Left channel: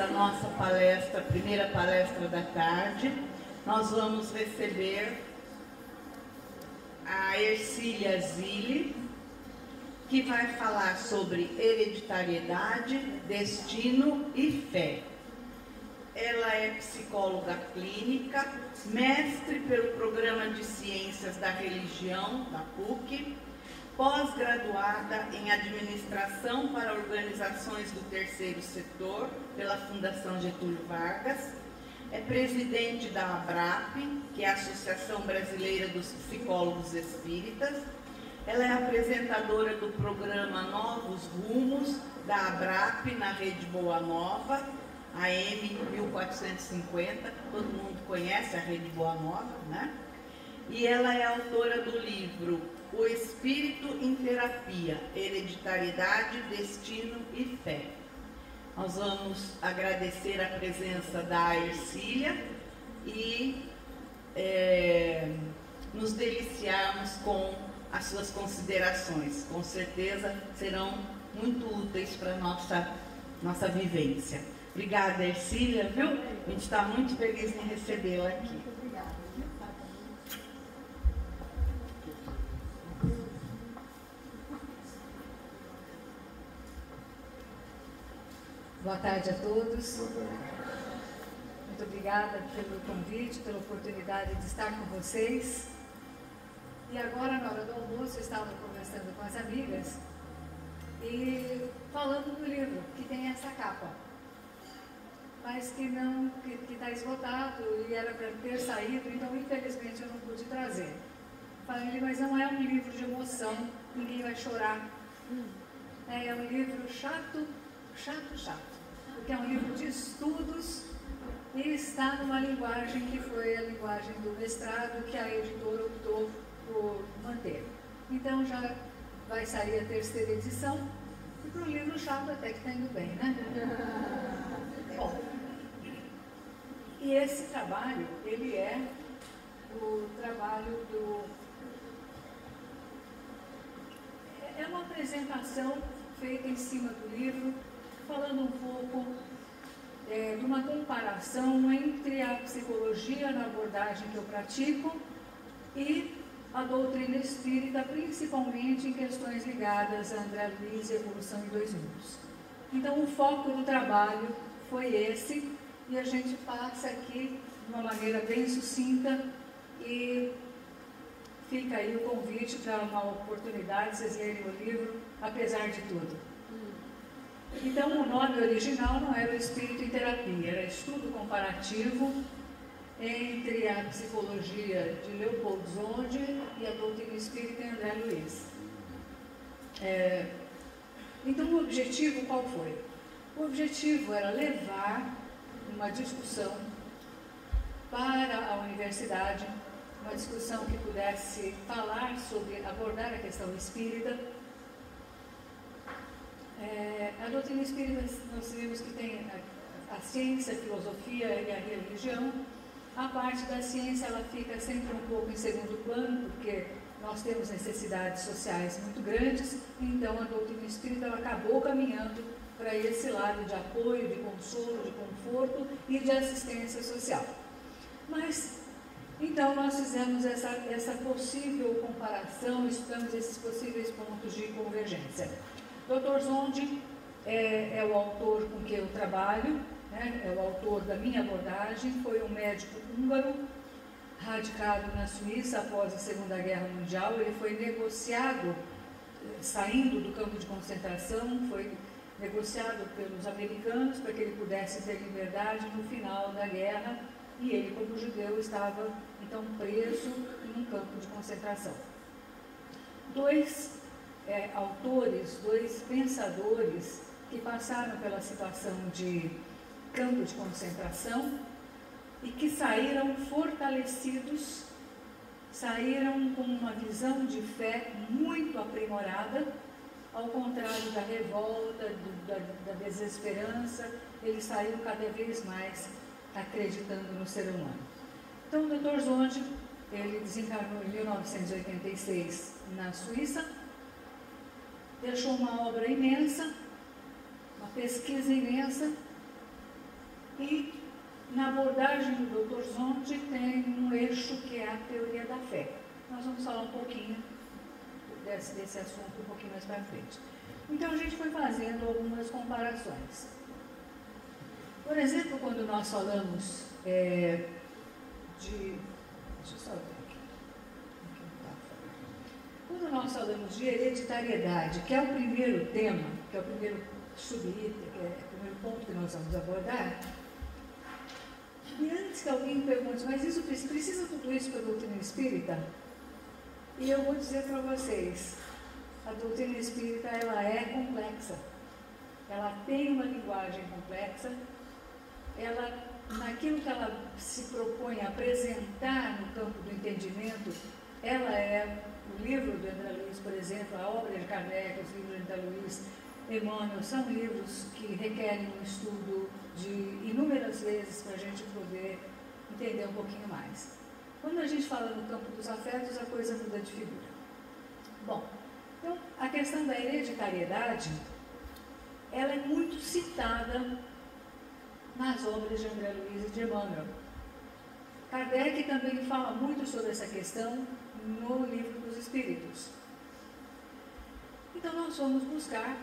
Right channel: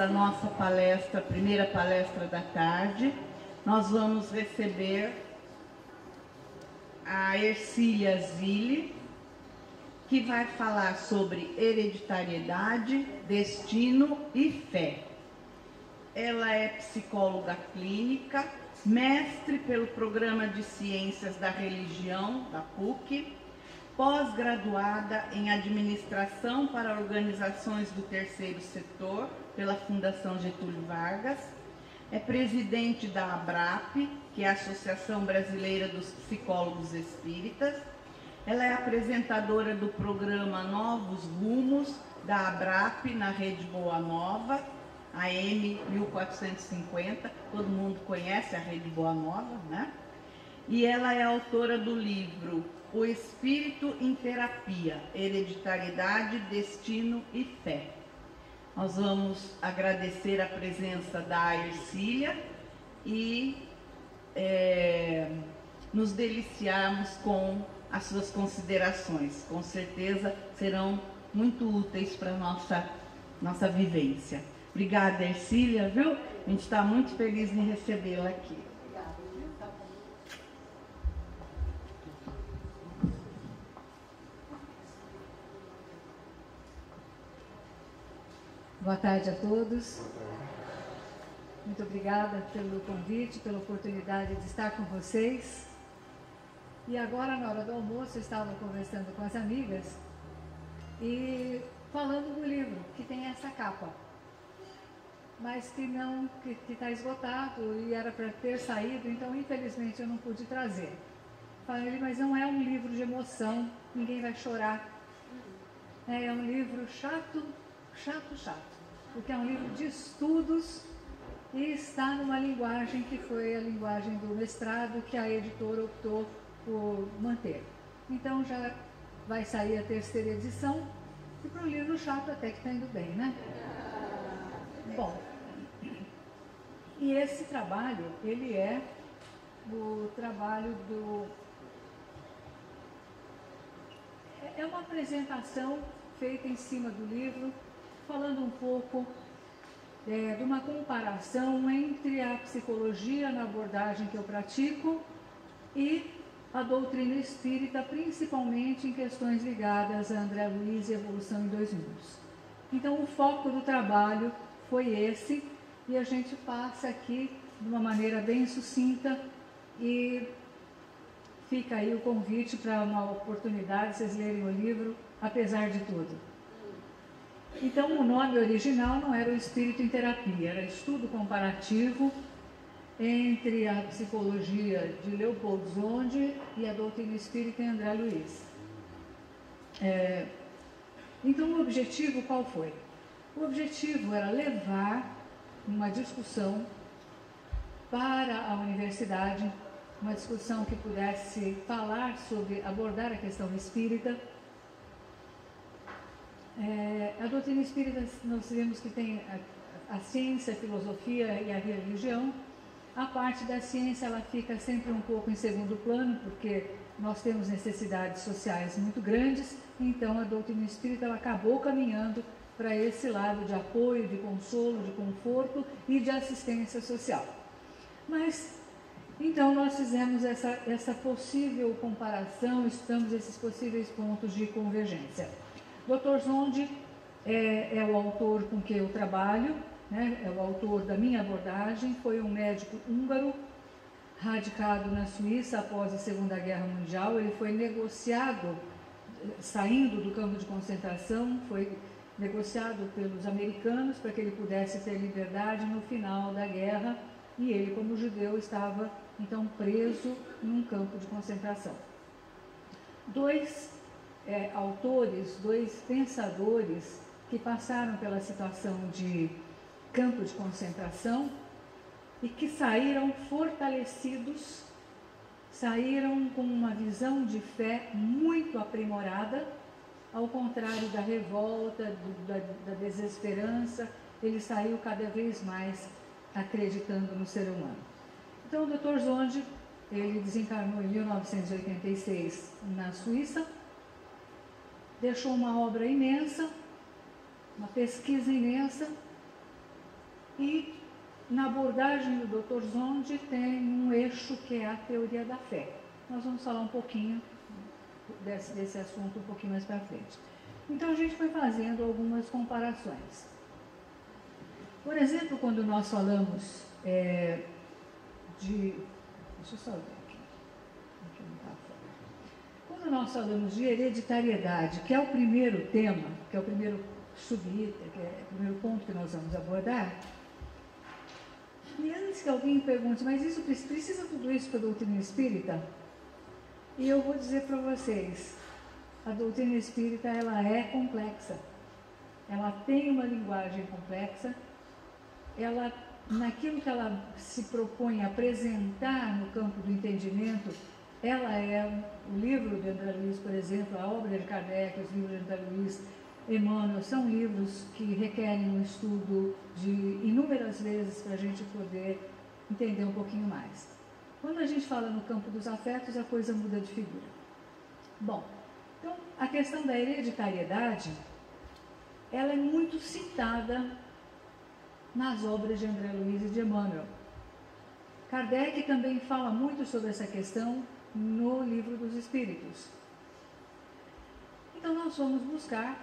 essa nossa palestra, primeira palestra da tarde, nós vamos receber a Ercília Zilli, que vai falar sobre hereditariedade, destino e fé. Ela é psicóloga clínica, mestre pelo Programa de Ciências da Religião, da PUC, pós-graduada em Administração para Organizações do Terceiro Setor, pela Fundação Getúlio Vargas, é presidente da ABRAP, que é a Associação Brasileira dos Psicólogos Espíritas. Ela é apresentadora do programa Novos Rumos, da ABRAP, na Rede Boa Nova, AM 1450, todo mundo conhece a Rede Boa Nova, né? E ela é autora do livro O Espírito em Terapia, Hereditariedade, Destino e Fé. Nós vamos agradecer a presença da Ercília e nos deliciarmos com as suas considerações. Com certeza serão muito úteis para a nossa vivência. Obrigada, Ercília, viu? A gente está muito feliz em recebê-la aqui. Obrigada, viu? Boa tarde a todos. Boa tarde. Muito obrigada pelo convite, pela oportunidade de estar com vocês. E agora, na hora do almoço, eu estava conversando com as amigas e falando do livro, que tem essa capa, mas que está esgotado e era para ter saído, então infelizmente eu não pude trazer. Falei, mas não é um livro de emoção, ninguém vai chorar. É um livro chato, porque é um livro de estudos e está numa linguagem que foi a linguagem do mestrado que a editora optou por manter. Então já vai sair a terceira edição e para um livro chato até que está indo bem, né? Bom, e esse trabalho, ele é o trabalho é uma apresentação feita em cima do livro, falando um pouco de uma comparação entre a psicologia na abordagem que eu pratico e a doutrina espírita, principalmente em questões ligadas a André Luiz e Evolução em Dois Mundos. Então, o foco do trabalho foi esse, e a gente passa aqui de uma maneira bem sucinta, e fica aí o convite para uma oportunidade de vocês lerem o livro, apesar de tudo. Então, o nome original não era o Espírito em Terapia, era Estudo Comparativo entre a psicologia de Leopold Zonde e a doutrina espírita em André Luiz. Então, o objetivo qual foi? O objetivo era levar uma discussão para a universidade, uma discussão que pudesse falar sobre, abordar a questão espírita. A doutrina espírita, nós vimos que tem a ciência, a filosofia e a religião. A parte da ciência, ela fica sempre um pouco em segundo plano, porque nós temos necessidades sociais muito grandes, então a doutrina espírita ela acabou caminhando para esse lado de apoio, de consolo, de conforto e de assistência social. Mas, então, nós fizemos essa possível comparação, estudamos esses possíveis pontos de convergência. Dr. Zonde é o autor com quem eu trabalho, né? É o autor da minha abordagem, foi um médico húngaro, radicado na Suíça após a Segunda Guerra Mundial. Ele foi negociado, saindo do campo de concentração, foi negociado pelos americanos para que ele pudesse ter liberdade no final da guerra, e ele, como judeu, estava então preso em um campo de concentração. Dois autores, dois pensadores que passaram pela situação de campo de concentração e que saíram fortalecidos, saíram com uma visão de fé muito aprimorada, ao contrário da revolta, da desesperança. Ele saiu cada vez mais acreditando no ser humano. Então, o Dr. Zonde, ele desencarnou em 1986 na Suíça, deixou uma obra imensa, uma pesquisa imensa, E na abordagem do Dr. Zonde tem um eixo que é a teoria da fé. Nós vamos falar um pouquinho desse assunto um pouquinho mais para frente. Então a gente foi fazendo algumas comparações. Por exemplo, quando nós falamos deixa eu só ver aqui. Quando nós falamos de hereditariedade, que é o primeiro tema, que é o primeiro subitem, que é o primeiro ponto que nós vamos abordar, e antes que alguém pergunte, mas isso precisa tudo isso para a doutrina espírita? E eu vou dizer para vocês, a doutrina espírita ela é complexa, ela tem uma linguagem complexa, ela, naquilo que ela se propõe a apresentar no campo do entendimento, ela é o livro do André Luiz, por exemplo, a obra de Kardec, os livros do André Luiz, Emmanuel, são livros que requerem um estudo de inúmeras vezes para a gente poder entender um pouquinho mais. Quando a gente fala no campo dos afetos, a coisa muda de figura. Bom, então a questão da hereditariedade, ela é muito citada nas obras de André Luiz e de Emmanuel. Kardec também fala muito sobre essa questão no Livro dos Espíritos. Então nós vamos buscar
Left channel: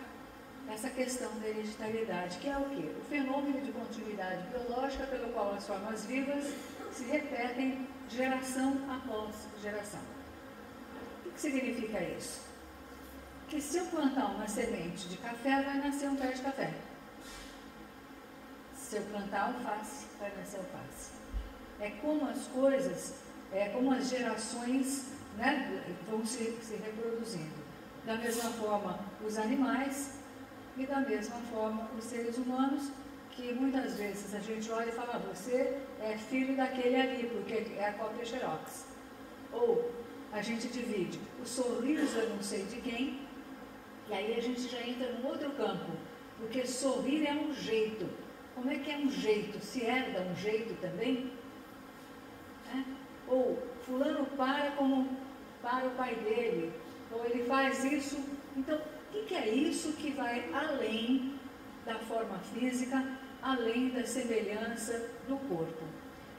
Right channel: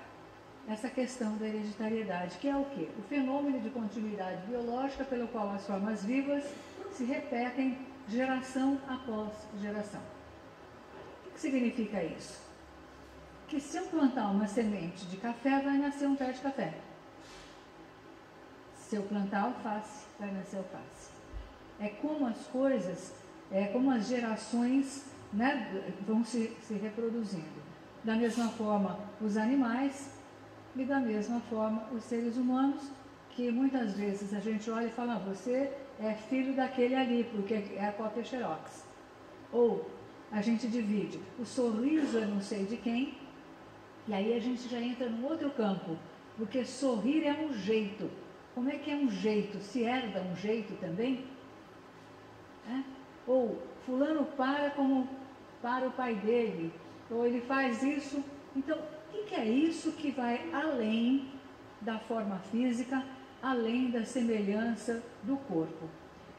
essa questão da hereditariedade, que é o quê? O fenômeno de continuidade biológica pelo qual as formas vivas se repetem geração após geração. O que significa isso? Que se eu plantar uma semente de café, vai nascer um pé de café. Se eu plantar alface, vai nascer alface. É como as coisas, é como as gerações, né, vão se reproduzindo. Da mesma forma, os animais e da mesma forma os seres humanos, que muitas vezes a gente olha e fala, você é filho daquele ali, porque é a cópia xerox. Ou a gente divide o sorriso eu não sei de quem, e aí a gente já entra num outro campo, porque sorrir é um jeito. Como é que é um jeito? Se herda um jeito também? Ou fulano para como para o pai dele, ou ele faz isso. Então, o que é isso que vai além da forma física, além da semelhança do corpo?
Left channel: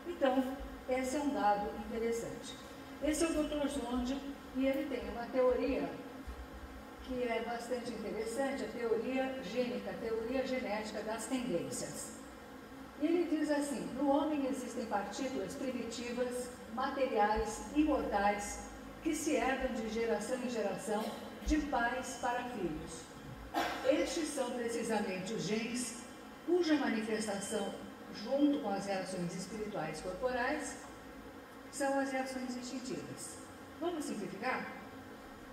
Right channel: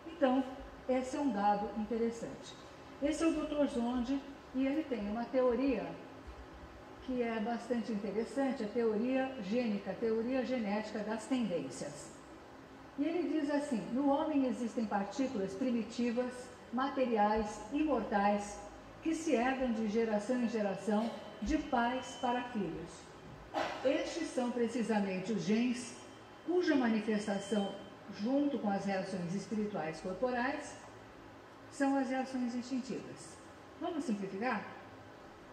Então, esse é um dado interessante. Esse é o Dr. Zonde, e ele tem uma teoria que é bastante interessante, a teoria gênica, a teoria genética das tendências. E ele diz assim, no homem existem partículas primitivas, materiais, imortais, que se herdam de geração em geração, de pais para filhos. Estes são precisamente os genes, cuja manifestação, junto com as reações espirituais corporais, são as reações instintivas. Vamos simplificar?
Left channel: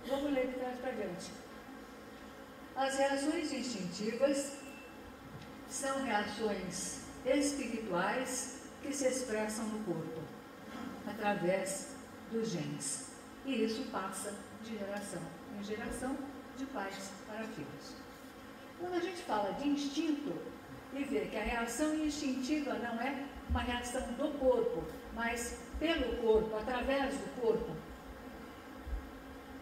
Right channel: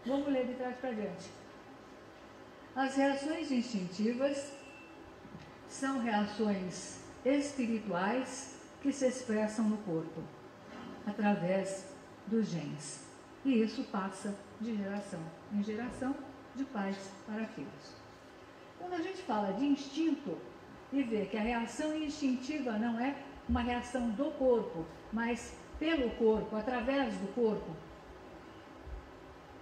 Vamos ler de trás para diante. As reações instintivas são reações espirituais que se expressam no corpo, através dos genes. E isso passa de geração em geração, de pais para filhos. Quando a gente fala de instinto e vê que a reação instintiva não é uma reação do corpo, mas pelo corpo, através do corpo,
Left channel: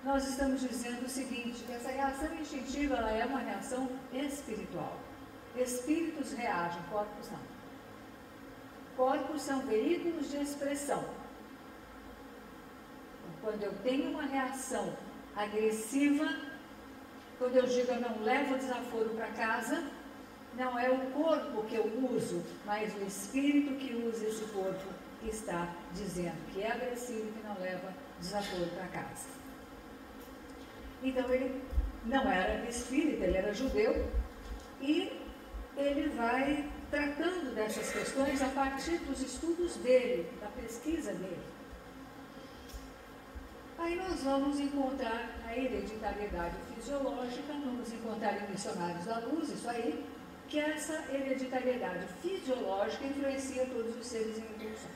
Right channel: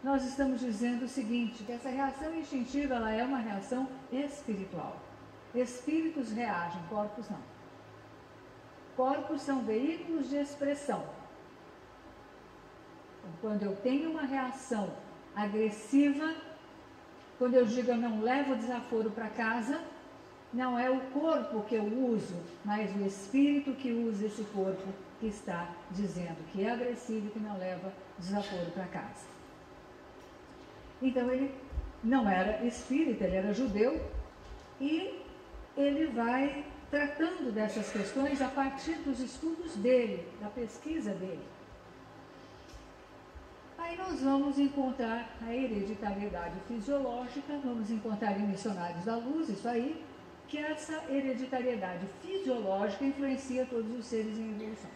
nós estamos dizendo o seguinte, que essa reação instintiva ela é uma reação espiritual. Espíritos reagem, corpos não. Corpos são veículos de expressão. Quando eu tenho uma reação agressiva, quando eu digo eu não levo desaforo para casa, não é o corpo que eu uso, mas o espírito que usa esse corpo que está dizendo que é agressivo e que não leva desaforo para casa. Então ele não era espírita, ele era judeu, e ele vai tratando dessas questões a partir dos estudos dele, da pesquisa dele. Aí nós vamos encontrar a hereditariedade fisiológica, vamos encontrar em Missionários da Luz, isso aí, que essa hereditariedade fisiológica influencia todos os seres em evolução.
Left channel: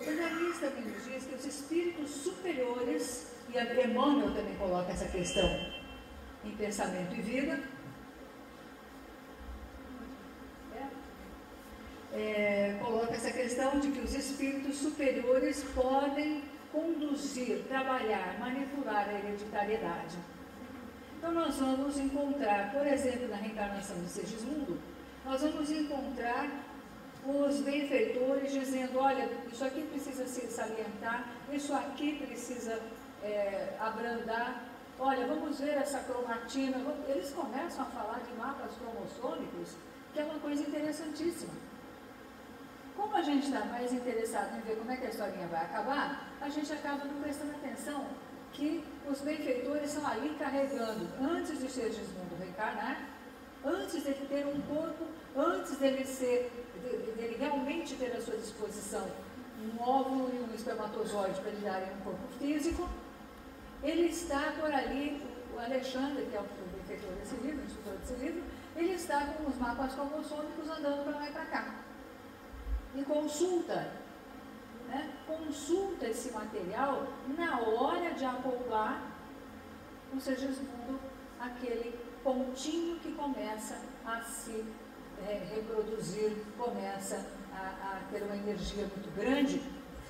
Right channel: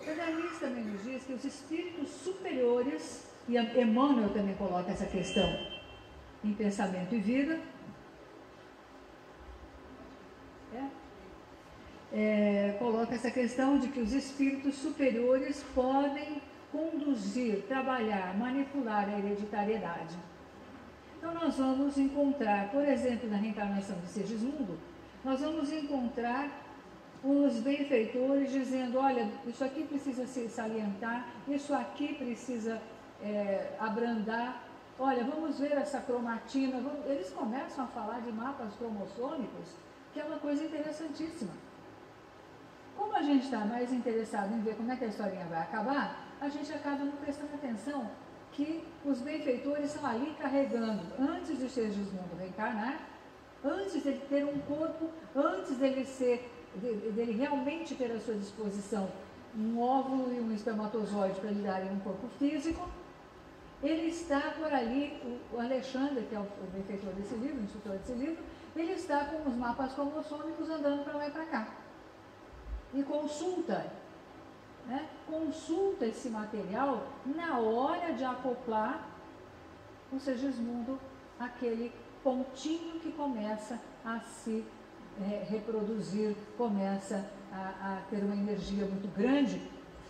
André Luiz também nos diz que os espíritos superiores, e Emmanuel também coloca essa questão em Pensamento e Vida, coloca essa questão de que os espíritos superiores podem conduzir, trabalhar, manipular a hereditariedade. Então nós vamos encontrar, por exemplo, na reencarnação de Segismundo, nós vamos encontrar os benfeitores dizendo, olha, isso aqui precisa se salientar, isso aqui precisa abrandar, olha, vamos ver essa cromatina. Eles começam a falar de mapas cromossômicos, que é uma coisa interessantíssima. Como a gente está mais interessado em ver como é que a historinha vai acabar, a gente acaba não prestando atenção que os benfeitores estão ali carregando, antes de Segismundo reencarnar, antes de ele ter um corpo, antes dele realmente ter à sua disposição um óvulo e um espermatozoide para lhe darem um corpo físico, ele está por ali, o Alexandre, que é o benfeitor desse livro, o instrutor desse livro, ele está com os mapas cromossômicos andando para lá e para cá. E consulta esse material na hora de acoplar o Segismundo, aquele pontinho que começa a se reproduzir, começa a ter uma energia muito grande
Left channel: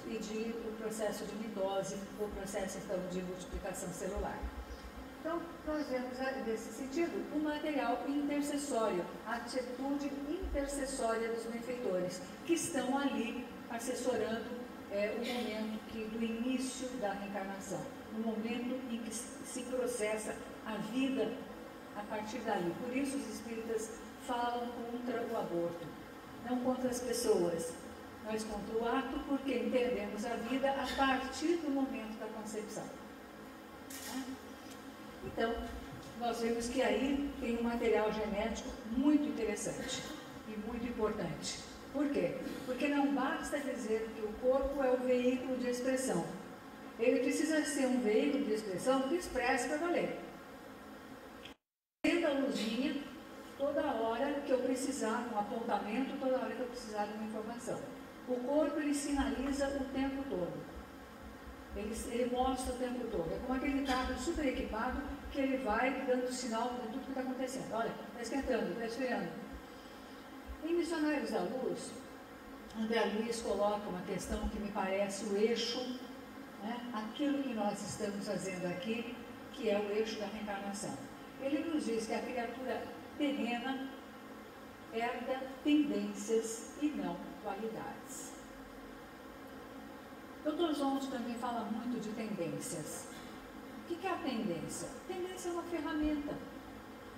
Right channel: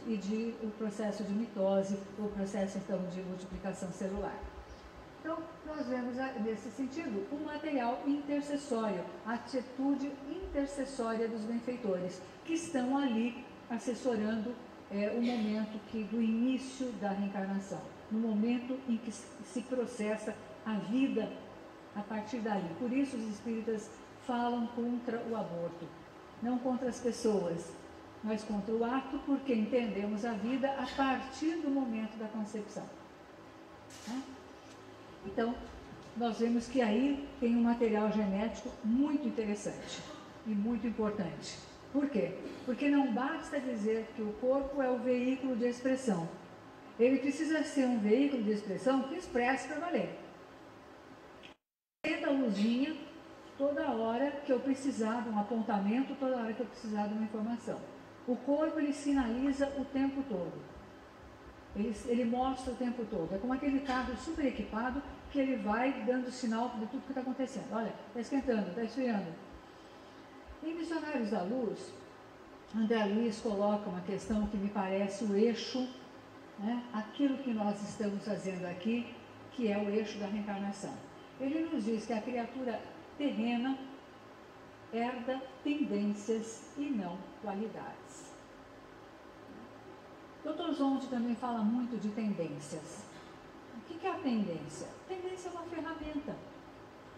e o processo de mitose, o processo então de multiplicação celular. Então, nós vemos nesse sentido o material intercessório, a atitude intercessória dos benfeitores, que estão ali assessorando o momento do início da reencarnação, no momento em que se processa a vida a partir dali. Por isso os espíritas falam contra o aborto, não contra as pessoas, mas contra o ato, porque entendemos a vida a partir do momento da concepção. Então, nós vemos que aí tem um material genético muito interessante e muito importante. Por quê? Porque não basta dizer que o corpo é o veículo de expressão. Ele precisa ser um veículo de expressão que expresse para valer. Acenda a luzinha toda hora que eu precisar de um apontamento, toda hora que eu precisar de uma informação. O corpo, ele sinaliza o tempo todo. Ele mostra o tempo todo. É como aquele carro super equipado que ele vai dando sinal de tudo que está acontecendo. Olha, está esquentando, está esfriando. Em Missionários da Luz, André Luiz coloca uma questão que me parece o eixo, aquilo que nós estamos fazendo aqui, que é o eixo da reencarnação. Ele nos diz que a criatura terrena herda tendências e não qualidades. Dr. Zonzo também fala muito de tendências. O que é a tendência? A tendência é uma ferramenta.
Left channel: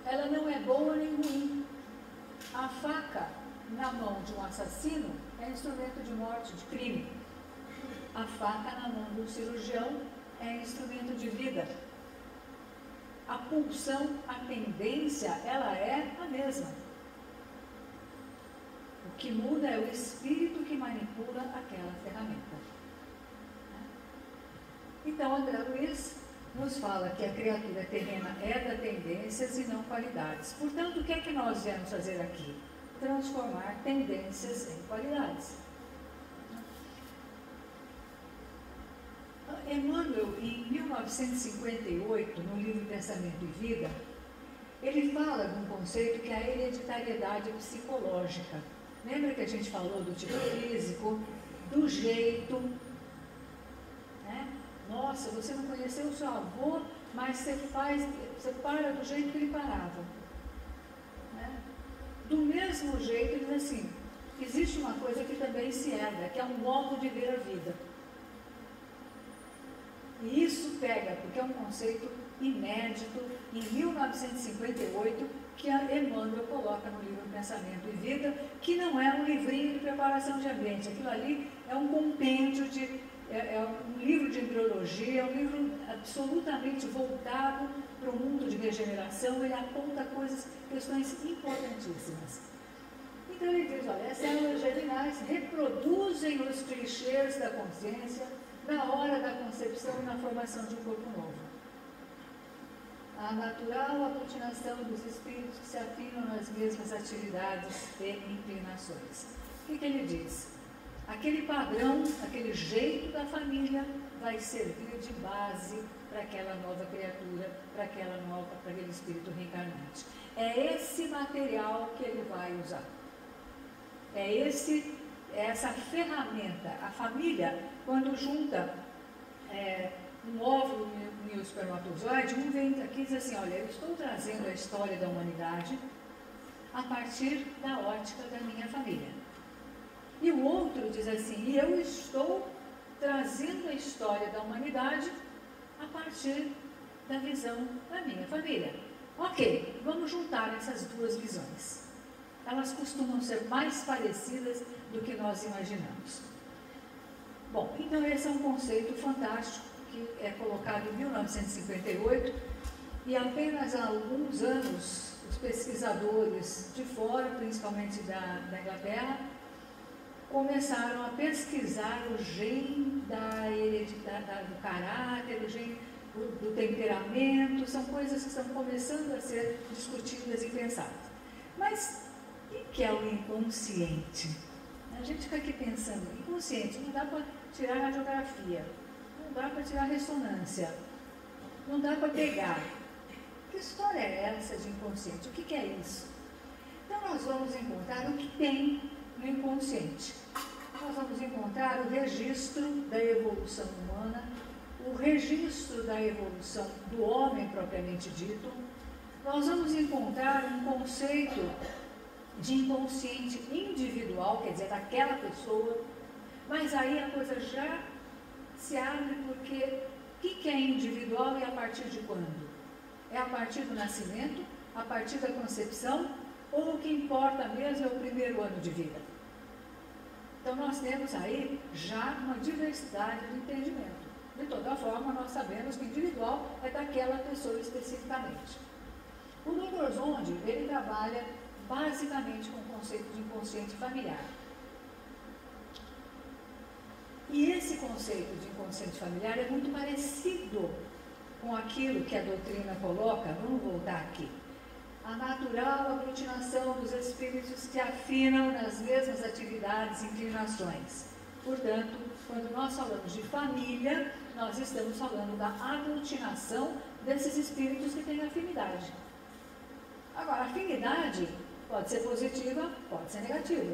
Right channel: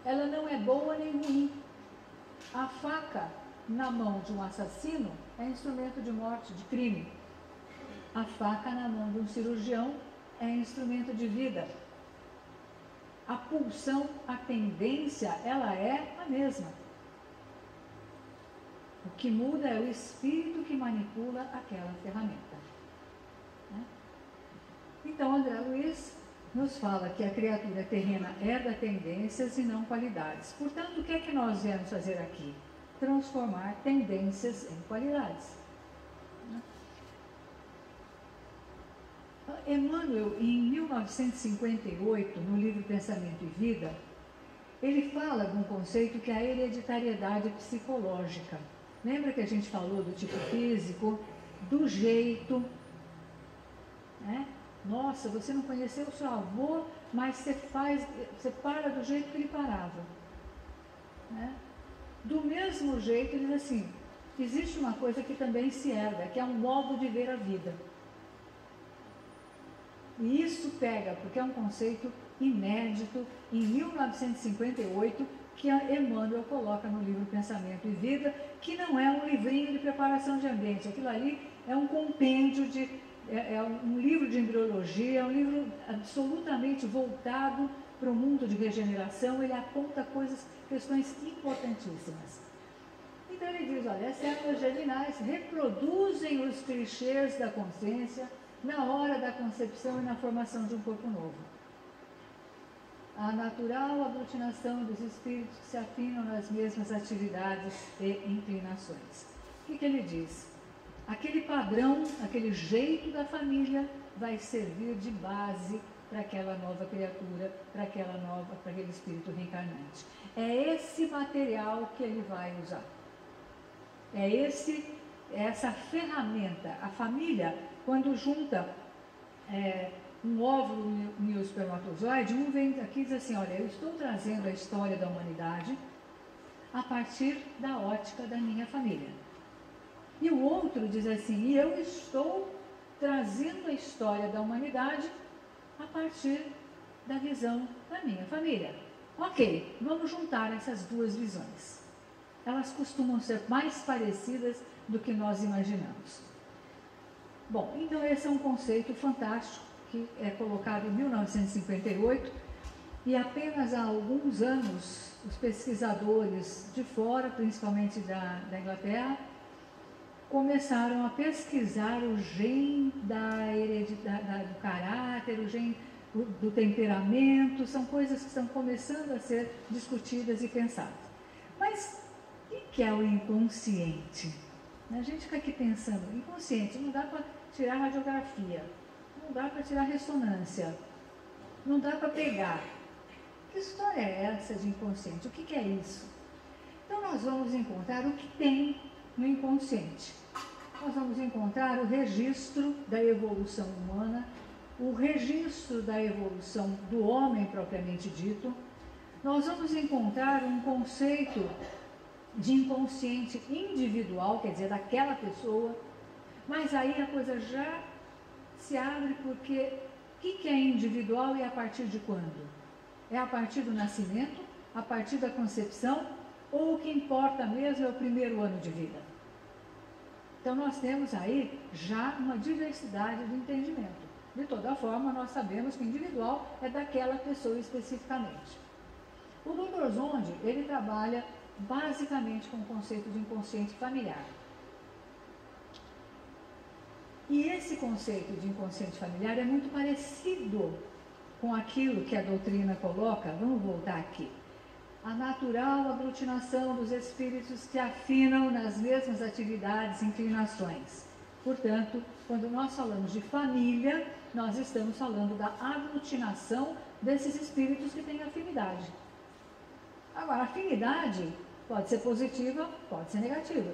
Ela não é boa nem ruim. A faca na mão de um assassino é instrumento de morte, de crime. A faca na mão de um cirurgião é instrumento de vida. A pulsão, a tendência, ela é a mesma. O que muda é o espírito que manipula aquela ferramenta. Então, André Luiz nos fala que a criatura terrena herda tendências e não qualidades. Portanto, o que é que nós viemos fazer aqui? Transformar tendências em qualidades. Emmanuel, em 1958, no livro Pensamento e Vida, ele fala de um conceito que é a hereditariedade psicológica. Lembra que a gente falou do tipo físico, do jeito, Nossa, você não conheceu o seu avô, mas você para do jeito que ele parava. Do mesmo jeito, ele diz assim, existe uma coisa que também se herda, que é um modo de ver a vida. E isso pega, porque é um conceito inédito, em 1958, que a Emmanuel coloca no livro Pensamento e Vida, que não é um livrinho de preparação de ambiente. Aquilo ali é um compêndio é um livro de embriologia, é um livro absolutamente voltado para o mundo de regeneração. Ele aponta questões importantíssimas. Então ele diz, olha, as células germinais reproduzem os clichês da consciência na hora da concepção e na formação de um corpo novo. A natural aglutinação dos espíritos que se afinam nas mesmas atividades e inclinações. O que ele diz? Aquele padrão, aquele jeito da família vai servir de base para aquela nova criatura, para aquele espírito reencarnante. É esse material que ele vai usar. É essa ferramenta. A família, quando junta um óvulo e um espermatozoide, um vem aqui e diz assim, olha, eu estou trazendo a história da humanidade, a partir da ótica da minha família. E o outro diz assim, eu estou trazendo a história da humanidade a partir da visão da minha família. Ok, vamos juntar essas duas visões. Elas costumam ser mais parecidas do que nós imaginamos. Bom, então esse é um conceito fantástico que é colocado em 1958 e apenas há alguns anos os pesquisadores de fora, principalmente da Inglaterra, começaram a pesquisar o gene do caráter, o gene do temperamento, são coisas que estão começando a ser discutidas e pensadas. Mas o que é o inconsciente? A gente fica aqui pensando, inconsciente, não dá para tirar radiografia, não dá para tirar ressonância, não dá para pegar. Que história é essa de inconsciente? O que é isso? Então nós vamos encontrar o que tem no inconsciente. Nós vamos encontrar o registro da evolução humana, o registro da evolução do homem propriamente dito. Nós vamos encontrar um conceito de inconsciente individual, quer dizer, daquela pessoa, mas aí a coisa já se abre porque o que é individual e a partir de quando? É a partir do nascimento, a partir da concepção, ou o que importa mesmo é o primeiro ano de vida? Então nós temos aí já uma diversidade de entendimento. De toda forma, nós sabemos que o individual é daquela pessoa especificamente. O Dr. Zondi, ele trabalha basicamente com o conceito de inconsciente familiar. E esse conceito de inconsciente familiar é muito parecido com aquilo que a doutrina coloca. Vamos voltar aqui. A natural aglutinação dos espíritos que afinam nas mesmas atividades e inclinações. Portanto, quando nós falamos de família, nós estamos falando da aglutinação desses espíritos que têm afinidade. Agora, a afinidade pode ser positiva, pode ser negativa.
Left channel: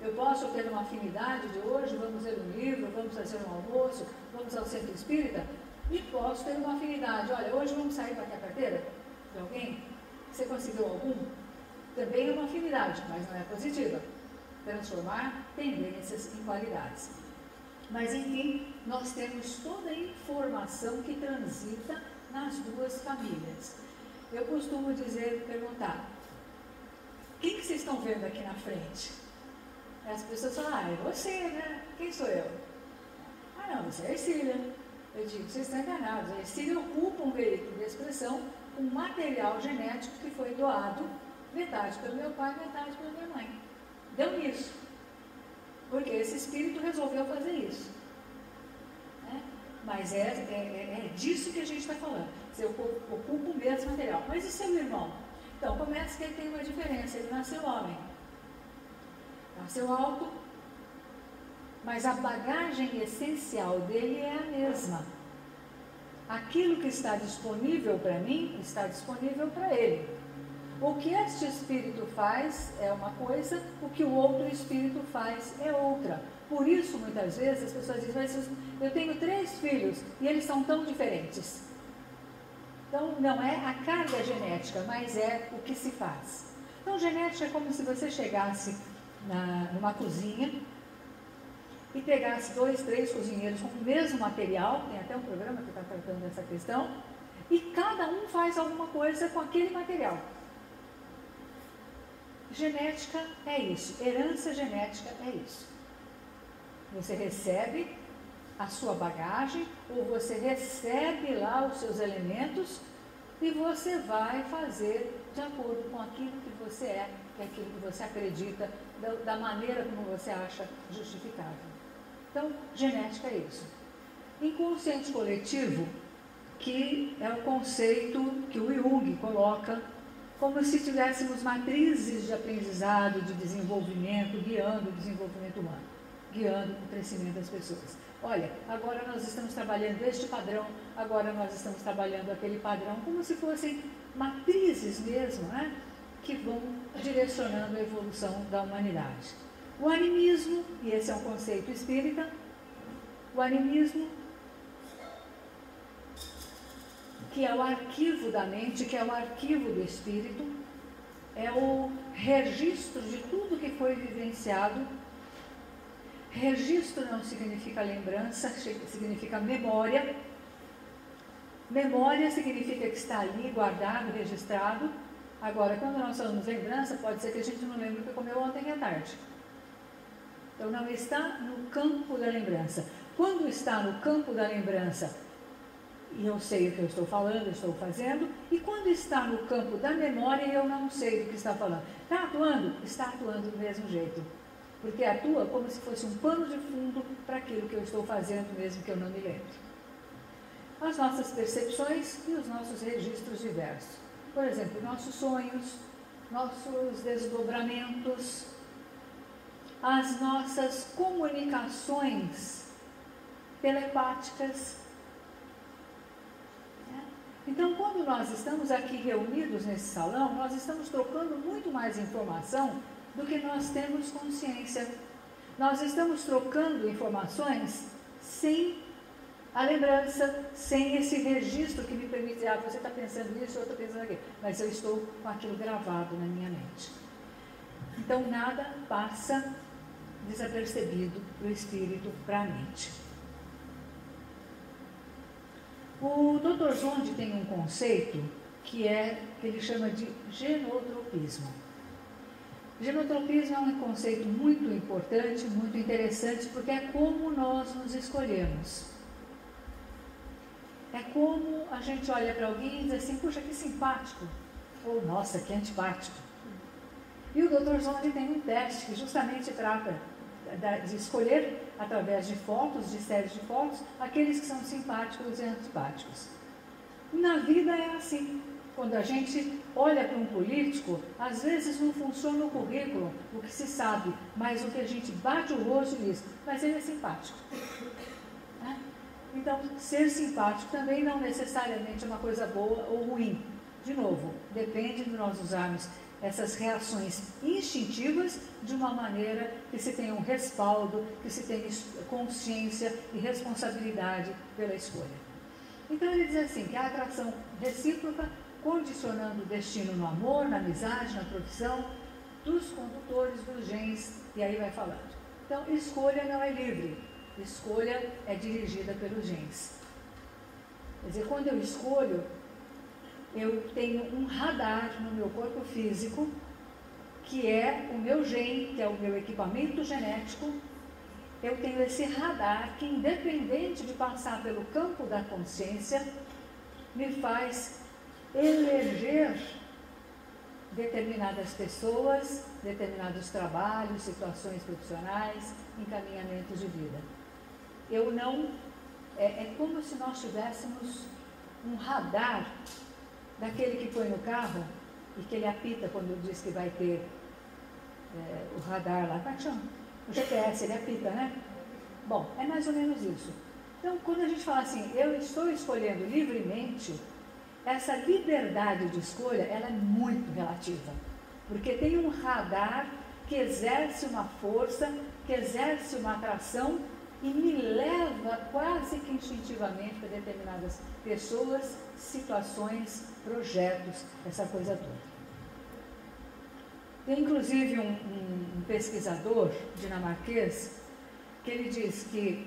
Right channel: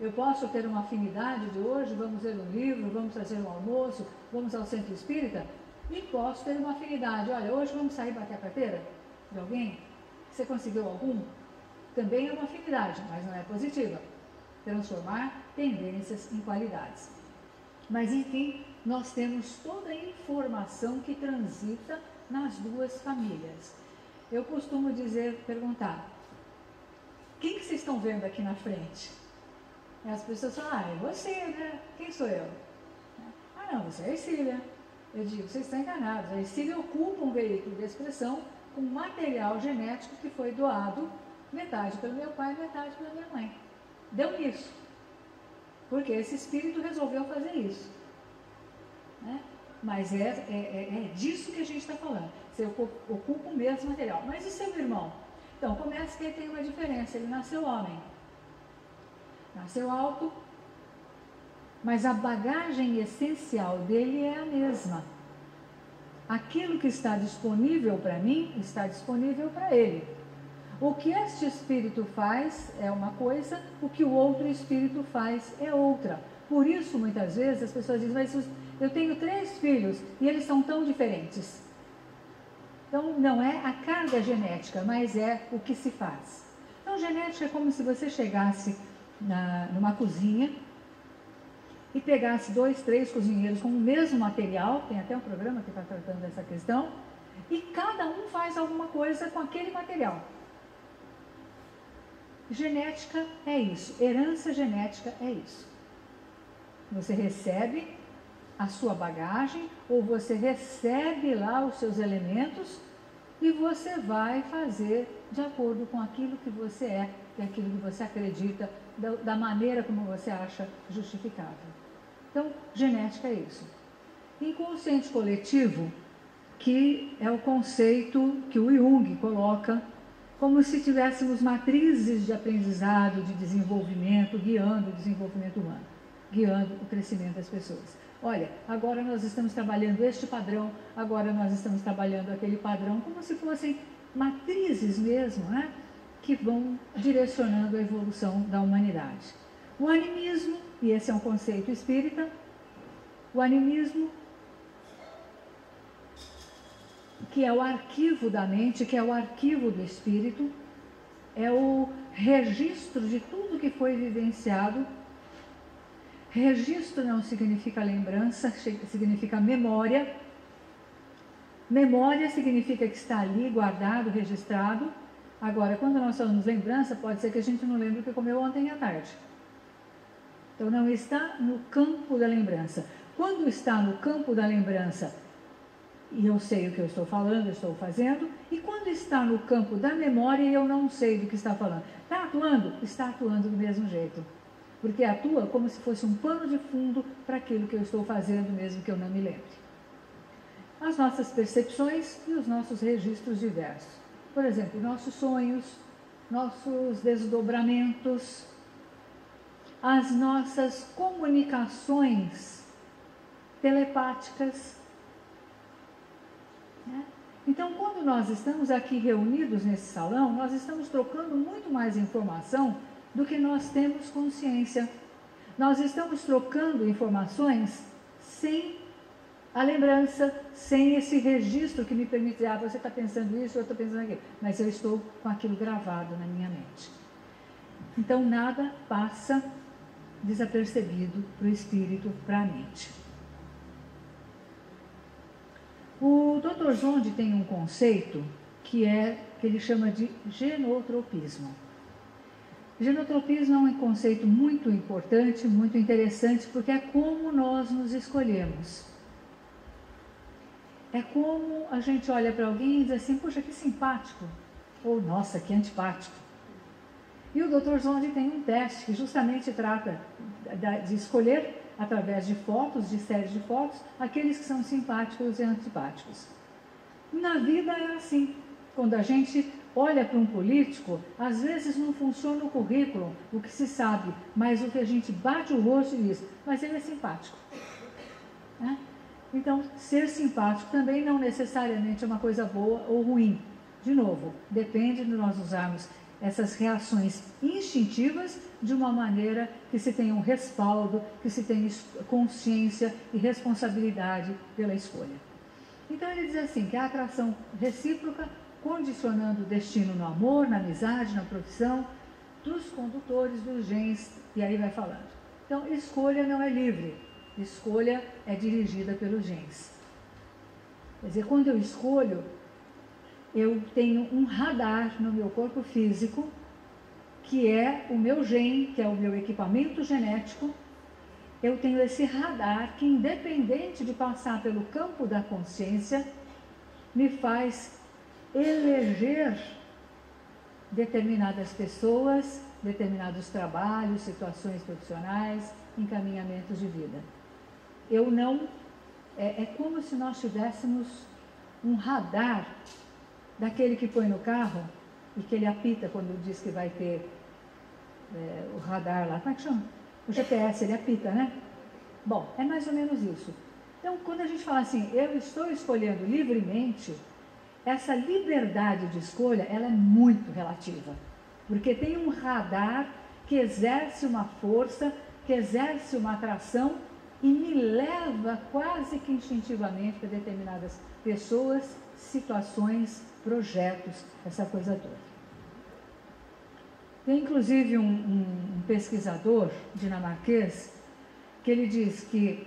Eu posso ter uma afinidade de hoje, vamos ler um livro, vamos fazer um almoço, vamos ao centro espírita, e posso ter uma afinidade. Olha, hoje vamos sair bater a carteira de alguém? Você conseguiu algum? Também é uma afinidade, mas não é positiva. Transformar tendências em qualidades. Mas, enfim, nós temos toda a informação que transita nas duas famílias. Eu costumo perguntar, o que vocês estão vendo aqui na frente? As pessoas falam, é você, né? Quem sou eu? Não, você é a Ercília. Eu digo, vocês estão enganados. A Ercília ocupa um veículo de expressão com material genético que foi doado, metade pelo meu pai, metade pela minha mãe. Deu nisso. Porque esse espírito resolveu fazer isso. Né? Mas é disso que a gente está falando. Você ocupa o mesmo material. Mas e seu irmão? Então, começa que ele tem uma diferença. Ele nasceu homem. Nasceu alto, mas a bagagem essencial dele é a mesma. Aquilo que está disponível para mim, está disponível para ele. O que este espírito faz é uma coisa, o que o outro espírito faz é outra. Por isso, muitas vezes, as pessoas dizem, mas eu tenho 3 filhos e eles são tão diferentes. Então, não é a carga genética, mas é o que se faz. Então, genética é como se você chegasse numa cozinha e pegasse 2, 3 cozinheiros com o mesmo material, tem até um programa que está tratando dessa questão, e cada um faz alguma coisa com aquele material. Genética é isso, herança genética é isso. Você recebe a sua bagagem, ou você recebe lá os seus elementos, e você vai fazer de acordo com aquilo que você é, e aquilo que você acredita, da maneira como você acha justificável. Então, genética é isso. Inconsciente coletivo, que é o conceito que o Jung coloca como se tivéssemos matrizes de aprendizado, de desenvolvimento, guiando o desenvolvimento humano, guiando o crescimento das pessoas. Olha, agora nós estamos trabalhando este padrão, agora nós estamos trabalhando aquele padrão, como se fossem matrizes mesmo, né? Que vão direcionando a evolução da humanidade. O animismo, e esse é um conceito espírita, o animismo, que é o arquivo da mente, que é o arquivo do espírito, é o registro de tudo que foi vivenciado. Registro não significa lembrança, significa memória. Memória significa que está ali guardado, registrado. Agora, quando nós falamos lembrança, pode ser que a gente não lembre o que comeu ontem à tarde. Então, não está no campo da lembrança. Quando está no campo da lembrança, e eu sei o que eu estou falando, eu estou fazendo, e quando está no campo da memória, eu não sei do que está falando. Está atuando? Está atuando do mesmo jeito. Porque atua como se fosse um pano de fundo para aquilo que eu estou fazendo, mesmo que eu não me lembre. As nossas percepções e os nossos registros diversos. Por exemplo, nossos sonhos, nossos desdobramentos, as nossas comunicações telepáticas. Então, quando nós estamos aqui reunidos nesse salão, nós estamos trocando muito mais informação do que nós temos consciência. Nós estamos trocando informações sem a lembrança, sem esse registro que me permite dizer, você está pensando isso, eu estou pensando aquilo, mas eu estou com aquilo gravado na minha mente. Então, nada passa desapercebido para o espírito, para a mente. O Dr. Zonde tem um conceito que ele chama de genotropismo. Genotropismo é um conceito muito importante, muito interessante, porque é como nós nos escolhemos. É como a gente olha para alguém e diz assim, puxa, que simpático, ou nossa, que antipático. E o Dr. Zonde tem um teste que justamente trata de escolher, através de fotos, de séries de fotos, aqueles que são simpáticos e antipáticos. Na vida é assim. Quando a gente olha para um político, às vezes não funciona o currículo, o que se sabe, mas o que a gente bate o rosto e diz, mas ele é simpático. Então, ser simpático também não necessariamente é uma coisa boa ou ruim. De novo, depende de nós usarmos essas reações instintivas de uma maneira que se tenha um respaldo, que se tenha consciência e responsabilidade pela escolha. Então ele diz assim, que a atração recíproca, condicionando o destino no amor, na amizade, na profissão, dos condutores dos genes, e aí vai falando. Então, escolha não é livre, escolha é dirigida pelos genes. Quer dizer, quando eu escolho, eu tenho um radar no meu corpo físico, que é o meu gene, que é o meu equipamento genético. Eu tenho esse radar que, independente de passar pelo campo da consciência, me faz eleger determinadas pessoas, determinados trabalhos, situações profissionais, encaminhamentos de vida. Eu não... É como se nós tivéssemos um radar daquele que põe no carro e que ele apita quando diz que vai ter o radar lá. Como é que chama? O GPS, ele apita, né? Bom, é mais ou menos isso. Então, quando a gente fala assim, eu estou escolhendo livremente, essa liberdade de escolha, ela é muito relativa. Porque tem um radar que exerce uma força, que exerce uma atração e me leva quase que instintivamente para determinadas pessoas, situações, projetos, essa coisa toda. Tem inclusive um pesquisador dinamarquês que ele diz que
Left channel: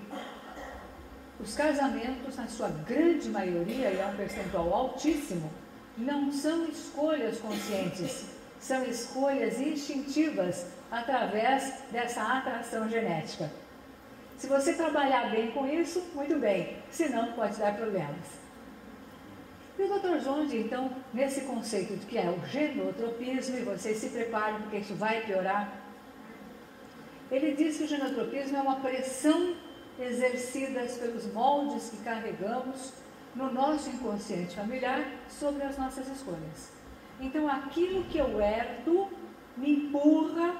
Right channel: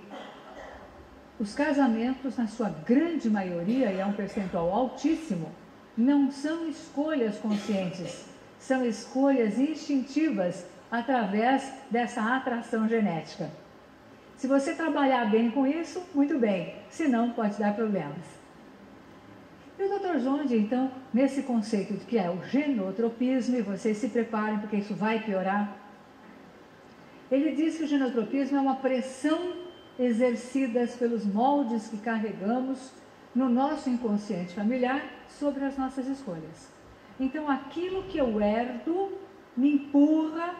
os casamentos, na sua grande maioria, e é um percentual altíssimo, não são escolhas conscientes, são escolhas instintivas através dessa atração genética. Se você trabalhar bem com isso, muito bem, senão pode dar problemas. E o Dr. Zonde, então, nesse conceito de que é o genotropismo, e vocês se preparem porque isso vai piorar, ele diz que o genotropismo é uma pressão exercida pelos moldes que carregamos no nosso inconsciente familiar sobre as nossas escolhas. Então, aquilo que eu herdo me empurra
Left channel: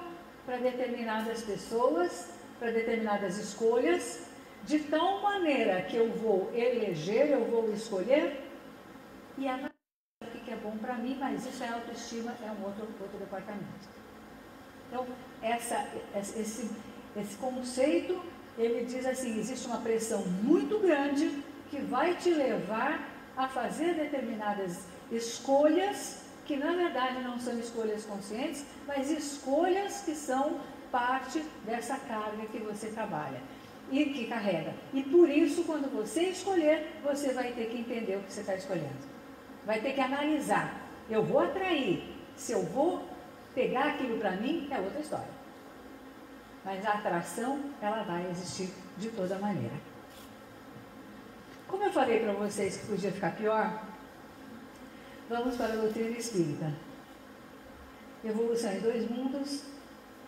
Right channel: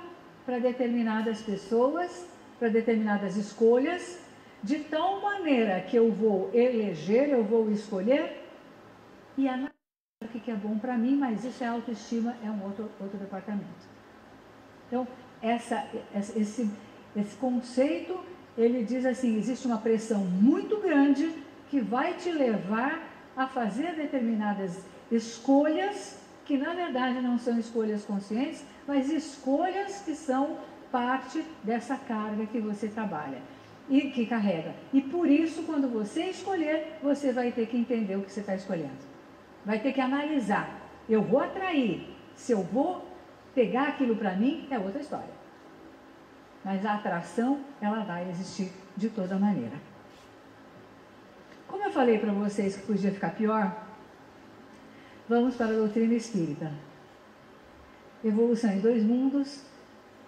para determinadas pessoas, para determinadas escolhas, de tal maneira que eu vou eleger, eu vou escolher e analisar o que é bom para mim, mas isso é autoestima, é um outro departamento. Então, esse conceito, ele diz assim, existe uma pressão muito grande que vai te levar a fazer determinadas escolhas que na verdade não são escolhas conscientes, mas escolhas que são parte dessa carga que você trabalha e que carrega. E por isso, quando você escolher, você vai ter que entender o que você está escolhendo. Vai ter que analisar. Eu vou atrair. Se eu vou pegar aquilo para mim, é outra história. Mas a atração, ela vai existir de toda maneira. Como eu falei para vocês que podia ficar pior, vamos para a doutrina espírita. Evolução em Dois Mundos,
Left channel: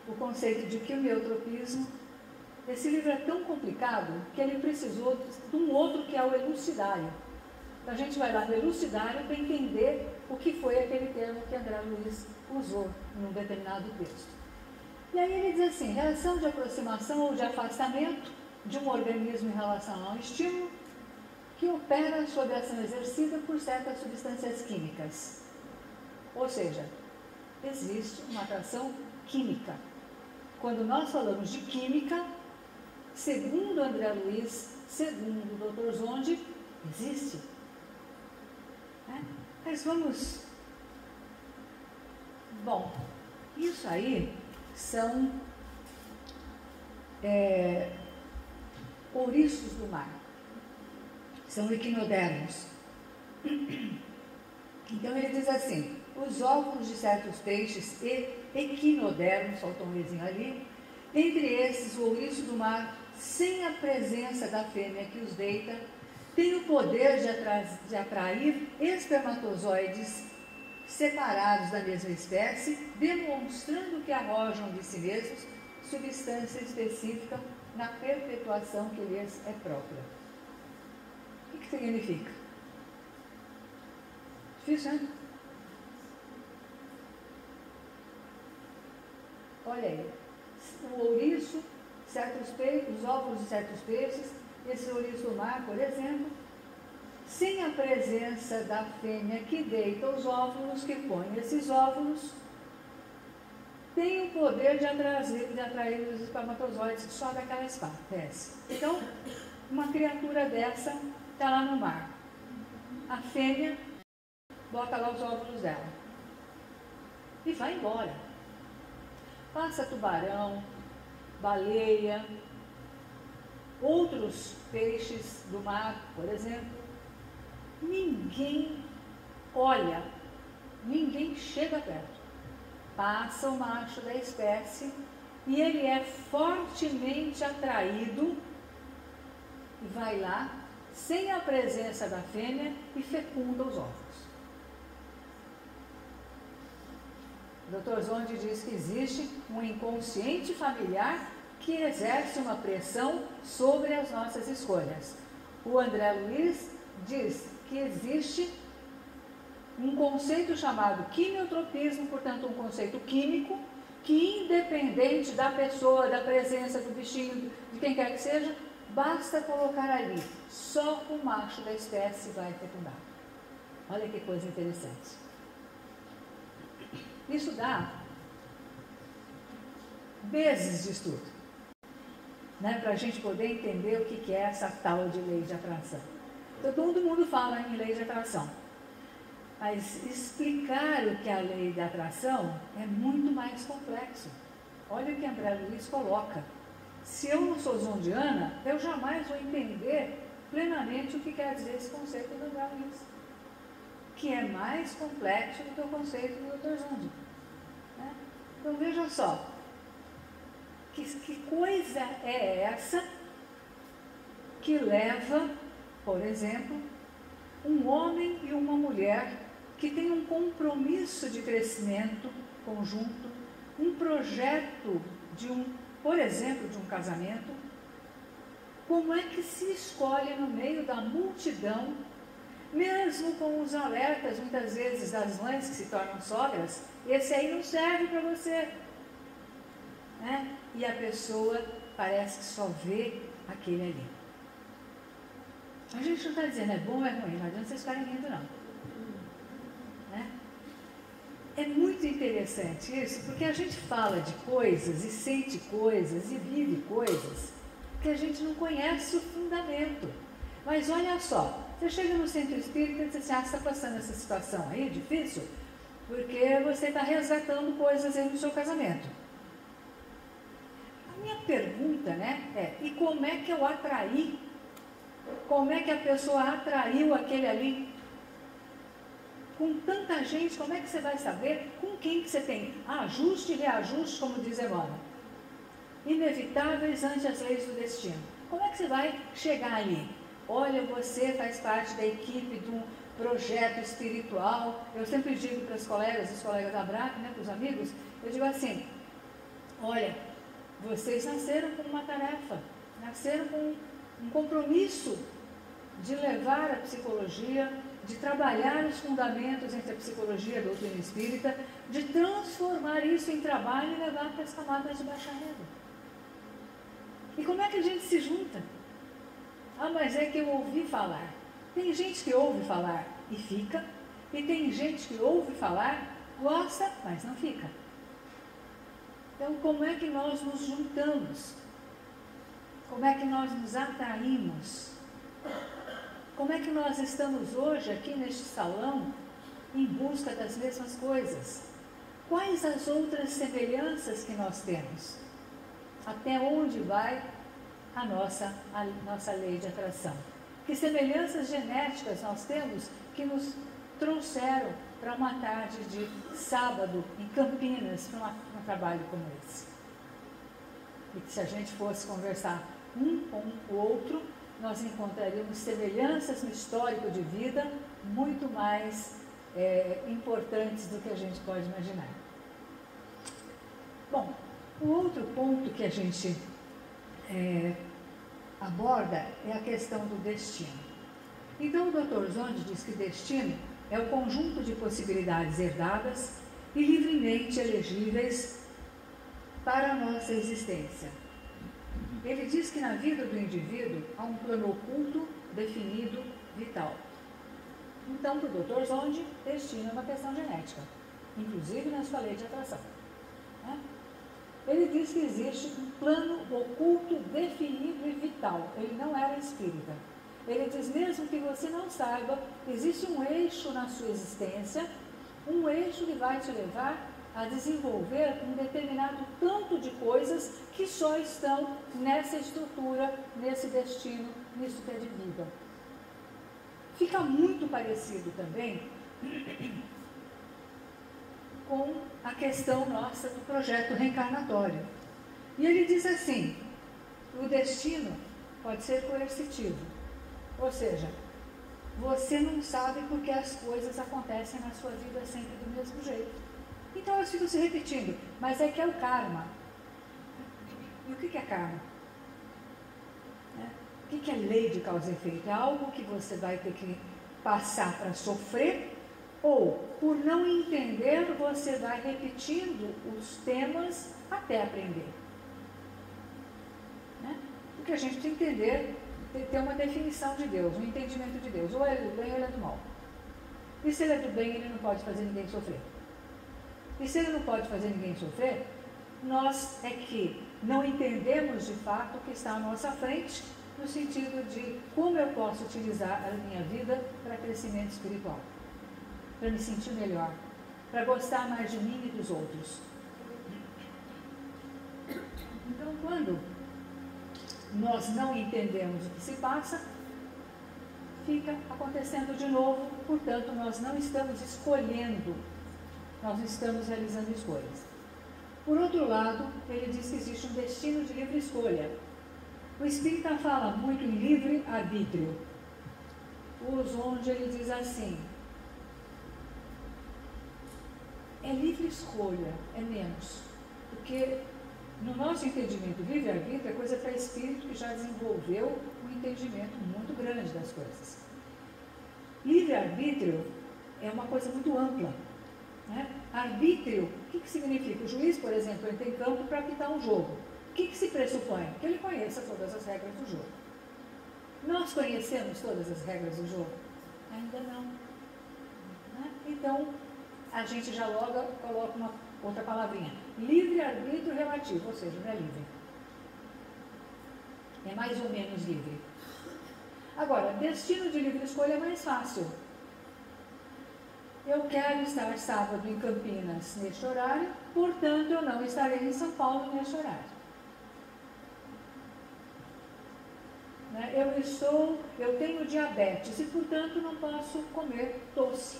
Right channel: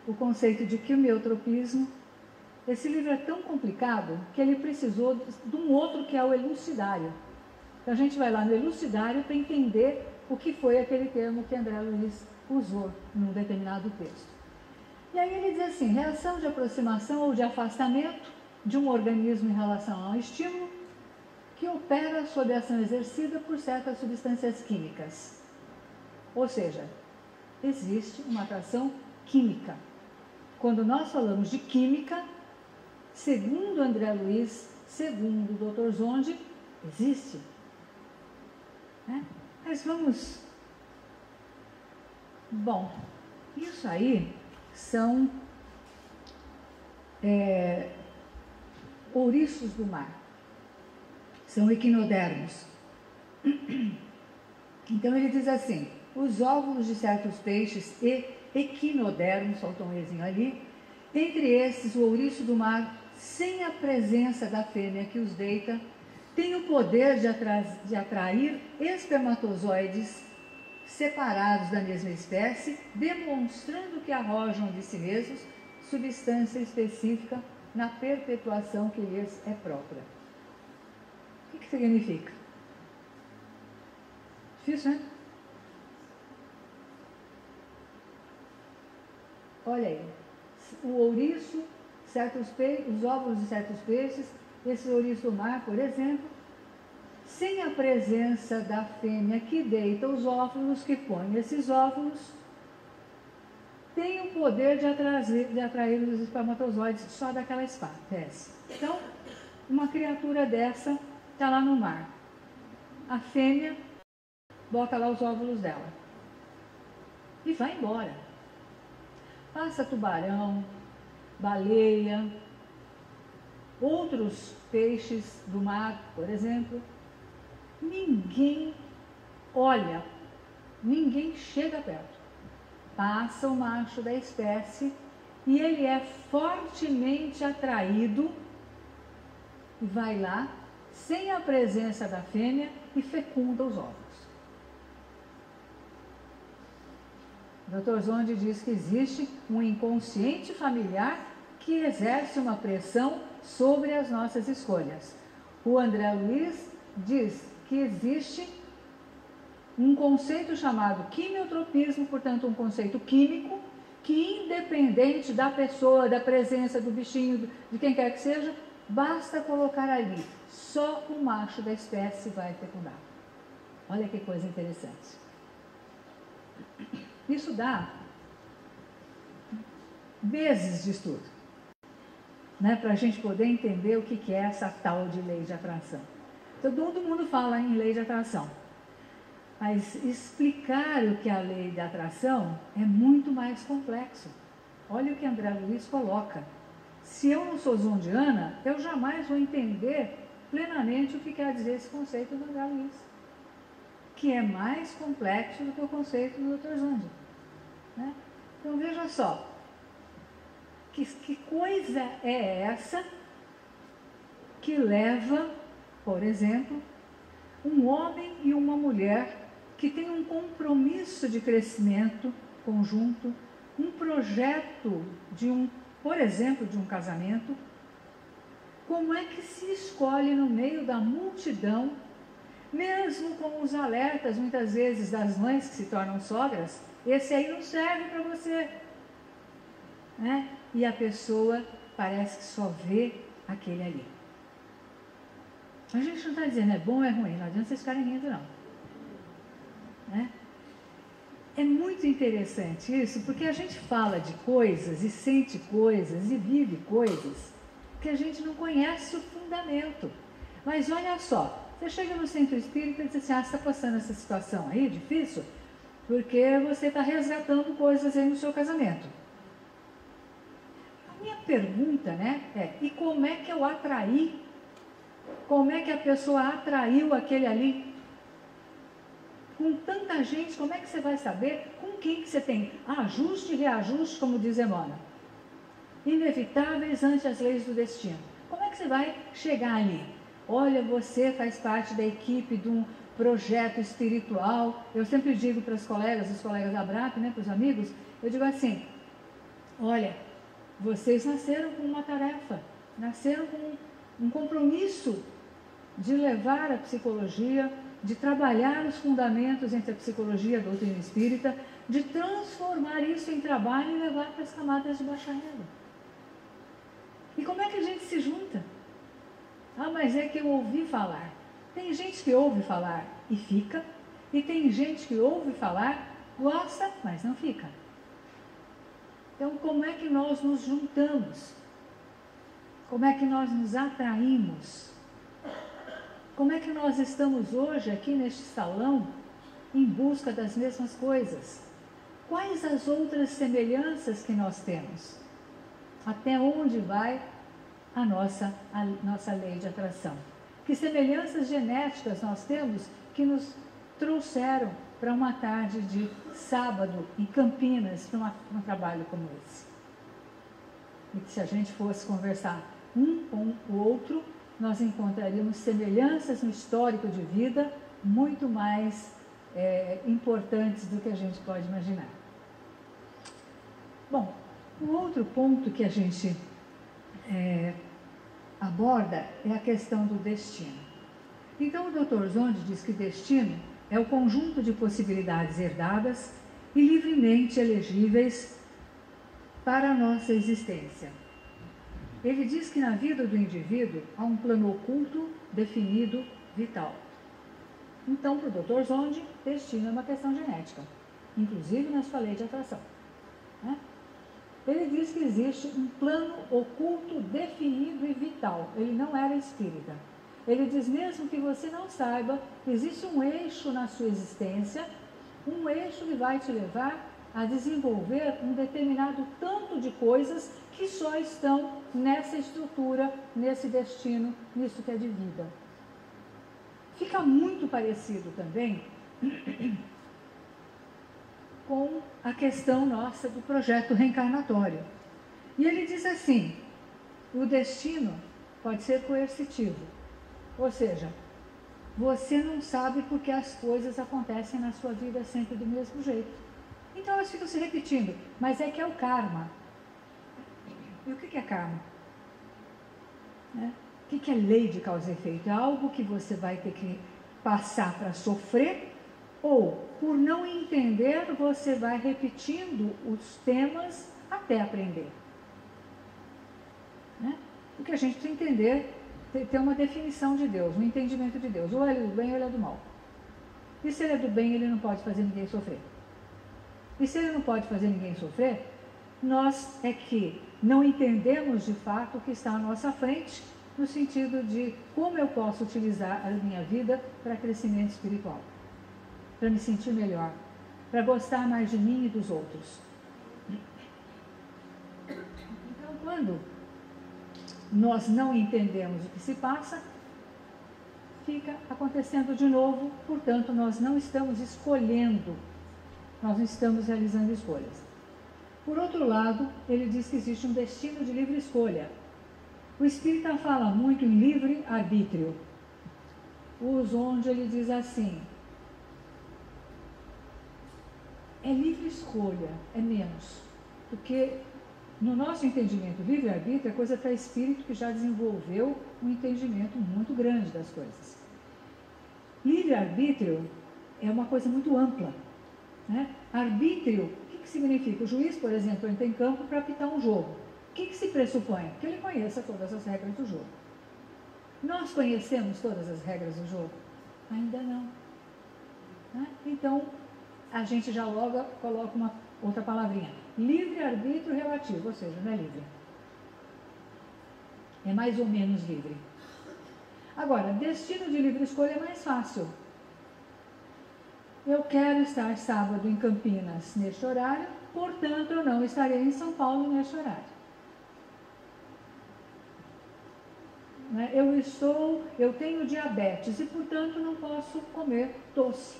o conceito de quimiotropismo. Esse livro é tão complicado que ele precisou de um outro que é o elucidário. Então a gente vai lá no elucidário para entender o que foi aquele termo que André Luiz usou num determinado texto. E aí ele diz assim: reação de aproximação ou de afastamento de um organismo em relação a um estímulo que opera sob a ação exercida por certas substâncias químicas. Ou seja, existe uma atração química. Quando nós falamos de química, segundo André Luiz, segundo o Dr. Zonde, existe. Mas vamos... Bom, isso aí são ouriços do mar. São equinodermos. Então ele diz assim: os óvulos de certos peixes e equinodermos, faltou um ezinho ali, entre esses o ouriço do mar, sem a presença da fêmea que os deita, tem o poder de atrair espermatozoides separados da mesma espécie, demonstrando que arrojam de si mesmos substância específica na perpetuação que lhes é própria. O que significa? Difícil, né? Olha aí, o ouriço, os óvulos de certos peixes, esse ouriço do mar, por exemplo, sem a presença da fêmea que deita os óvulos, que põe esses óvulos, tem o poder de atrair os espermatozoides só daquela espécie. Então, uma criatura dessa está lá no mar. A fêmea bota lá os óvulos dela e vai embora. Passa tubarão, baleia, outros peixes do mar, por exemplo. Ninguém olha, ninguém chega perto. Passa o macho da espécie e ele é fortemente atraído e vai lá, sem a presença da fêmea, e fecunda os óvulos. O Dr. Zonde diz que existe um inconsciente familiar que exerce uma pressão sobre as nossas escolhas. O André Luiz diz que existe um conceito chamado quimiotropismo, portanto um conceito químico, que independente da pessoa, da presença do bichinho, de quem quer que seja, basta colocar ali, só o macho da espécie vai fecundar. Olha que coisa interessante. Isso dá meses de estudo, né, para a gente poder entender o que é essa tal de lei de atração. Todo mundo fala em lei de atração, mas explicar o que é a lei de atração é muito mais complexo. Olha o que André Luiz coloca. Se eu não sou zondiana, eu jamais vou entender plenamente o que quer dizer esse conceito do André Luiz, que é mais complexo do que o conceito do Dr. Zonde. Né? Então veja só, que coisa é essa que leva, por exemplo, um homem e uma mulher que têm um compromisso de crescimento conjunto, um projeto por exemplo, de um casamento. Como é que se escolhe no meio da multidão, mesmo com os alertas, muitas vezes, das mães que se tornam sogras, esse aí não serve para você, né? E a pessoa parece que só vê aquele ali. A gente não está dizendo é bom ou é ruim, não adianta vocês ficarem rindo, não. Né? É muito interessante isso, porque a gente fala de coisas e sente coisas e vive coisas que a gente não conhece o fundamento. Mas olha só, você chega no centro espírita e diz assim: ah, você está passando essa situação aí, difícil? porque você está resgatando coisas aí no seu casamento. A minha pergunta, né, e como é que eu atraí? Como é que a pessoa atraiu aquele ali? Com tanta gente, como é que você vai saber com quem que você tem ajuste e reajuste, como diz Emmanuel? Inevitáveis ante as leis do destino. Como é que você vai chegar ali? Olha, você faz parte da equipe de um projeto espiritual. Eu sempre digo para os colegas da BRAP, né, para os amigos, eu digo assim, olha, vocês nasceram com uma tarefa, nasceram com um compromisso de levar a psicologia, de trabalhar os fundamentos entre a psicologia e a doutrina espírita, de transformar isso em trabalho e levar para as camadas de baixa renda. E como é que a gente se junta? Ah, mas é que eu ouvi falar. Tem gente que ouve falar e fica, e tem gente que ouve falar, gosta, mas não fica. Então, como é que nós nos juntamos? Como é que nós nos atraímos? Como é que nós estamos hoje aqui neste salão em busca das mesmas coisas? Quais as outras semelhanças que nós temos? Até onde vai a nossa lei de atração? Que semelhanças genéticas nós temos que nos trouxeram para uma tarde de sábado em Campinas, para um trabalho como esse? E que se a gente fosse conversar um com o outro, nós encontraríamos semelhanças no histórico de vida muito mais importantes do que a gente pode imaginar. Bom, o outro ponto que a gente aborda é a questão do destino. Então, o Dr. Zonde diz que destino é o conjunto de possibilidades herdadas e livremente elegíveis para a nossa existência. Ele diz que na vida do indivíduo há um plano oculto, definido, vital. Então, para o Dr. Zonde, destino é uma questão genética, inclusive na sua lei de atração, né? Ele diz que existe um plano oculto, definido e vital. Ele não era espírita. Ele diz mesmo que você não saiba, existe um eixo na sua existência, um eixo que vai te levar a desenvolver um determinado tanto de coisas que só estão nessa estrutura, nesse destino, nisso que é de vida. Fica muito parecido também com a questão nossa do projeto reencarnatório. E ele diz assim, o destino pode ser coercitivo, ou seja, você não sabe porque as coisas acontecem na sua vida sempre do mesmo jeito. Então elas ficam se repetindo, mas é que é o karma. E o que é karma? O que é lei de causa e efeito? É algo que você vai ter que passar para sofrer, ou, por não entender, você vai repetindo os temas até aprender. O que a gente tem que entender, ter uma definição de Deus, um entendimento de Deus. Ou ele é do bem ou ele é do mal. E se ele é do bem, ele não pode fazer ninguém sofrer. E se ele não pode fazer ninguém sofrer, nós é que não entendemos de fato o que está à nossa frente, no sentido de como eu posso utilizar a minha vida para crescimento espiritual, para me sentir melhor, para gostar mais de mim e dos outros. Então, quando nós não entendemos o que se passa, fica acontecendo de novo, portanto, nós não estamos escolhendo, nós não estamos realizando escolhas. Por outro lado, ele diz que existe um destino de livre escolha. O Espírita fala muito em livre-arbítrio. Onde ele diz assim, é livre escolha, é menos. Porque no nosso entendimento, livre-arbítrio é coisa para espírito que já desenvolveu um entendimento muito grande das coisas. Livre-arbítrio é uma coisa muito ampla, né? Arbítrio, o que significa? O juiz, por exemplo, entra em campo para apitar um jogo. O que se pressupõe? Que ele conheça todas as regras do jogo. Nós conhecemos todas as regras do jogo? Ainda não. Né? Então, a gente já logo coloca uma outra palavrinha. Livre-arbítrio relativo, ou seja, não é livre. É mais ou menos livre. Agora, destino de livre escolha é mais fácil. eu quero estar sábado em Campinas neste horário, portanto eu não estarei em São Paulo neste horário. Né? Eu tenho diabetes e, portanto, não posso comer doce.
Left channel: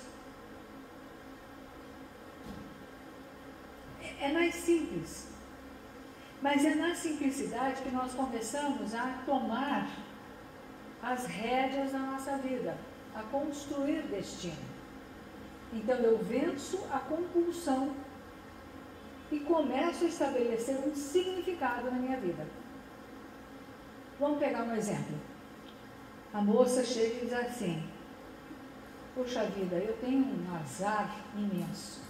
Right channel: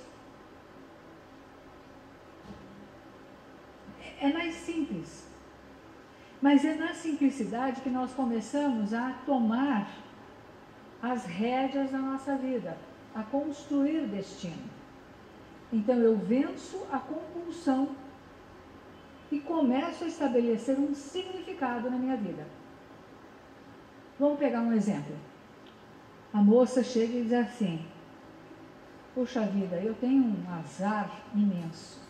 É mais simples. Mas é na simplicidade que nós começamos a tomar as rédeas da nossa vida, a construir destino. Então eu venço a compulsão e começo a estabelecer um significado na minha vida. Vamos pegar um exemplo. A moça chega e diz assim: puxa vida, eu tenho um azar imenso.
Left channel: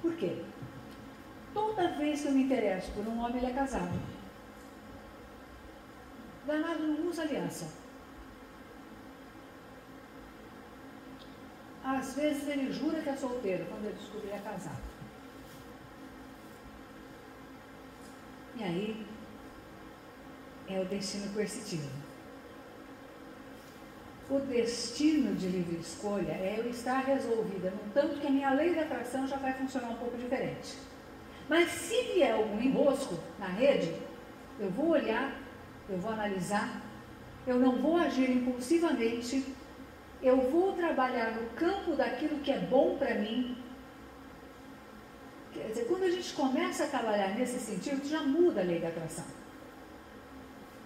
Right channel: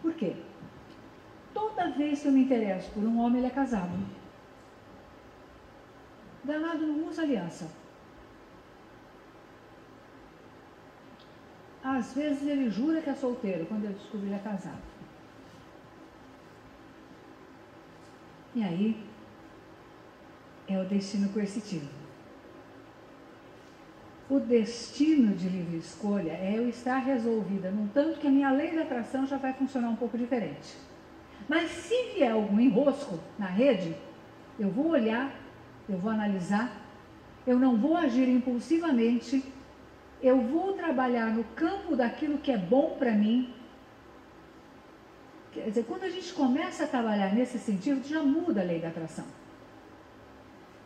Por quê? Toda vez que eu me interesso por um homem, ele é casado. Danado não usa aliança. Às vezes ele jura que é solteiro, quando ele descobre que ele é casado. E aí, é o destino coercitivo. O destino de livre escolha é eu estar resolvida, num tanto que a minha lei da atração já vai funcionar um pouco diferente. Mas se vier algum enrosco na rede, eu vou olhar, eu vou analisar, eu não vou agir impulsivamente, eu vou trabalhar no campo daquilo que é bom para mim. Quer dizer, quando a gente começa a trabalhar nesse sentido, já muda a lei da atração.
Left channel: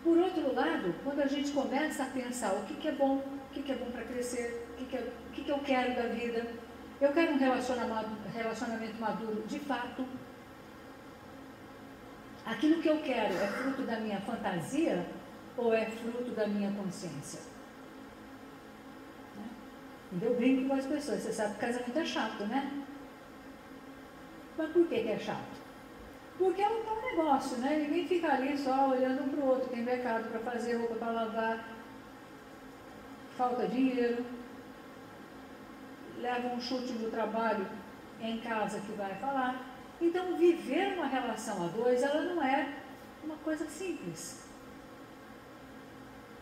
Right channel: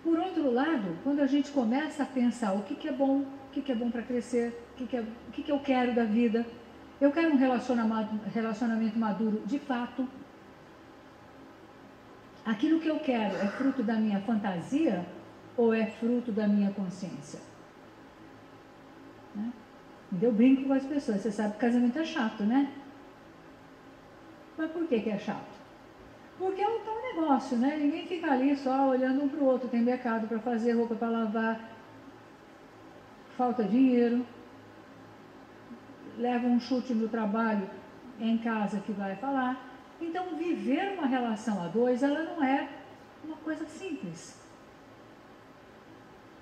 Por outro lado, quando a gente começa a pensar o que é bom para crescer, o que eu quero da vida, eu quero um relacionamento maduro de fato. Aquilo que eu quero é fruto da minha fantasia ou é fruto da minha consciência? Né? Eu brinco com as pessoas, você sabe que casamento é chato, né? Mas por que é chato? Porque é um tal negócio, né? Ninguém fica ali só olhando um para o outro, tem mercado para fazer, roupa para lavar, falta dinheiro, leva um chute no trabalho, em casa que vai falar. Então, viver uma relação a dois, ela não é uma coisa simples.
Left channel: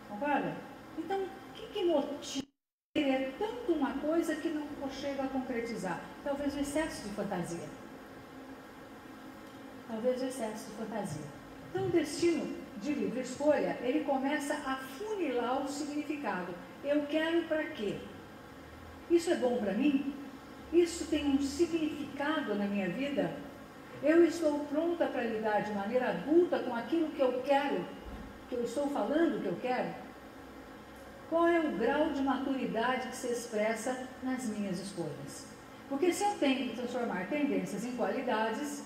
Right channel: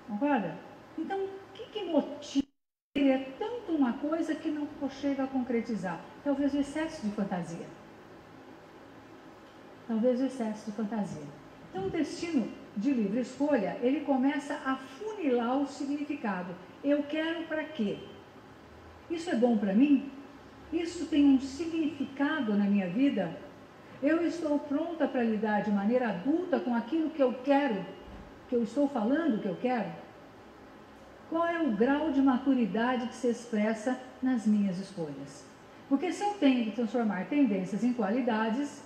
Concorda? Então, o que motiva querer tanto uma coisa que não chega a concretizar? Talvez o excesso de fantasia. Então, o destino de livre escolha, ele começa a funilar o significado. Eu quero para quê? Isso é bom para mim? Isso tem um significado na minha vida? Eu estou pronta para lidar de maneira adulta com aquilo que eu quero, que eu estou falando que eu quero? Qual é o grau de maturidade que se expressa nas minhas escolhas? Porque se eu tenho que transformar tendências em qualidades,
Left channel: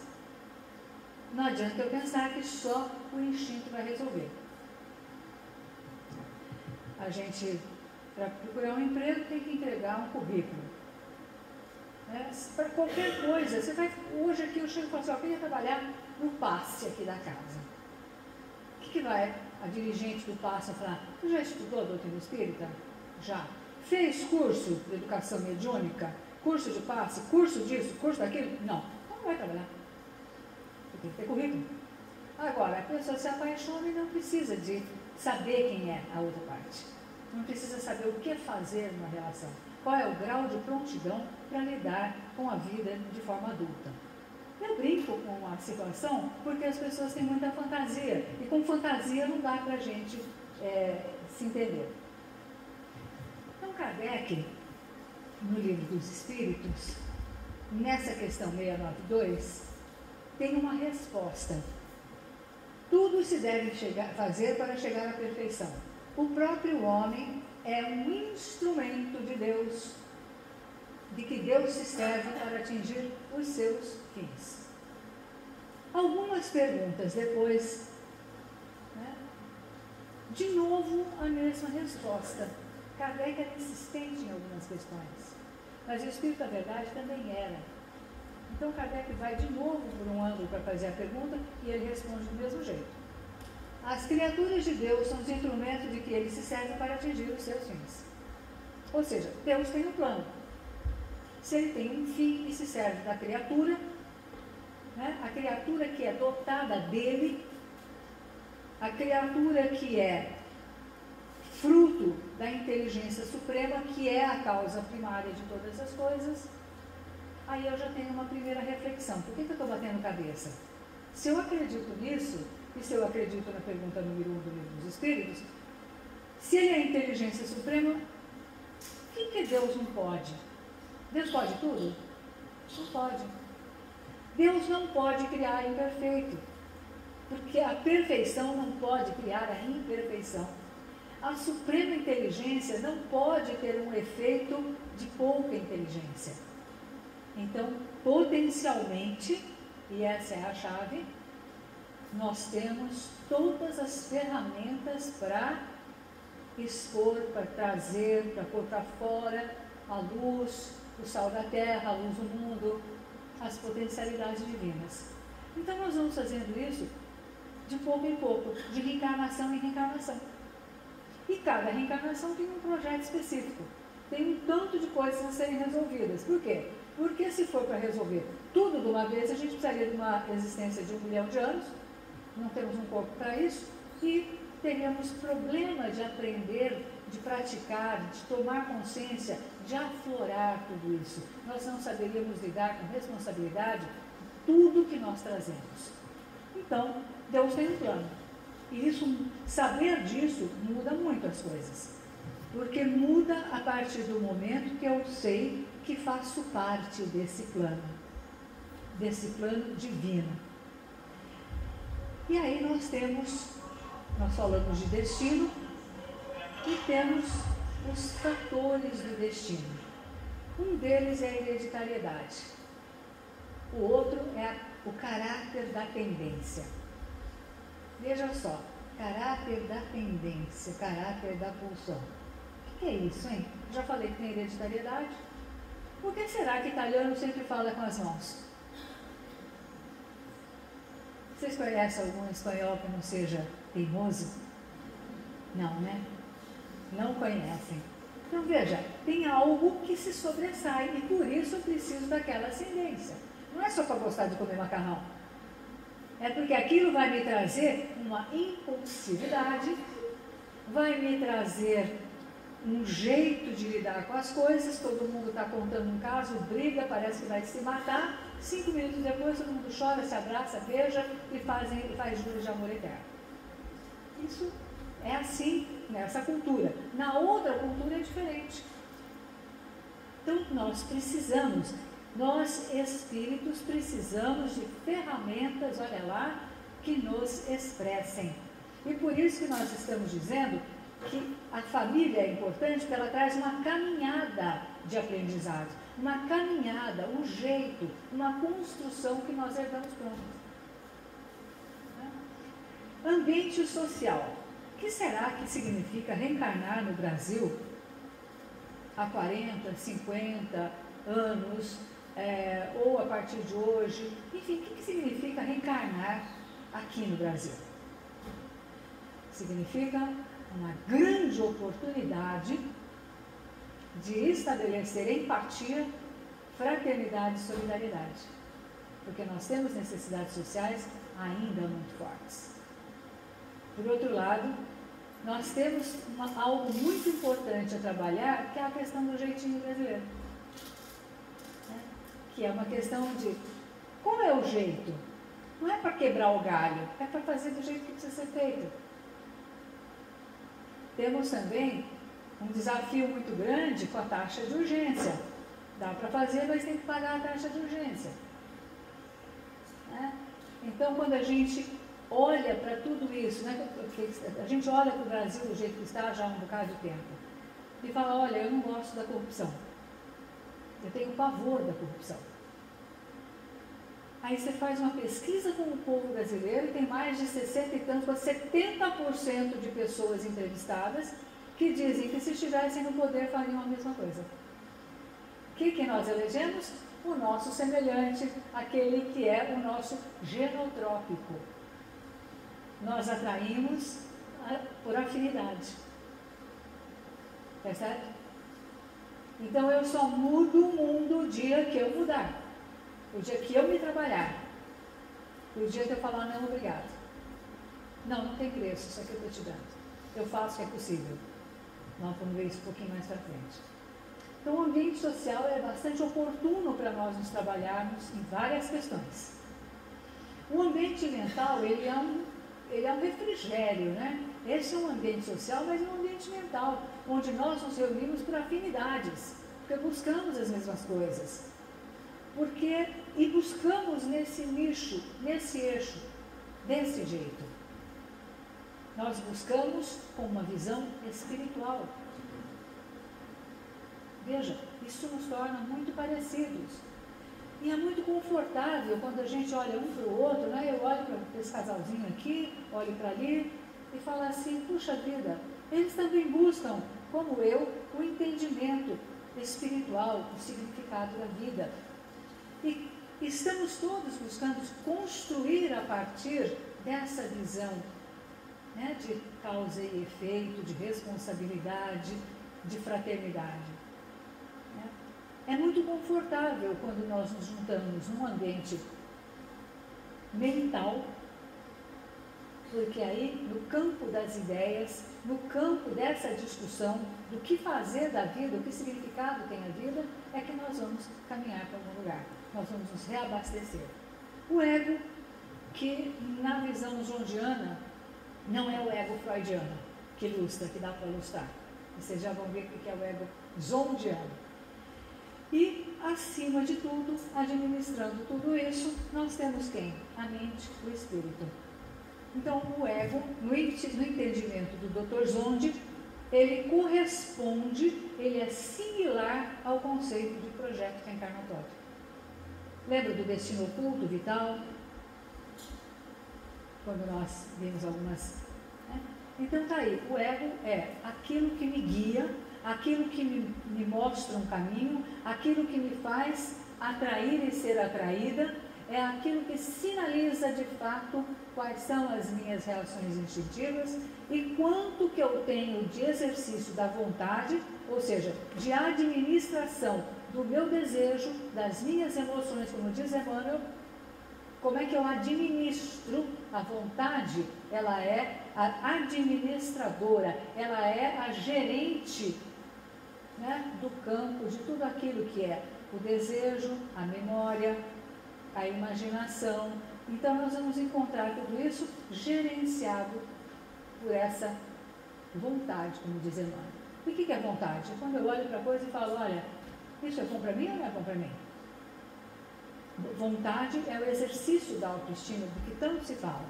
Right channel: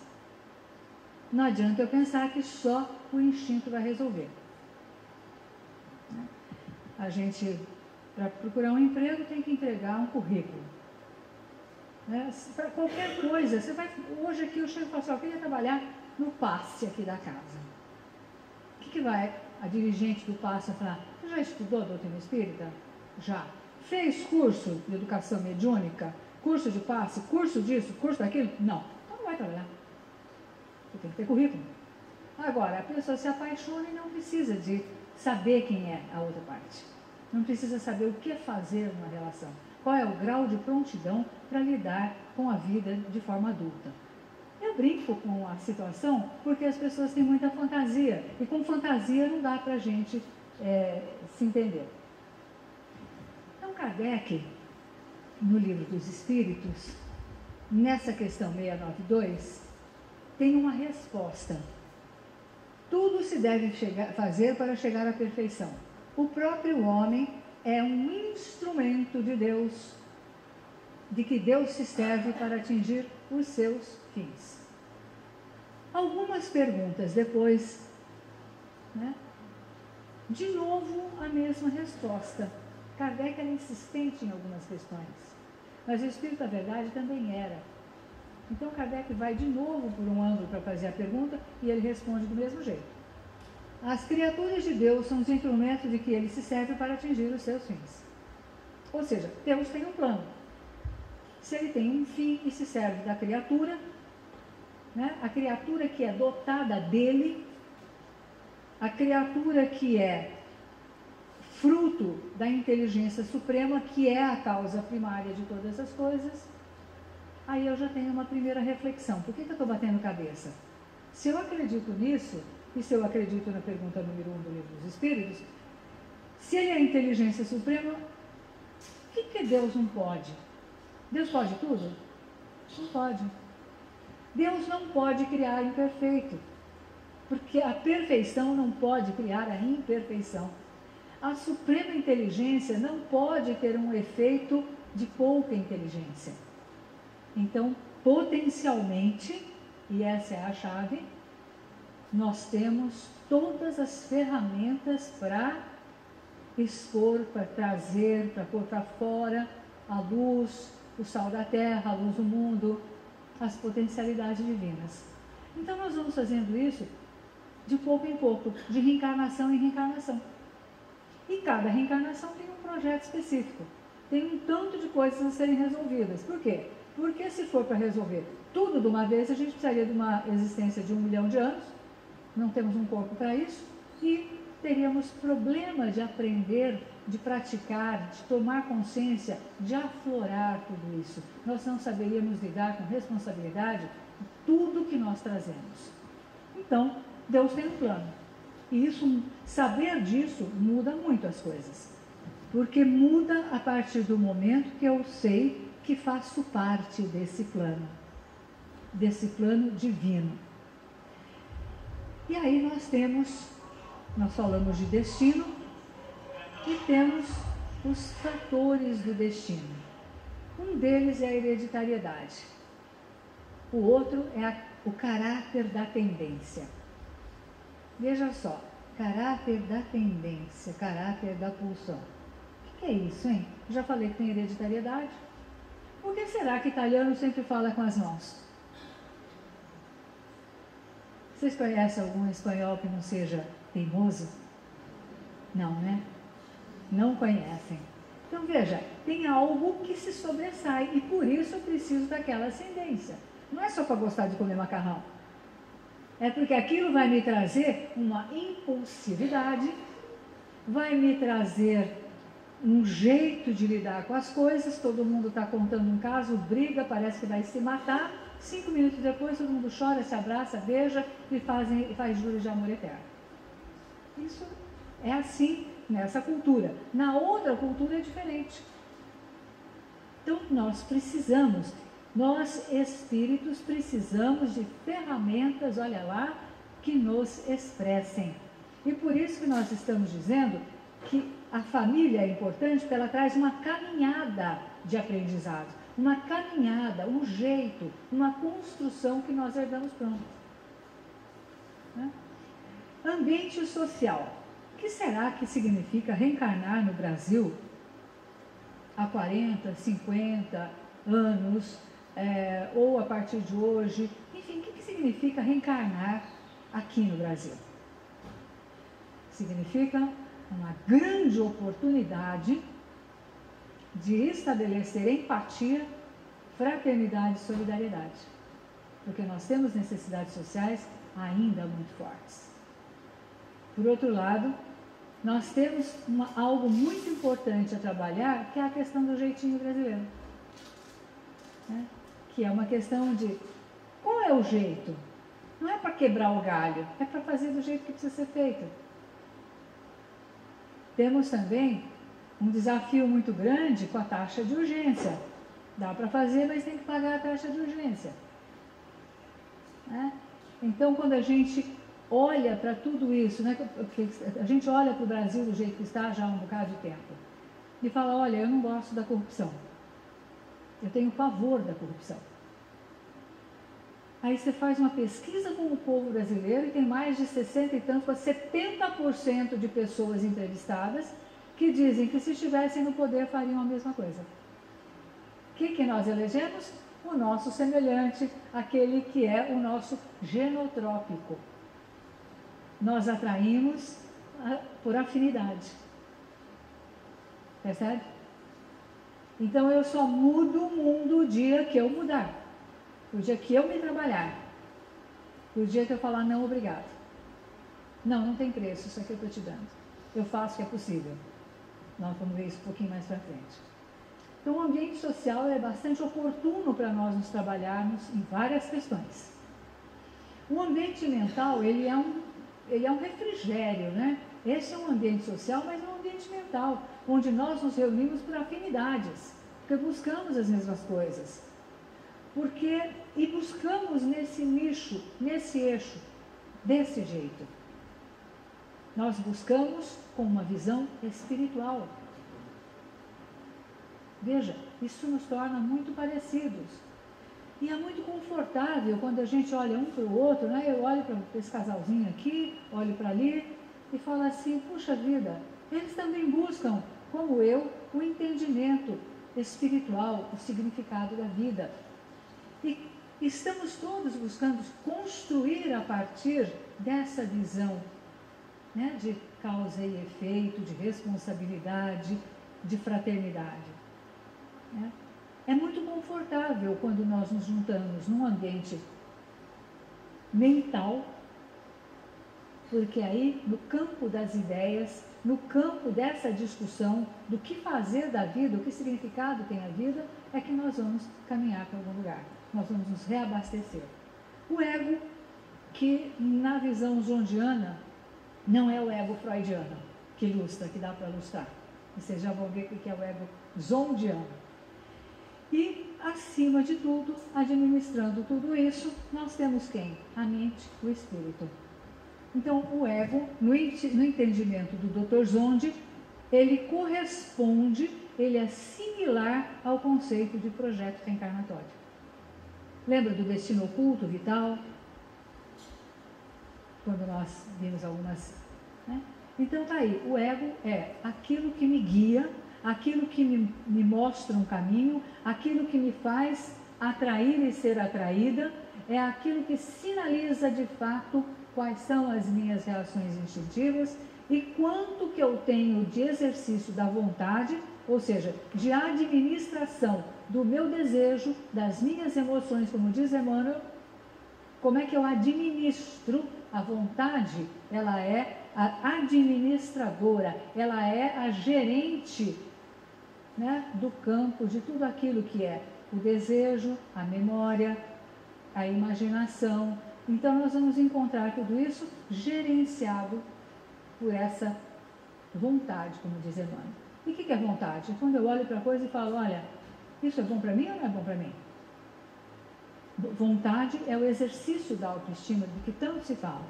não adianta eu pensar que só o instinto vai resolver. A gente, para procurar um emprego, tem que entregar um currículo. Né? Para qualquer coisa, você vai, hoje aqui eu chego e falo assim, eu queria trabalhar no passe aqui da casa. O que vai a dirigente do passe falar? Você já estudou a doutrina espírita? Já. Fez curso de educação mediúnica? Curso de passe? Curso disso? Curso daquilo? Não. Então não vai trabalhar. Você tem que ter currículo. Agora, a pessoa se apaixona e não precisa de saber quem é a outra parte. Não precisa saber o que fazer numa relação. Qual é o grau de prontidão para lidar com a vida de forma adulta. Eu brinco com a situação porque as pessoas têm muita fantasia. E com fantasia não dá para a gente se entender. Então, Kardec, no Livro dos Espíritos, nessa questão 692, tem uma resposta. Tudo se deve fazer para chegar à perfeição. O próprio homem é um instrumento de Deus, de que Deus se serve para atingir os seus fins. Algumas perguntas depois, né? De novo a mesma resposta. Kardec era insistente em algumas questões, mas o Espírito da Verdade também era. Então Kardec vai de novo por um ângulo para fazer a pergunta e ele responde do mesmo jeito. As criaturas de Deus são os instrumentos de que ele se serve para atingir os seus fins. Ou seja, Deus tem um plano. Se ele tem um fim e se serve da criatura, né? A criatura que é dotada dele, a criatura que é fruto da inteligência suprema, que é a causa primária de todas as coisas, aí eu já tenho uma primeira reflexão. Por que eu estou batendo cabeça? Se eu acredito nisso, e se eu acredito na pergunta número 1 do Livro dos Espíritos, se ele é a inteligência suprema, o que Deus não pode? Deus pode tudo? Não pode. Deus não pode criar imperfeito, porque a perfeição não pode criar a imperfeição. A suprema inteligência não pode ter um efeito de pouca inteligência. Então, potencialmente, e essa é a chave, nós temos todas as ferramentas para expor, para trazer, para pôr para fora a luz, o sal da terra, a luz do mundo, as potencialidades divinas. Então nós vamos fazendo isso de pouco em pouco, de reencarnação em reencarnação. E cada reencarnação tem um projeto específico, tem um tanto de coisas a serem resolvidas. Por quê? Porque se for para resolver tudo de uma vez, a gente precisaria de uma existência de 1 milhão de anos, não temos um corpo para isso, e teríamos problema de aprender, de praticar, de tomar consciência, de aflorar tudo isso. Nós não saberíamos lidar com responsabilidade tudo que nós trazemos. Então, Deus tem um plano. E isso, saber disso muda muito as coisas. Porque muda a partir do momento que eu sei que faço parte desse plano divino. E aí nós falamos de destino e temos os fatores do destino. Um deles é a hereditariedade. O outro é o caráter da tendência. Veja só, caráter da tendência, caráter da pulsão. O que é isso, hein? Já falei que tem hereditariedade. Por que será que italiano sempre fala com as mãos? Vocês conhecem algum espanhol que não seja teimoso? Não, né? Não conhecem. Então veja, tem algo que se sobressai e por isso eu preciso daquela ascendência. Não é só para gostar de comer macarrão. É porque aquilo vai me trazer uma impulsividade, vai me trazer um jeito de lidar com as coisas. Todo mundo está contando um caso, briga, parece que vai se matar. 5 minutos depois todo mundo chora, se abraça, beija e faz juros de amor eterno. Isso é assim nessa cultura. Na outra cultura é diferente. Então nós espíritos precisamos de ferramentas, olha lá, que nos expressem. E por isso que nós estamos dizendo que a família é importante, porque ela traz uma caminhada de aprendizado, uma caminhada, um jeito, uma construção que nós herdamos pronto. Né? Ambiente social. O que será que significa reencarnar no Brasil há 40, 50 anos, ou a partir de hoje? Enfim, o que significa reencarnar aqui no Brasil? Significa uma grande oportunidade de estabelecer empatia, fraternidade e solidariedade, porque nós temos necessidades sociais ainda muito fortes. Por outro lado, nós temos algo muito importante a trabalhar, que é a questão do jeitinho brasileiro, né? Que é uma questão de qual é o jeito? Não é para quebrar o galho, é para fazer do jeito que precisa ser feito. Temos também um desafio muito grande com a taxa de urgência. Dá para fazer, mas tem que pagar a taxa de urgência. Né? Então, quando a gente olha para tudo isso, né, a gente olha para o Brasil do jeito que está já há um bocado de tempo, e fala, olha, eu não gosto da corrupção. Eu tenho pavor da corrupção. Aí você faz uma pesquisa com o povo brasileiro e tem mais de 60 e tantos, 70% de pessoas entrevistadas que dizem que se estivessem no poder fariam a mesma coisa. O que nós elegemos? O nosso semelhante, aquele que é o nosso genotrópico. Nós atraímos por afinidade. Percebe? Então eu só mudo o mundo o dia que eu mudar. O dia que eu me trabalhar. O dia que eu falar não, obrigado. Não tem preço, isso aqui eu estou te dando. Eu faço o que é possível. Nós vamos ver isso um pouquinho mais para frente. Então, o ambiente social é bastante oportuno para nós nos trabalharmos em várias questões. O ambiente mental, ele é um refrigério, né? Esse é um ambiente social, mas é um ambiente mental, onde nós nos reunimos por afinidades, porque buscamos as mesmas coisas. E buscamos nesse nicho, nesse eixo, desse jeito. Nós buscamos com uma visão espiritual. Veja, isso nos torna muito parecidos. E é muito confortável quando a gente olha um para o outro, né? Eu olho para esse casalzinho aqui, olho para ali e falo assim, puxa vida, eles também buscam, como eu, o entendimento espiritual, o significado da vida. E estamos todos buscando construir a partir dessa visão, né, de causa e efeito, de responsabilidade, de fraternidade. Né? É muito confortável quando nós nos juntamos num ambiente mental, porque aí, no campo das ideias, no campo dessa discussão do que fazer da vida, o que significado tem a vida, é que nós vamos caminhar para algum lugar. Nós vamos nos reabastecer. O ego, que na visão zondiana, não é o ego freudiano, que ilustra, que dá para ilustrar. Vocês já vão ver o que é o ego zondiano. E, acima de tudo, administrando tudo isso, nós temos quem? A mente, o espírito. Então, o ego, no entendimento do Dr. Zondi, ele corresponde, ele é similar ao conceito de projeto reencarnatório. Lembra do destino oculto, vital? Quando nós vimos algumas... Né? Então, tá aí, o ego é aquilo que me guia, aquilo que me mostra um caminho, aquilo que me faz atrair e ser atraída, é aquilo que sinaliza de fato quais são as minhas reações instintivas e quanto que eu tenho de exercício da vontade, ou seja, de administração do meu desejo, das minhas emoções, como diz Emmanuel, como é que eu administro a vontade? Ela é a administradora, ela é a gerente, né, do campo de tudo aquilo que é o desejo, a memória, a imaginação. Então, nós vamos encontrar tudo isso gerenciado por essa vontade, como diz Emmanuel. E o que é vontade? Quando eu olho para a coisa e falo, olha, isso é bom para mim ou não é bom para mim? Vontade é o exercício da autoestima, do que tanto se fala.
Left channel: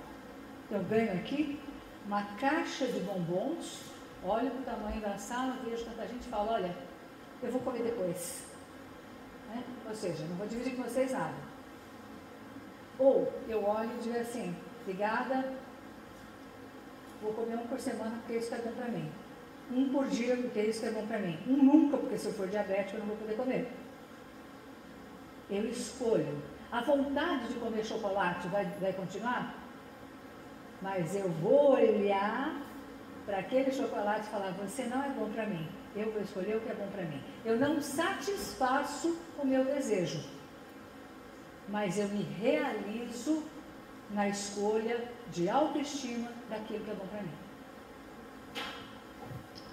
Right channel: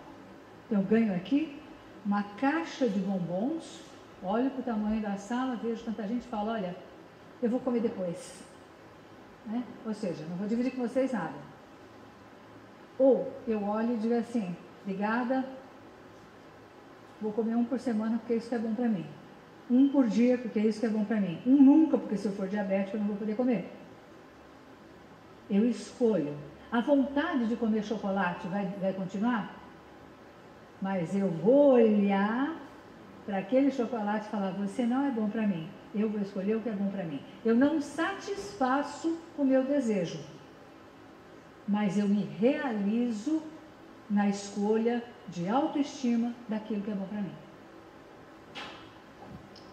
Então, eu ganho aqui uma caixa de bombons, olho para o tamanho da sala, vejo tanta gente e falo, olha, eu vou comer depois. Né? Ou seja, não vou dividir com vocês nada. Ou eu olho e digo assim, obrigada, vou comer um por semana porque isso é bom para mim. Um por dia porque isso é bom para mim. Um nunca, porque se eu for diabético eu não vou poder comer. Eu escolho. A vontade de comer chocolate vai continuar? Mas eu vou olhar para aquele chocolate e falar, você não é bom para mim. Eu vou escolher o que é bom para mim. Eu não satisfaço o meu desejo, mas eu me realizo na escolha de autoestima daquilo que é bom para mim.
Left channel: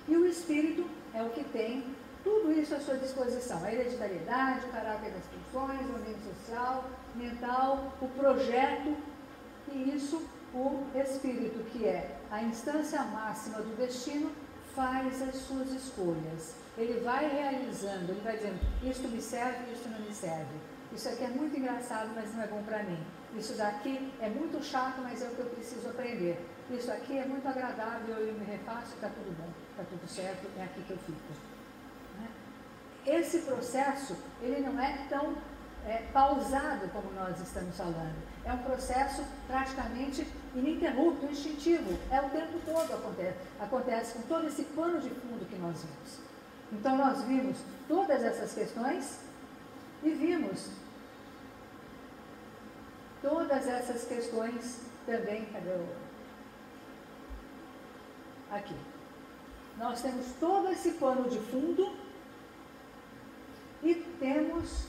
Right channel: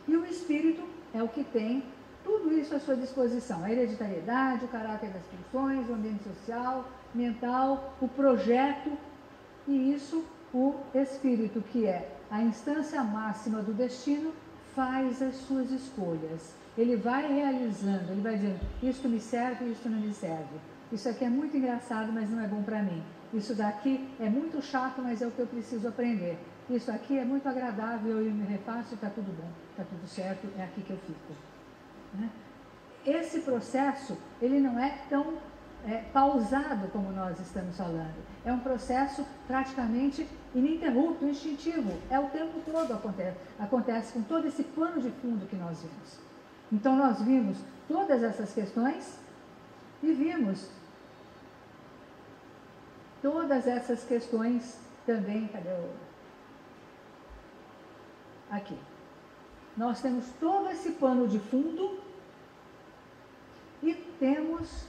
E o espírito é o que tem tudo isso à sua disposição. A hereditariedade, o caráter das funções, o ambiente social, mental, o projeto, e isso o espírito, que é a instância máxima do destino, faz as suas escolhas. Ele vai realizando, ele vai dizendo, isto me serve, isto não me serve. Isso aqui é muito engraçado, mas não é bom para mim. Isso daqui é muito chato, mas é o que eu preciso aprender. Isso aqui é muito agradável, eu me refaço, está tudo bom, está tudo certo, é aqui que eu fico. Né? Esse processo, ele não é tão pausado como nós estamos falando. É um processo praticamente ininterrupto, instintivo. É o tempo todo acontece com todo esse pano de fundo que nós vimos. Então, nós vimos todas essas questões e vimos todas essas questões também. Cadê o... Aqui. Nós temos todo esse pano de fundo e temos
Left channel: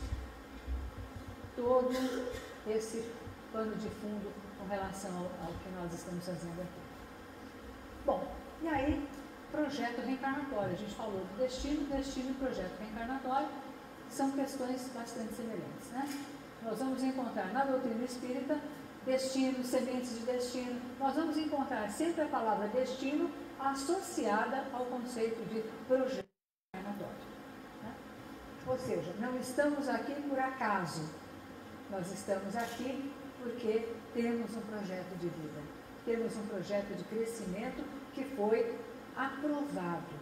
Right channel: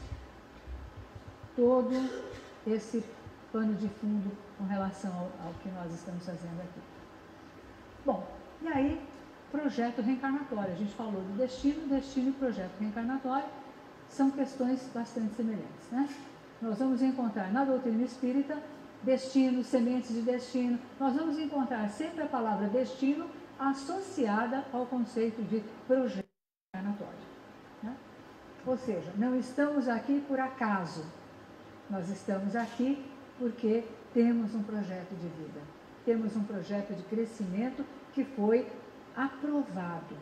todo esse pano de fundo com relação ao que nós estamos fazendo aqui. Bom, e aí projeto reencarnatório. A gente falou do destino e projeto reencarnatório são questões bastante semelhantes, né? Nós vamos encontrar na doutrina espírita destino, sementes de destino. Nós vamos encontrar sempre a palavra destino associada ao conceito de projeto reencarnatório, né? Ou seja, não estamos aqui por acaso. Nós estamos aqui porque temos um projeto de vida. Temos um projeto de crescimento que foi aprovado.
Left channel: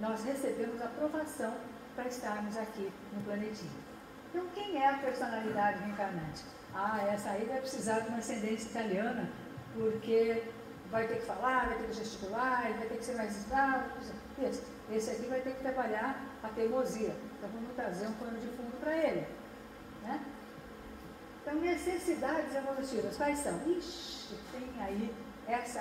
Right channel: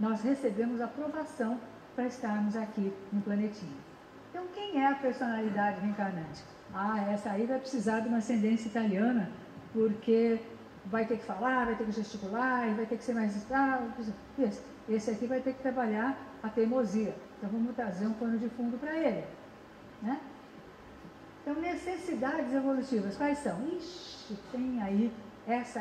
Nós recebemos aprovação para estarmos aqui no planetinha. Então, quem é a personalidade reencarnante? Essa aí vai precisar de uma ascendência italiana, porque vai ter que falar, vai ter que gesticular, vai ter que ser mais... Esse aqui vai ter que trabalhar a teimosia. Então, vamos trazer um pano de fundo para ele, né? Então, necessidades evolutivas, quais são? Ixi, tem aí essa.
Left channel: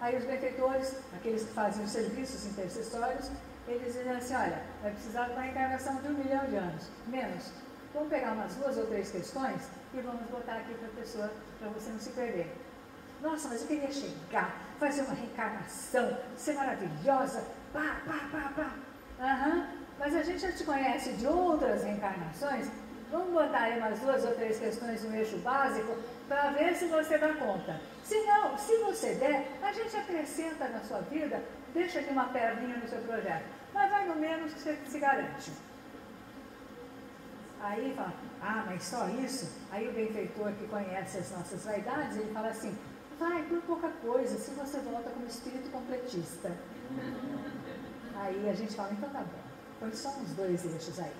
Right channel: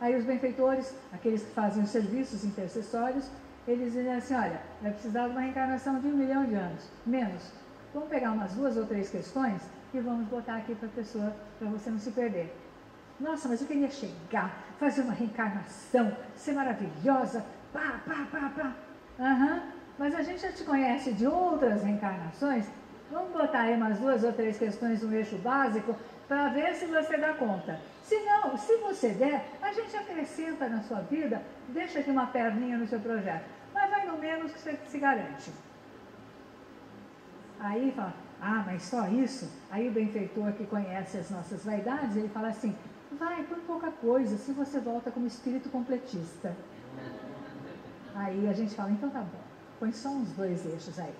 Aí os benfeitores, aqueles que fazem os serviços intercessórios, eles dizem assim, olha, vai precisar de uma reencarnação de 1 milhão de anos, menos. Vamos pegar umas 2 ou 3 questões e vamos botar aqui para a pessoa, para você não se perder. Nossa, mas eu queria chegar, fazer uma reencarnação, ser maravilhosa, pá. Mas a gente já te conhece de outras reencarnações. Vamos botar aí umas 2 ou 3 questões no eixo básico para ver se você dá conta. Se não, se você der, a gente acrescenta na sua vida, deixa aqui uma perninha no seu projeto. Mas vai no menos que você se garante. Aí fala, mas só isso? Aí o benfeitor que conhece as nossas vaidades, ele fala assim, vai por pouca coisa, se você volta como espírito completista. Aí a gente fala, então tá bom, põe só uns 2 eixos aí,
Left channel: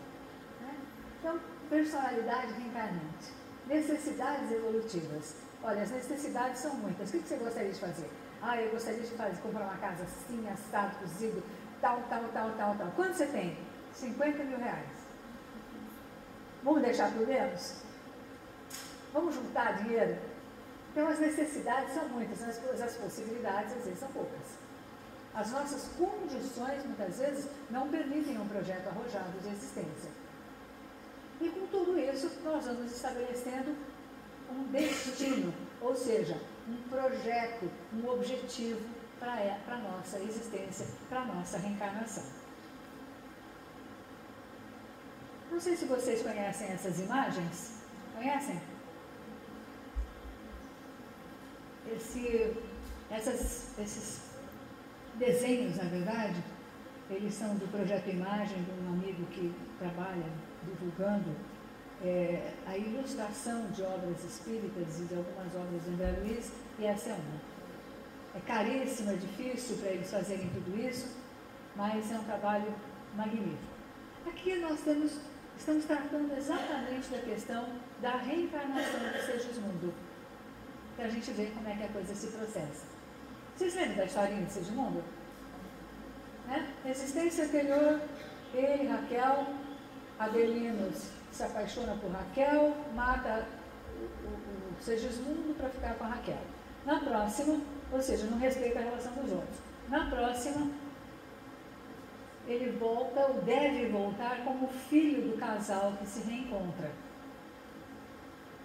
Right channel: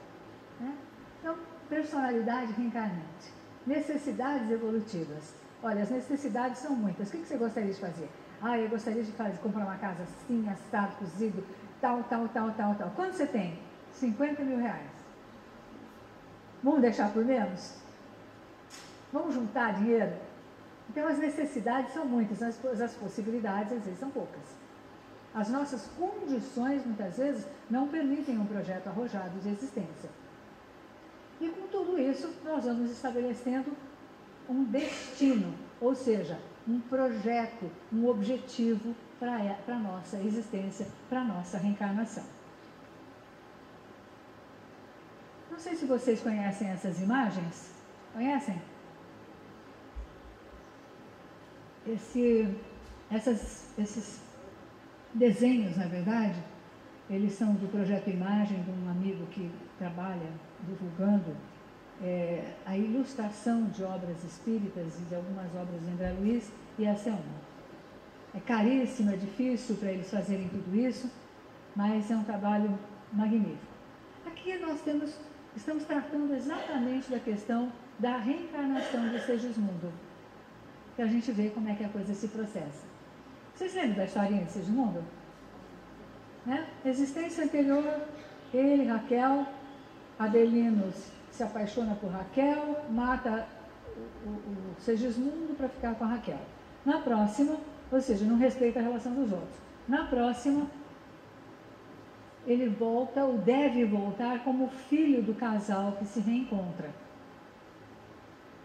né? Então, personalidade reencarnante, necessidades evolutivas. Olha, as necessidades são muitas. O que você gostaria de fazer? Eu gostaria de comprar uma casa assim, assado, cozido, tal. Quanto você tem? 50 mil reais. Vamos deixar por menos? Vamos juntar dinheiro? Então, as necessidades são muitas, as possibilidades, às vezes, são poucas. As nossas condições, muitas vezes, não permitem um projeto arrojado de existência. E com tudo isso, nós vamos estabelecendo um destino, ou seja, um projeto, um objetivo para a nossa existência, para a nossa reencarnação. Não sei se vocês conhecem essas imagens. Conhecem? Esses desenhos, na verdade, eles são do Projeto Imagem, de um amigo que trabalha divulgando a ilustração de obras espíritas e de algumas obras do André Luiz, e essa é uma. É caríssimo, é difícil para eles fazerem tudo isso, mas é um trabalho magnífico. Aqui nós estamos tratando exatamente da questão da reencarnação de Segismundo, para a gente ver como é que a coisa se processa. Vocês lembram da historinha de Segismundo? Né? Existência anterior, ele, Raquel, Adelino se apaixona por Raquel, mata o Segismundo para ficar com a Raquel. Na próxima, ou seja, não respeita a relação dos outros. Na próxima, ele volta, ou deve voltar, como filho do casal que se reencontra.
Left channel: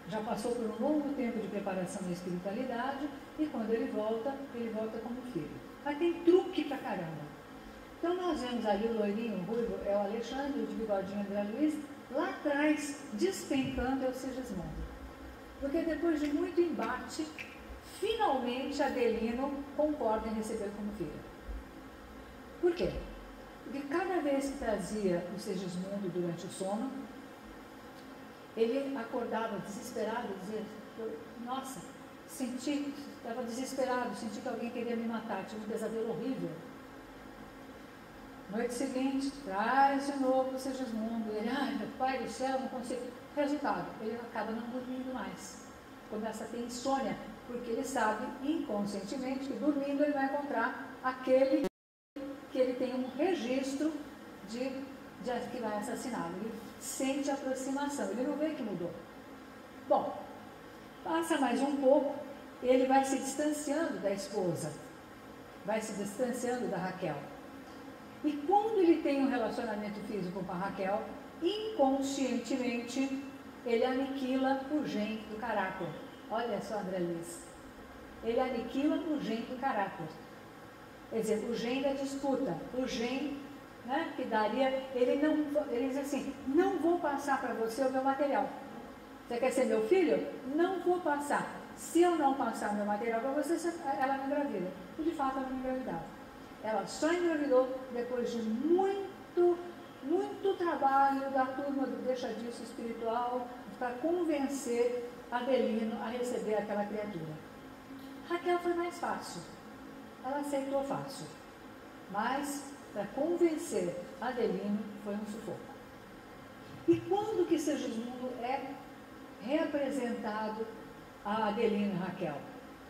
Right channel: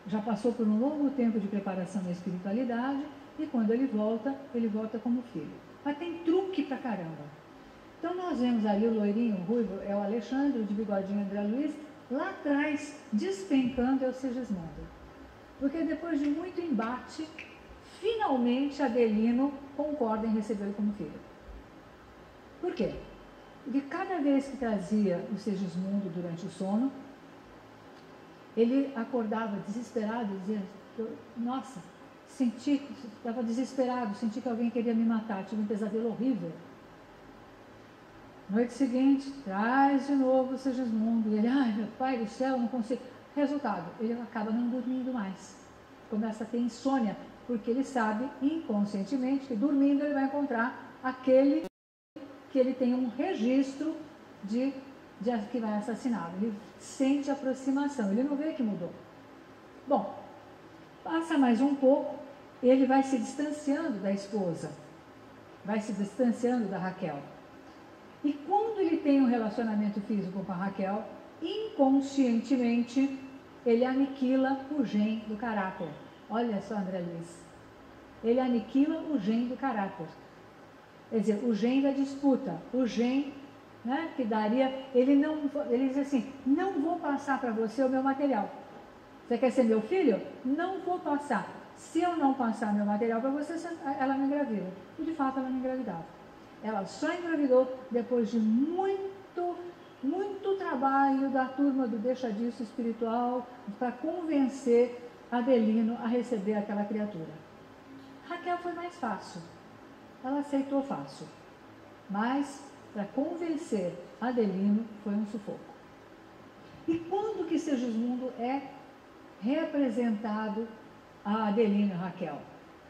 Já passou por um longo tempo de preparação na espiritualidade, e quando ele volta como filho. Mas tem truque pra caramba. Então nós vemos ali o loirinho, o ruivo, é o Alexandre, de bigodinho André Luiz, lá atrás, despencando é o Segismundo. Porque depois de muito embate, finalmente Adelino concorda em recebê-lo como filho. Por quê? Porque cada vez que trazia o Segismundo durante o sono, ele acordava desesperado e dizia, nossa, estava desesperado, senti que alguém queria me matar, tive um pesadelo horrível. Noite seguinte, traz de novo o Segismundo, e ele, meu pai do céu, não consigo. Resultado, ele acaba não dormindo mais, começa a ter insônia, porque ele sabe inconscientemente que dormindo ele vai encontrar aquele que ele tem um registro de que vai assassiná-lo. Ele sente aproximação, ele não vê que mudou. Bom, passa mais um pouco, ele vai se distanciando da esposa, vai se distanciando da Raquel. E quando ele tem um relacionamento físico com a Raquel, inconscientemente, ele aniquila o gen do caráter. Olha só, André Luiz. Ele aniquila o gen do caráter. Quer dizer, o gen da disputa, o gen, né, que daria, ele diz assim, não vou passar para você o meu material. Você quer ser meu filho? Não vou passar. Se eu não passar o meu material para você, ela não engravida. E de fato ela não engravidava. Ela só engravidou depois de muito trabalho da turma do deixa disso espiritual para convencer Adelino a receber aquela criatura. Raquel foi mais fácil. Ela aceitou fácil. Mas para convencer Adelino foi um sufoco. E quando que Segismundo é reapresentado a Adelino e Raquel?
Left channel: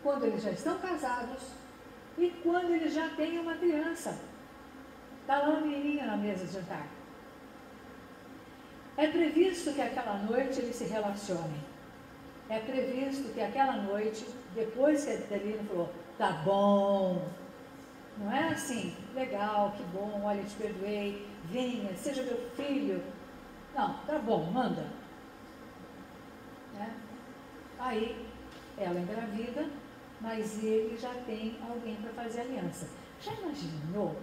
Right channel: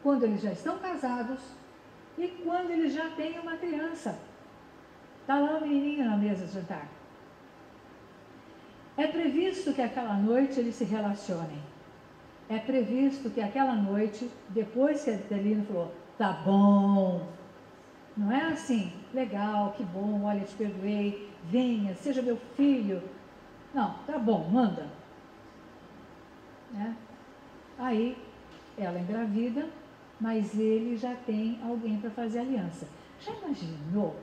Quando eles já estão casados e quando eles já têm uma criança. Está lá uma menininha na mesa de jantar. É previsto que aquela noite eles se relacionem. É previsto que aquela noite, depois que Adelino falou, tá bom, não é assim, legal, que bom, olha, te perdoei, venha, seja meu filho. Não, tá bom, manda. Né? Aí ela engravida, mas ele já tem alguém para fazer aliança. Já imaginou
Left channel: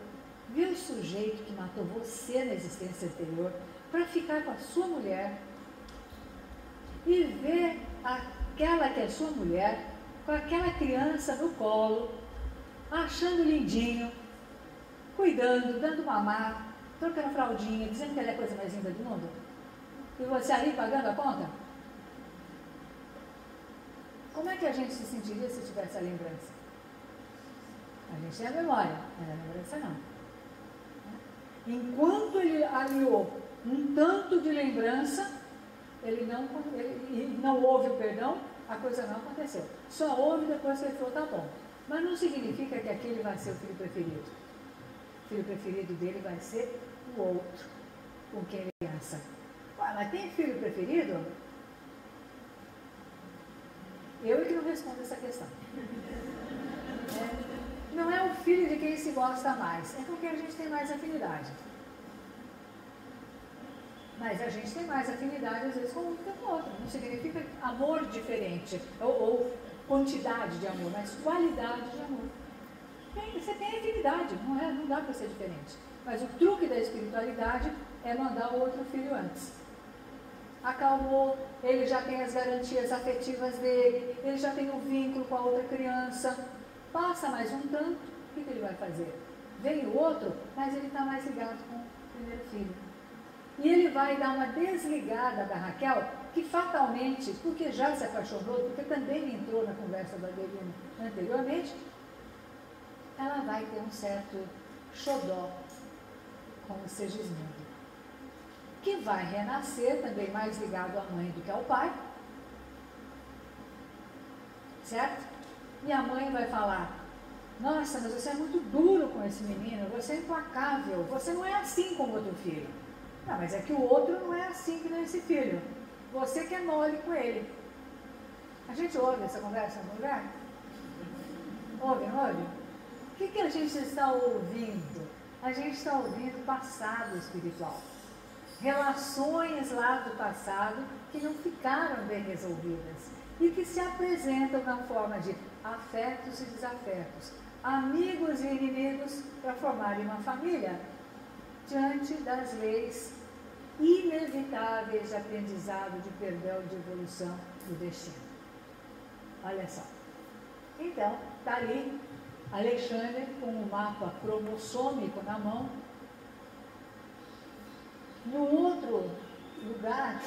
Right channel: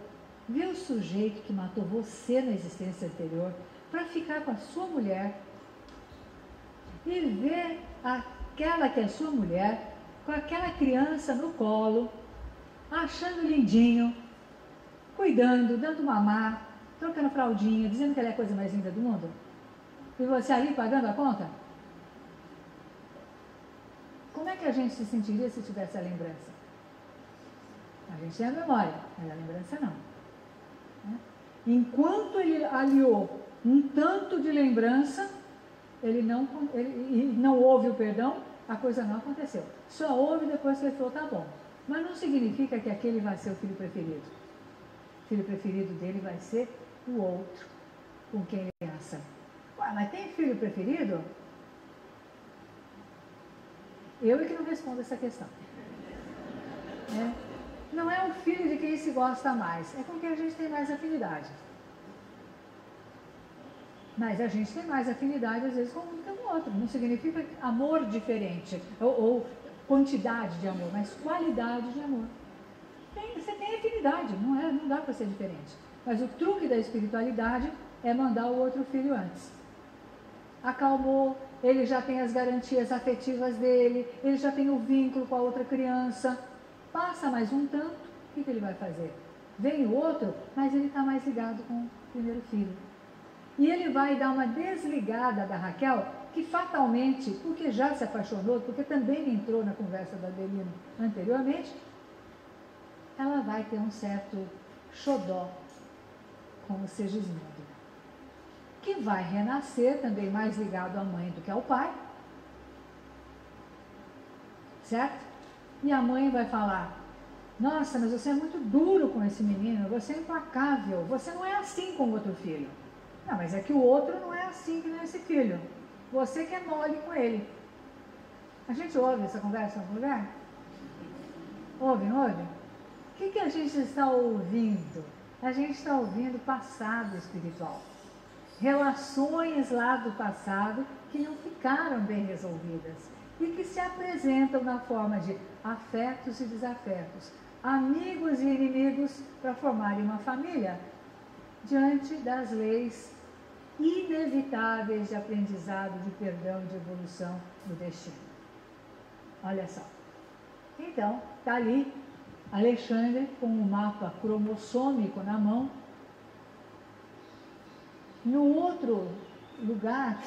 ver o sujeito que matou você na existência anterior para ficar com a sua mulher e ver aquela que é sua mulher com aquela criança no colo, achando lindinho, cuidando, dando mamar, trocando fraldinha, dizendo que ela é a coisa mais linda do mundo? E você ali pagando a conta? Como é que a gente se sentiria se tivesse a lembrança? A gente tem a memória, mas a lembrança não. Enquanto ele aliou um tanto de lembrança, ele não houve o perdão, a coisa não aconteceu. Só houve depois que ele falou, tá bom. Mas não significa que aquele vai ser o filho preferido. O filho preferido dele vai ser o outro com quem ele pensa. Ué, mas tem filho preferido? Eu é que não respondo essa questão. Não é o filho de quem se gosta mais, é com quem a gente tem mais afinidade. Mas a gente tem mais afinidade, às vezes, com o outro. Não significa amor diferente, ou quantidade de amor, mas qualidade de amor. Você tem afinidade, não dá para ser diferente. Mas o truque da espiritualidade é mandar o outro filho antes. Acalmou, ele já tem as garantias afetivas dele, ele já tem o vínculo com a outra criança. Passa mais um tanto, o que ele vai fazer? Vem o outro, mas ele está mais ligado com o primeiro filho. E ele vai dar uma desligada da Raquel, que fatalmente, porque já se apaixonou, porque também entrou na conversa da Adelino anteriormente, ela vai ter um certo xodó com o Segismundo, que vai renascer também mais ligado à mãe do que ao pai, certo? E a mãe vai falar, nossa, mas você é muito duro com esse menino, você é implacável, você não é assim com o outro filho. Não, mas é que o outro não é assim que não é esse filho. Você que é mole com ele. A gente ouve essa conversa no lugar? Ouve, não ouve? O que a gente está ouvindo? A gente está ouvindo passado espiritual. Relações lá do passado que não ficaram bem resolvidas e que se apresentam na forma de afetos e desafetos, amigos e inimigos para formarem uma família diante das leis inevitáveis de aprendizado, de perdão, de evolução do destino. Olha só. Então, está ali Alexandre com o mapa cromossômico na mão. No outro lugar,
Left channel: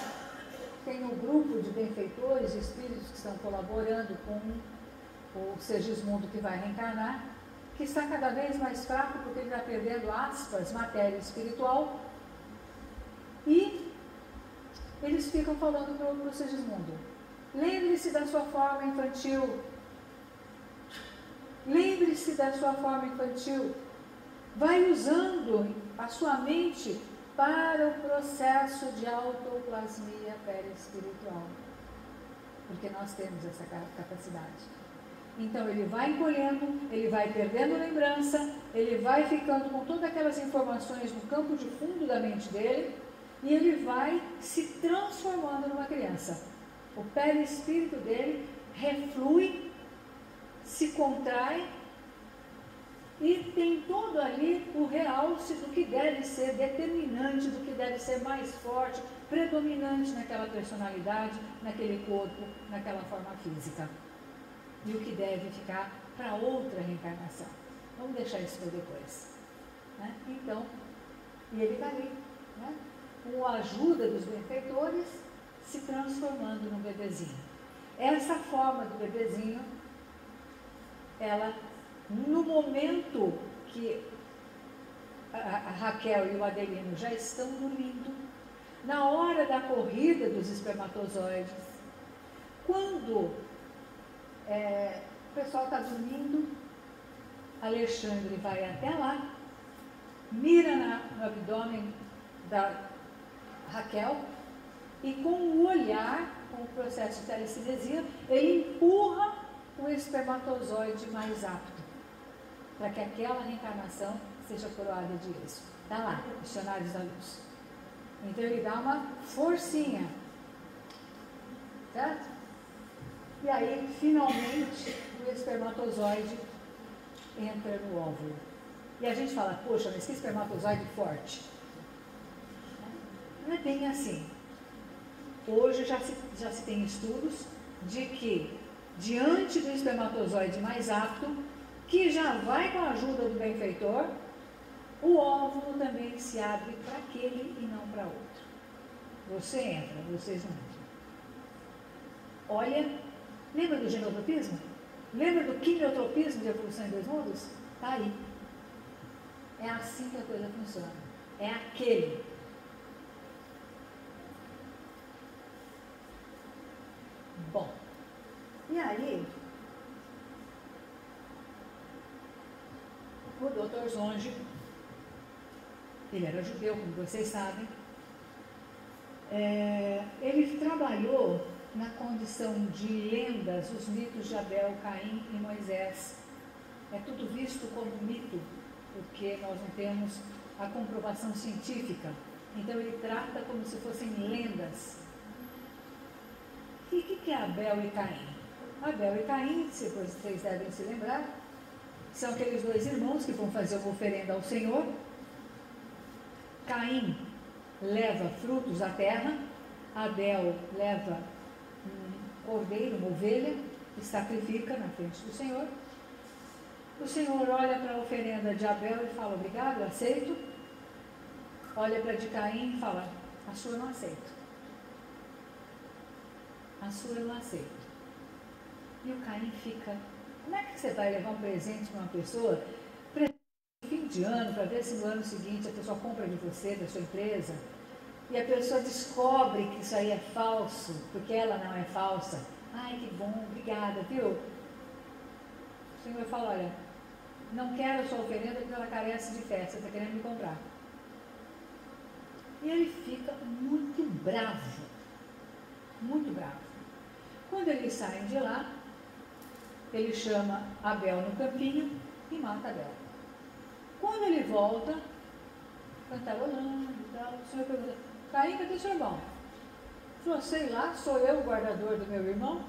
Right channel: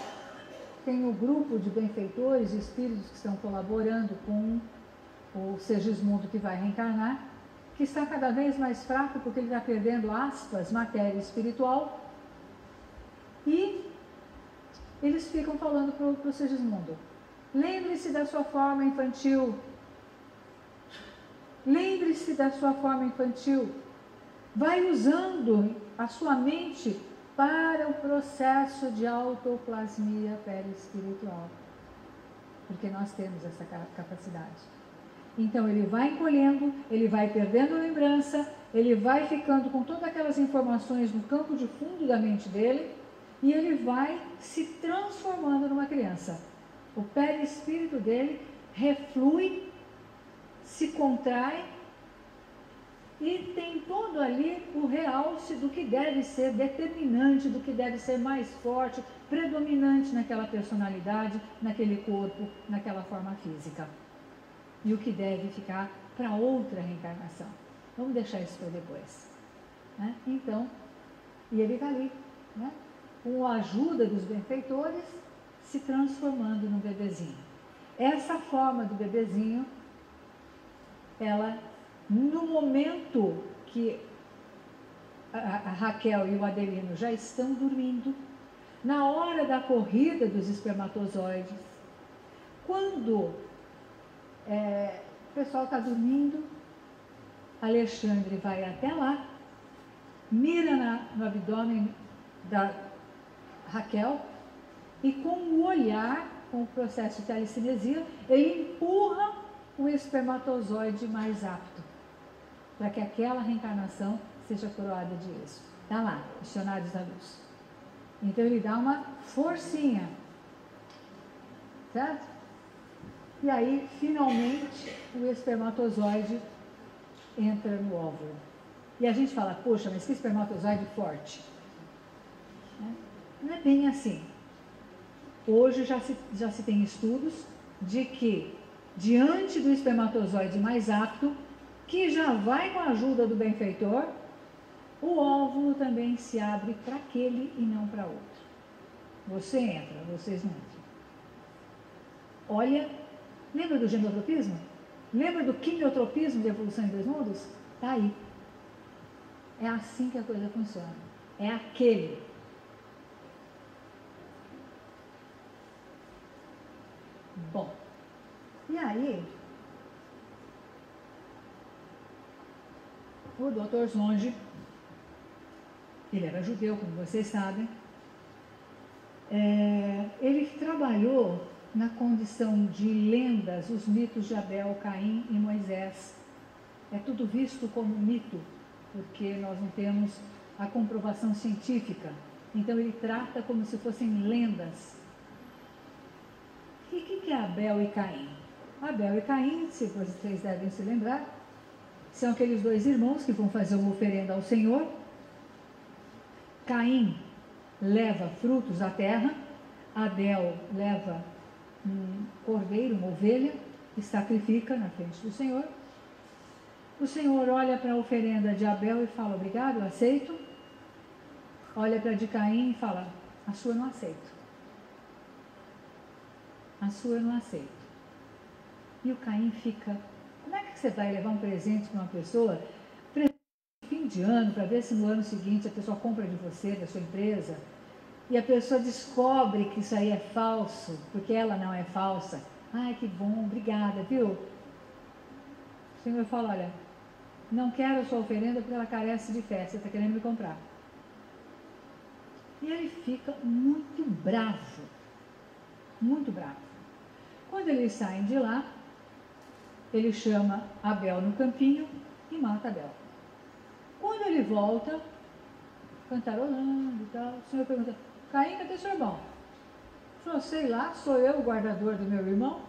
tem o grupo de benfeitores, de espíritos que estão colaborando com o Segismundo que vai reencarnar, que está cada vez mais fraco porque ele está perdendo, aspas, matéria espiritual. E eles ficam falando para o Segismundo, lembre-se da sua forma infantil, lembre-se da sua forma infantil, vai usando a sua mente para o processo de autoplasmia perispiritual, porque nós temos essa capacidade. Então ele vai encolhendo, ele vai perdendo lembrança, ele vai ficando com todas aquelas informações no campo de fundo da mente dele e ele vai se transformando numa criança. O perispírito dele reflui, se contrai E tem todo ali o realce do que deve ser determinante, do que deve ser mais forte, predominante naquela personalidade, naquele corpo, naquela forma física. E o que deve ficar para outra reencarnação. Vamos deixar isso para depois. Né? Então, e ele está ali, né? Com a ajuda dos benfeitores, se transformando num bebezinho. Essa forma do bebezinho, ela, no momento que a Raquel e o Adelino já estão dormindo, na hora da corrida dos espermatozoides, quando o pessoal está dormindo, Alexandre vai até lá, mira no abdômen da Raquel e com o olhar, com o processo de telecinesia, ele empurra o espermatozoide mais apto para que aquela reencarnação seja coroada de êxito. Está lá, Missionários da Luz. Então ele dá uma forcinha, certo? E aí, finalmente, o espermatozoide entra no óvulo. E a gente fala, poxa, mas que espermatozoide forte. Não é bem assim. Hoje já se tem estudos de que, diante do espermatozoide mais apto, que já vai com a ajuda do benfeitor, o óvulo também se abre para aquele e não para outro. Você entra, vocês não entram. Olha, lembra do genotropismo? Lembra do quimiotropismo de evolução em dois mundos? Está aí. É assim que a coisa funciona. É aquele. Bom, e aí, o Dr. Zonge, ele era judeu, como vocês sabem, ele trabalhou na condição de lendas, os mitos de Abel, Caim e Moisés. É tudo visto como mito, porque nós não temos a comprovação científica. Então ele trata como se fossem lendas. E o que é Abel e Caim? Abel e Caim, se vocês devem se lembrar, são aqueles dois irmãos que vão fazer uma oferenda ao Senhor. Caim leva frutos à terra, Abel leva um cordeiro, uma ovelha, e sacrifica na frente do Senhor. O Senhor olha para a oferenda de Abel e fala, obrigado, aceito. Olha para a de Caim e fala, a sua eu não aceito. A sua eu não aceito. E o Caim fica, como é que você vai levar um presente para uma pessoa, fim de ano, para ver se no ano seguinte a pessoa compra de você, da sua empresa, e a pessoa descobre que isso aí é falso, porque ela não é falsa. Ai, que bom, obrigada, viu? O Senhor fala, olha, não quero a sua oferenda porque ela carece de fé, você está querendo me comprar. E ele fica muito bravo, muito bravo. Quando eles saem de lá, ele chama Abel no campinho e mata Abel. Quando ele volta, cantarolando e tal, o Senhor pergunta, Caim, cadê seu irmão? Ele falou, sei lá, sou eu o guardador do meu irmão?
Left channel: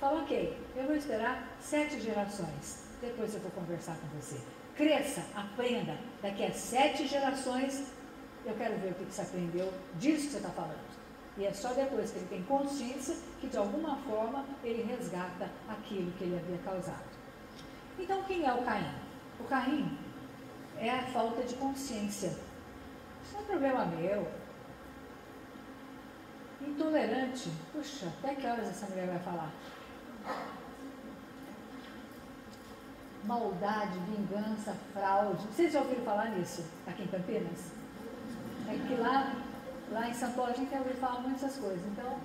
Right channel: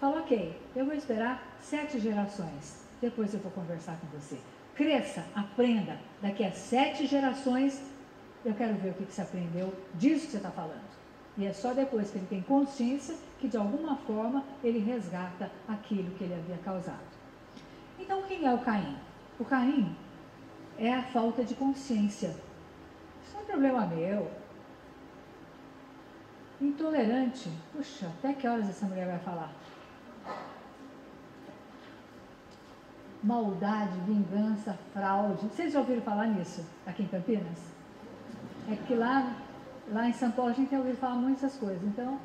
Fala, ok, eu vou esperar 7 gerações, depois eu vou conversar com você. Cresça, aprenda, daqui a 7 gerações, eu quero ver o que você aprendeu disso que você está falando. E é só depois que ele tem consciência que, de alguma forma, ele resgata aquilo que ele havia causado. Então, quem é o Caim? O Caim é a falta de consciência. Isso não é problema meu. Intolerante. Puxa, até que horas essa mulher vai falar? Maldade, vingança, fraude. Vocês já ouviram falar nisso aqui em Campinas? É que lá em São Paulo a gente tem ouvido falar muitas coisas. Então,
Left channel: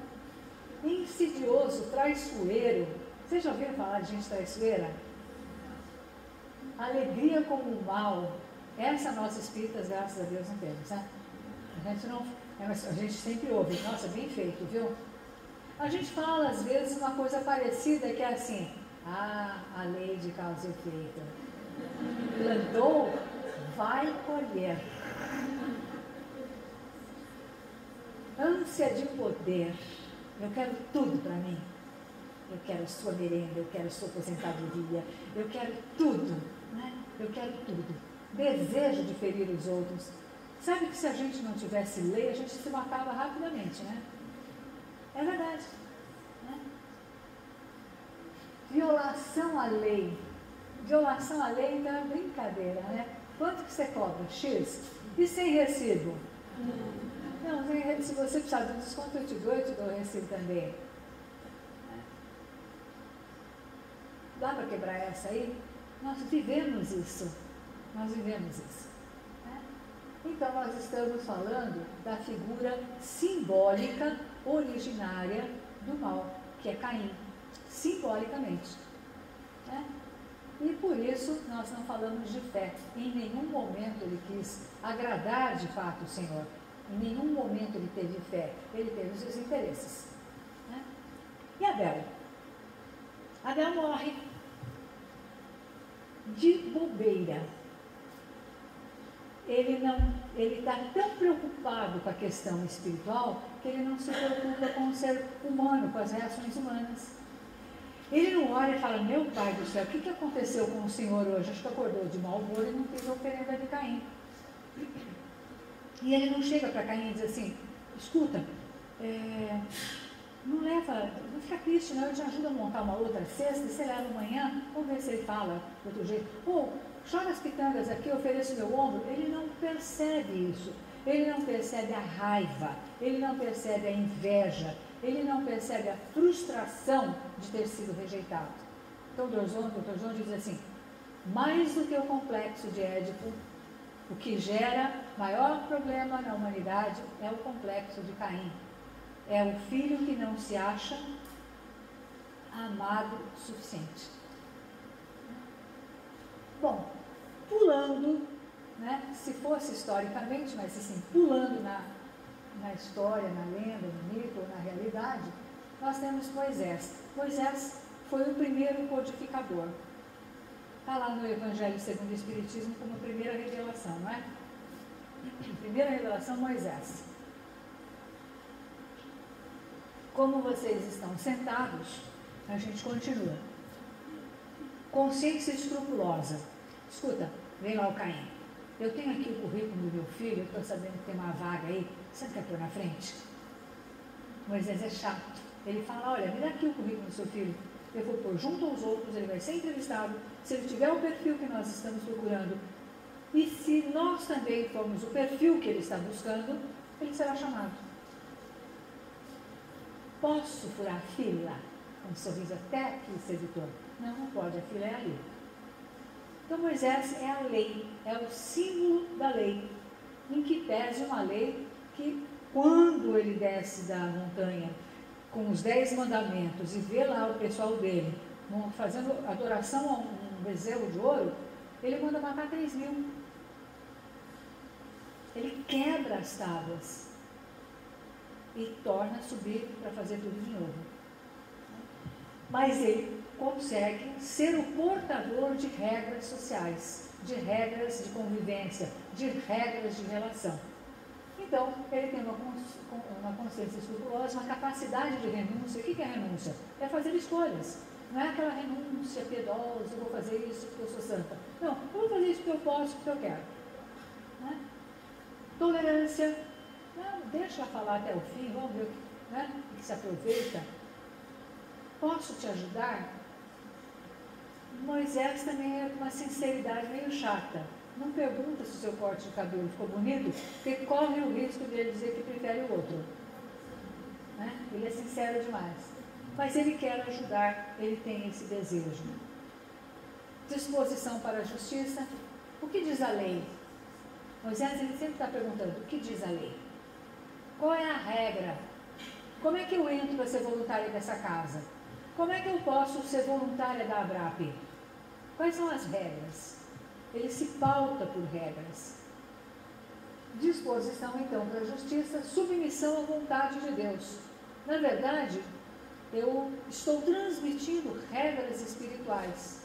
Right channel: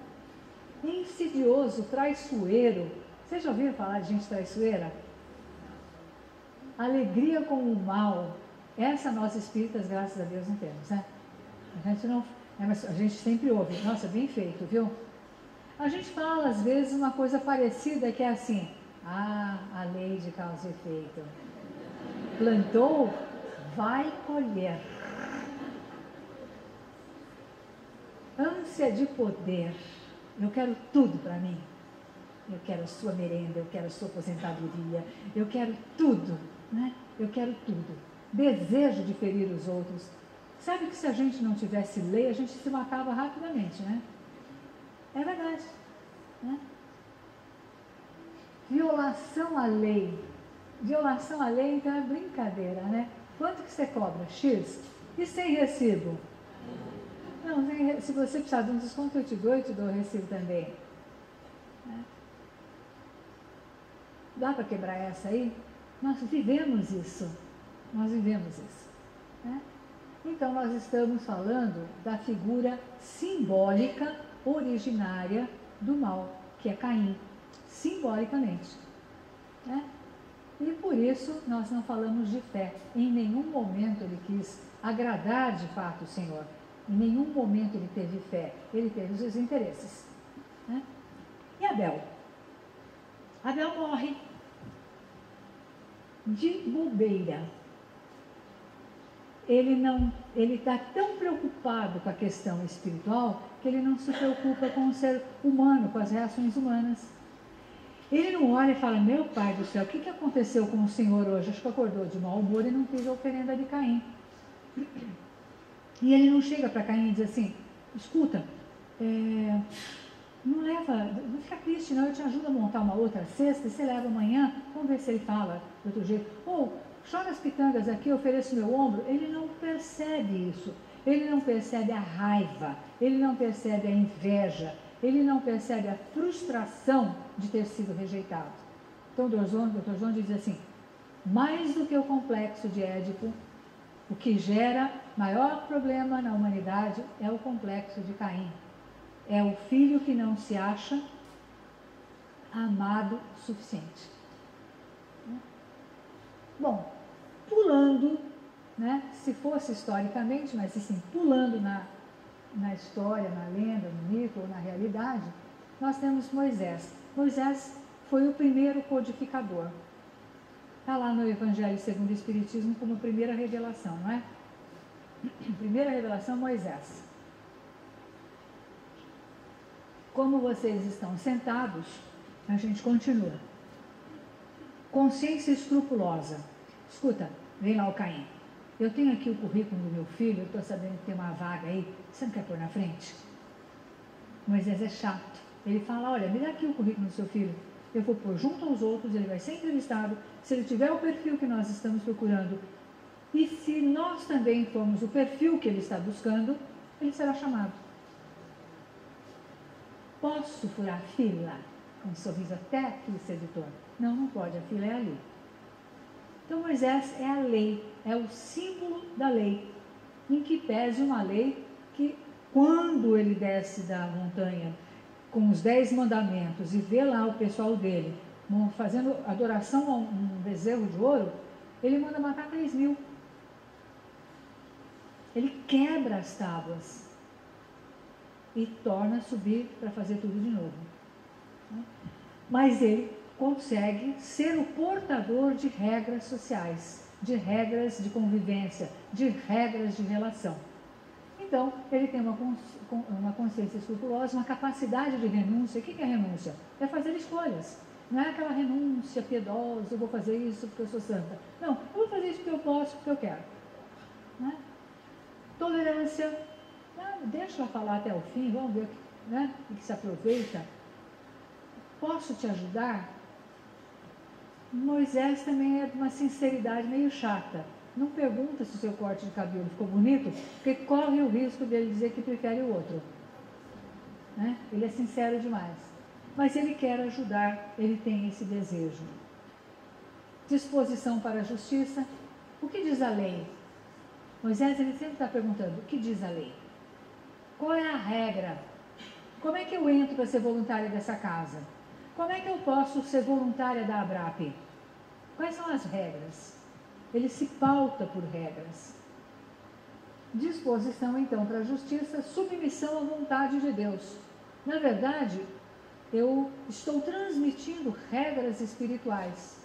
insidioso, traiçoeiro. Vocês já ouviram falar de gente traiçoeira? Alegria com o mal. Essa nós espíritas, graças a Deus, não temos, né? A gente sempre ouve, nossa, bem feito, viu? A gente fala, às vezes, uma coisa parecida, que é assim, a lei de causa e efeito. Plantou, vai colher. Ânsia de poder. Eu quero tudo para mim. eu quero a sua merenda, eu quero a sua aposentadoria, eu quero tudo, né? Eu quero tudo. Desejo de ferir os outros. Sabe que se a gente não tivesse lei, a gente se matava rapidamente, né? É verdade, né? Violação à lei. Violação à lei, então é brincadeira, né? Quanto que você cobra? X? E sem recibo? Não, se você precisar de um desconto, eu te dou o recibo também. Né? Dá para quebrar essa aí? Nós vivemos isso. Nós vivemos isso. Né? Então, nós estamos falando da figura simbólica originária do mal, que é Caim, simbolicamente. Né? E por isso nós não falamos de fé. Em nenhum momento ele quis agradar de fato o Senhor. Em nenhum momento ele teve fé. Ele teve os seus interesses. Né? E Abel? Abel morre de bobeira. Ele está tão preocupado com a questão espiritual que ele não se preocupa com o ser humano, com as reações humanas. Ele não olha e fala, meu pai do céu, o que aconteceu com o senhor hoje? Acho que acordou de mau humor e não fez a oferenda de Caim. E ele não chega para Caim e diz assim, escuta, não fica triste não, eu te ajudo a montar uma outra cesta, e você leva amanhã, vamos ver se ele fala de outro jeito. Ou, chora as pitangas aqui, eu ofereço meu ombro. Ele não percebe isso, ele não percebe a raiva, ele não percebe a inveja, ele não percebe a frustração de ter sido rejeitado. Então o Dr. Jones diz assim, mais do que o complexo de Édipo, o que gera maior problema na humanidade é o complexo de Caim. É o filho que não se acha amado o suficiente. Bom, pulando, né, se fosse historicamente, mas assim, pulando na história, na lenda, no mito ou na realidade, nós temos Moisés. Moisés foi o primeiro codificador. Está lá no Evangelho segundo o Espiritismo como primeira revelação, não é? Primeira revelação, Moisés. Como vocês estão sentados, a gente continua. Consciência escrupulosa. Escuta, vem lá o Caim. Eu tenho aqui o currículo do meu filho, eu estou sabendo que tem uma vaga aí, você não quer pôr na frente? Moisés é chato. Ele fala, olha, me dá aqui o currículo do seu filho, eu vou pôr junto aos outros, ele vai ser entrevistado, se ele tiver o perfil que nós estamos procurando, e se nós também formos o perfil que ele está buscando, ele será chamado. Posso furar a fila? Um sorriso até aqui, sedutor. Não, não pode, a fila é ali. Então Moisés é a lei, é o símbolo da lei, em que pese uma lei que, quando ele desce da montanha com os 10 mandamentos e vê lá o pessoal dele fazendo adoração a um bezerro de ouro, ele manda matar 3.000. Ele quebra as tábuas e torna a subir para fazer tudo de novo. Mas ele consegue ser o portador de regras sociais, de regras de convivência, de regras de relação. Então, ele tem uma consciência escrupulosa, uma capacidade de renúncia. O que é renúncia? É fazer escolhas. Não é aquela renúncia piedosa, eu vou fazer isso porque eu sou santa. Não, eu vou fazer isso porque eu posso, porque eu quero. Né? Tolerância. Não, deixa ela falar até o fim, vamos ver o que se aproveita. Posso te ajudar? Moisés também é de uma sinceridade meio chata. Não pergunta se o seu corte de cabelo ficou bonito, porque corre o risco de ele dizer que prefere o outro. Né? Ele é sincero demais. Mas ele quer ajudar, ele tem esse desejo. Disposição para a justiça. O que diz a lei? Moisés ele sempre está perguntando, o que diz a lei? Qual é a regra? Como é que eu entro para ser voluntária dessa casa? Como é que eu posso ser voluntária da ABRAP? Quais são as regras? Ele se pauta por regras. Disposição, então, para a justiça, submissão à vontade de Deus. Na verdade, eu estou transmitindo regras espirituais.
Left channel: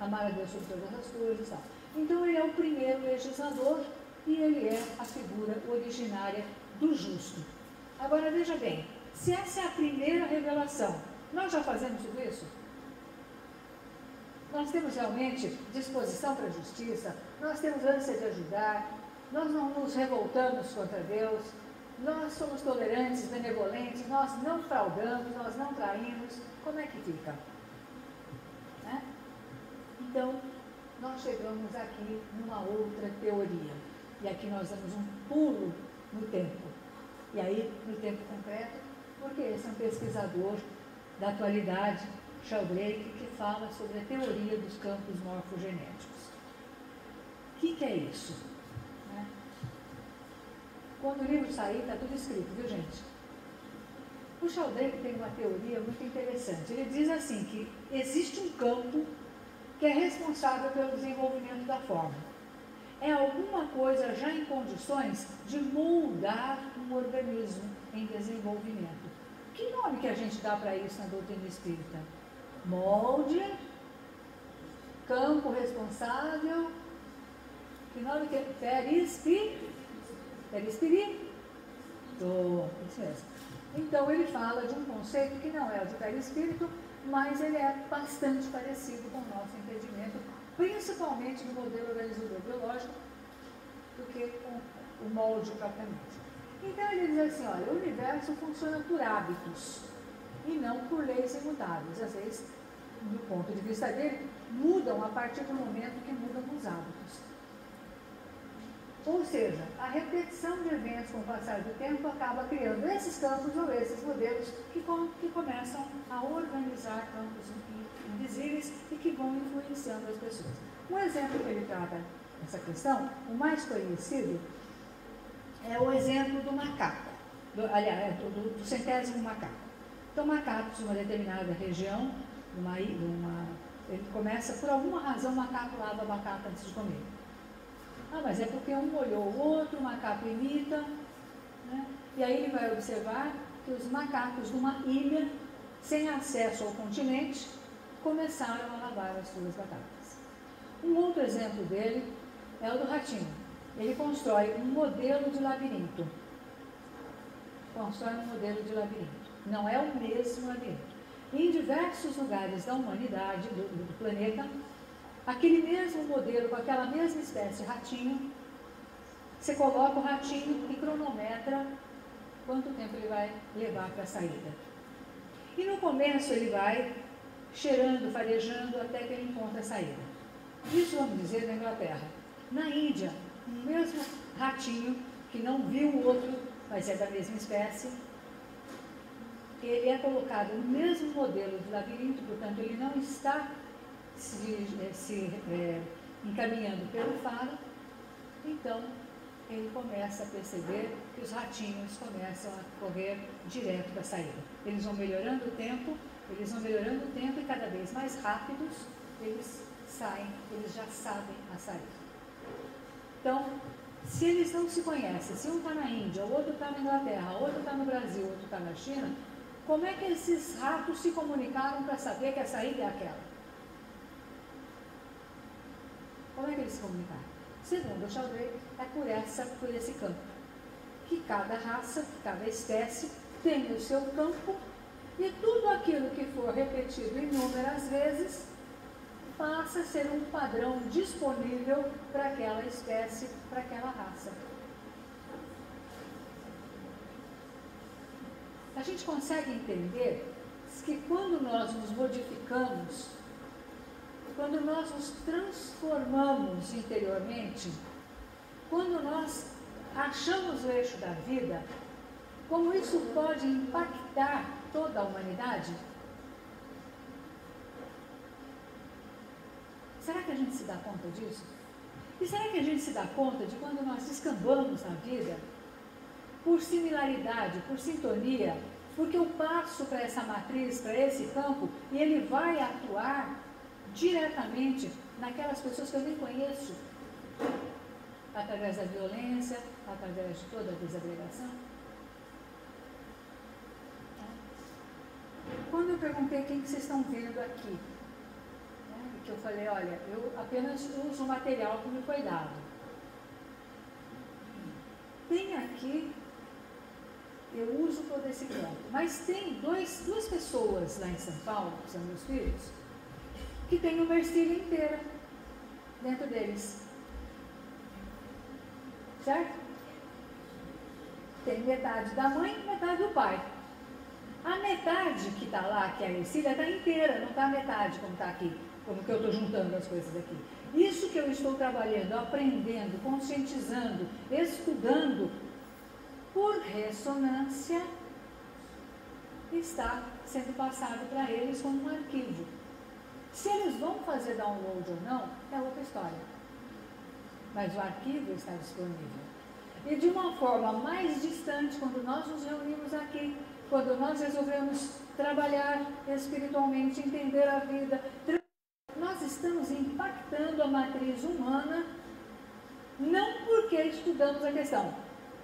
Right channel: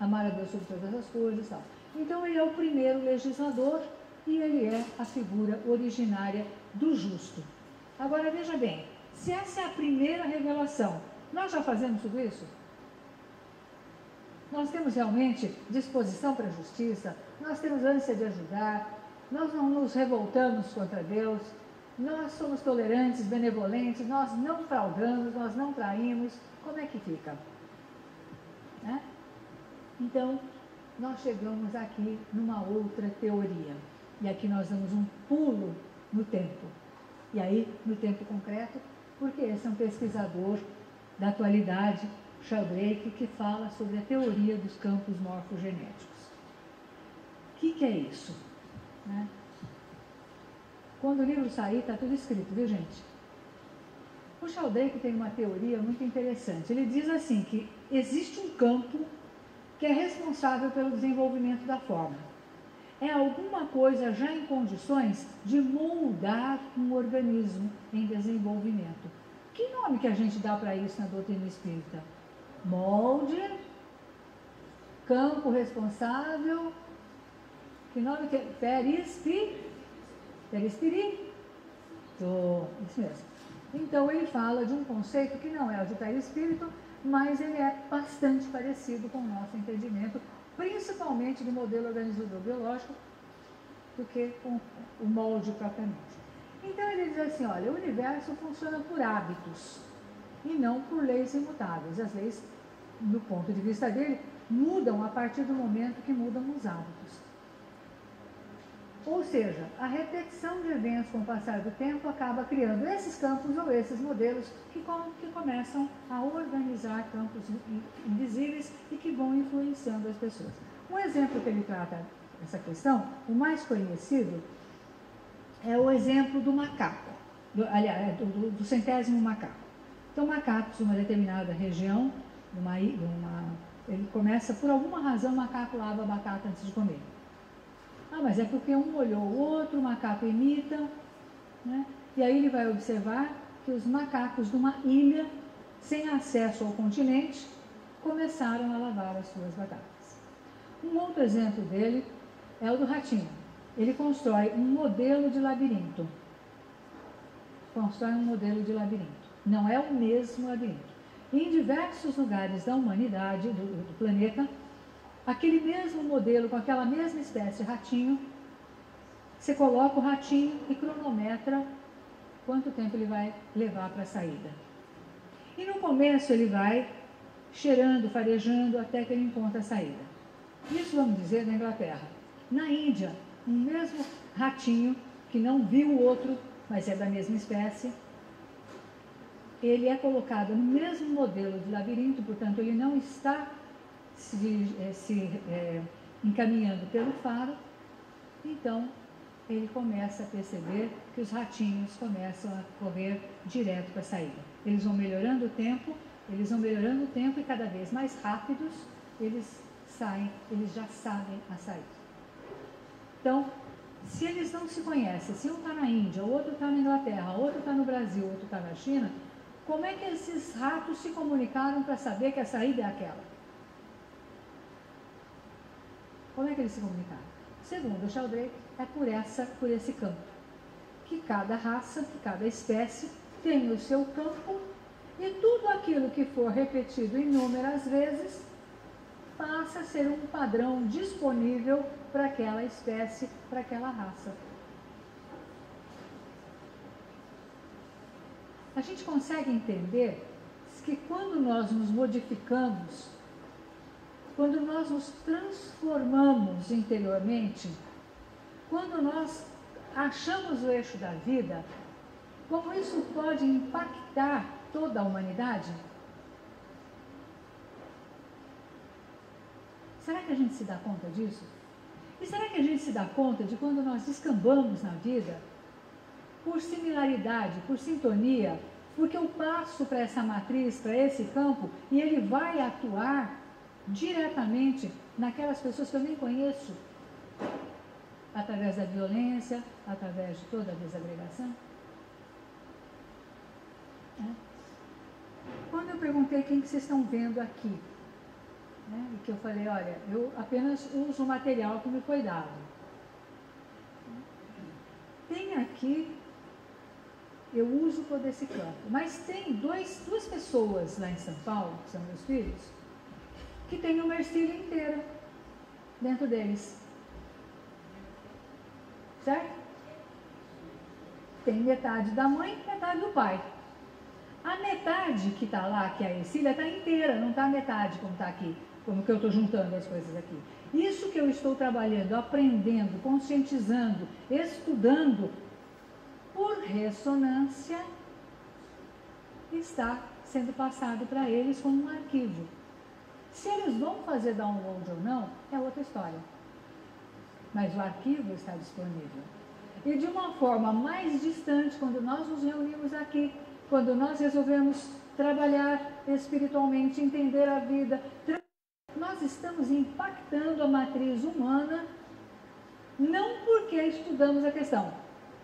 Amar a Deus sobre todas as coisas e tal. Então, ele é o primeiro legislador e ele é a figura originária do justo. Agora, veja bem, se essa é a primeira revelação, Nós já fazemos tudo isso? Nós temos realmente disposição para a justiça, nós temos ânsia de ajudar, nós não nos revoltamos contra Deus, nós somos tolerantes, benevolentes, nós não fraudamos, nós não traímos. Como é que fica? Né? Então, nós chegamos aqui numa outra teoria. E aqui nós damos um pulo no tempo. E aí, no tempo concreto, porque esse é um pesquisador da atualidade, Sheldrake, que fala sobre a teoria dos campos morfogenéticos. O que é isso? Né? Quando o livro sair, está tudo escrito, viu, gente? O Sheldrake tem uma teoria muito interessante. Ele diz assim, que existe um campo que é responsável pelo desenvolvimento da forma. É alguma coisa já em condições de moldar um organismo em desenvolvimento. Que nome que a gente dá para isso na doutrina espírita? Molde, campo responsável, que nome que é? Perispírito. Isso mesmo. Então ele fala de um conceito que não é o de perispírito, mas ele é bastante parecido com o nosso entendimento, principalmente do modelo organizador biológico, do que com o molde propriamente. Então ele diz assim, olha, o universo funciona por hábitos e não por leis imutáveis. Às vezes, do ponto de vista dele, mudam a partir do momento que mudam os hábitos. Ou seja, a repetição de eventos com o passar do tempo acaba criando esses campos ou esses modelos que começam a organizar campos invisíveis e que vão influenciando as pessoas. Um exemplo que ele trata dessa questão, o mais conhecido, é o exemplo do macaco, do centésimo macaco. Então, macacos de uma determinada região, ele começa, por alguma razão, o macaco lava a batata antes de comer. Ah, mas é porque um olhou o outro, o macaco imita, né? E aí ele vai observar que os macacos de uma ilha, sem acesso ao continente, começaram a lavar as suas batatas. Um outro exemplo dele é o do ratinho. Ele constrói um modelo de labirinto. Não é o mesmo labirinto. Em diversos lugares da humanidade, do planeta, aquele mesmo modelo, com aquela mesma espécie de ratinho, você coloca o ratinho e cronometra quanto tempo ele vai levar para a saída. E no começo ele vai cheirando, farejando, até que ele encontra a saída. Isso, vamos dizer, na Inglaterra. Na Índia, o mesmo ratinho, que não viu o outro, mas é da mesma espécie, ele é colocado no mesmo modelo de labirinto, portanto, ele não está encaminhando pelo faro. Então, ele começa a perceber que os ratinhos começam a correr direto para a saída. Eles vão melhorando o tempo e cada vez mais rápidos eles saem, eles já sabem a saída. Então, se eles não se conhecem, se um está na Índia, o outro está na Inglaterra, o outro está no Brasil, o outro está na China, como é que esses ratos se comunicaram para saber que a saída é aquela? Como é que eles se comunicaram? Segundo o Sheldrake, é por esse campo. Que cada raça, que cada espécie tem o seu campo e tudo aquilo que for repetido inúmeras vezes passa a ser um padrão disponível para aquela espécie, para aquela raça. A gente consegue entender que quando nós nos modificamos, quando nós nos transformamos interiormente, quando nós achamos o eixo da vida, como isso pode impactar toda a humanidade? Será que a gente se dá conta disso? E será que a gente se dá conta de quando nós descambamos na vida, por similaridade, por sintonia, porque eu passo para essa matriz, para esse campo, e ele vai atuar diretamente naquelas pessoas que eu nem conheço, através da violência, através de toda a desagregação? Quando eu perguntei quem que vocês estão vendo aqui, que eu falei, olha, eu apenas uso o material que me foi dado. Tem aqui eu uso todo esse campo. Mas tem duas pessoas lá em São Paulo, que são meus filhos, que têm uma ercília inteira dentro deles. Certo? Tem metade da mãe e metade do pai. A metade que está lá, que é a ercília, está inteira, não está a metade como está aqui, como que eu estou juntando as coisas aqui. Isso que eu estou trabalhando, aprendendo, conscientizando, estudando, por ressonância, está sendo passado para eles como um arquivo. Se eles vão fazer download ou não, é outra história. Mas o arquivo está disponível. E de uma forma mais distante, quando nós nos reunimos aqui, quando nós resolvemos trabalhar espiritualmente, entender a vida, nós estamos impactando a matriz humana, não porque estudamos a questão,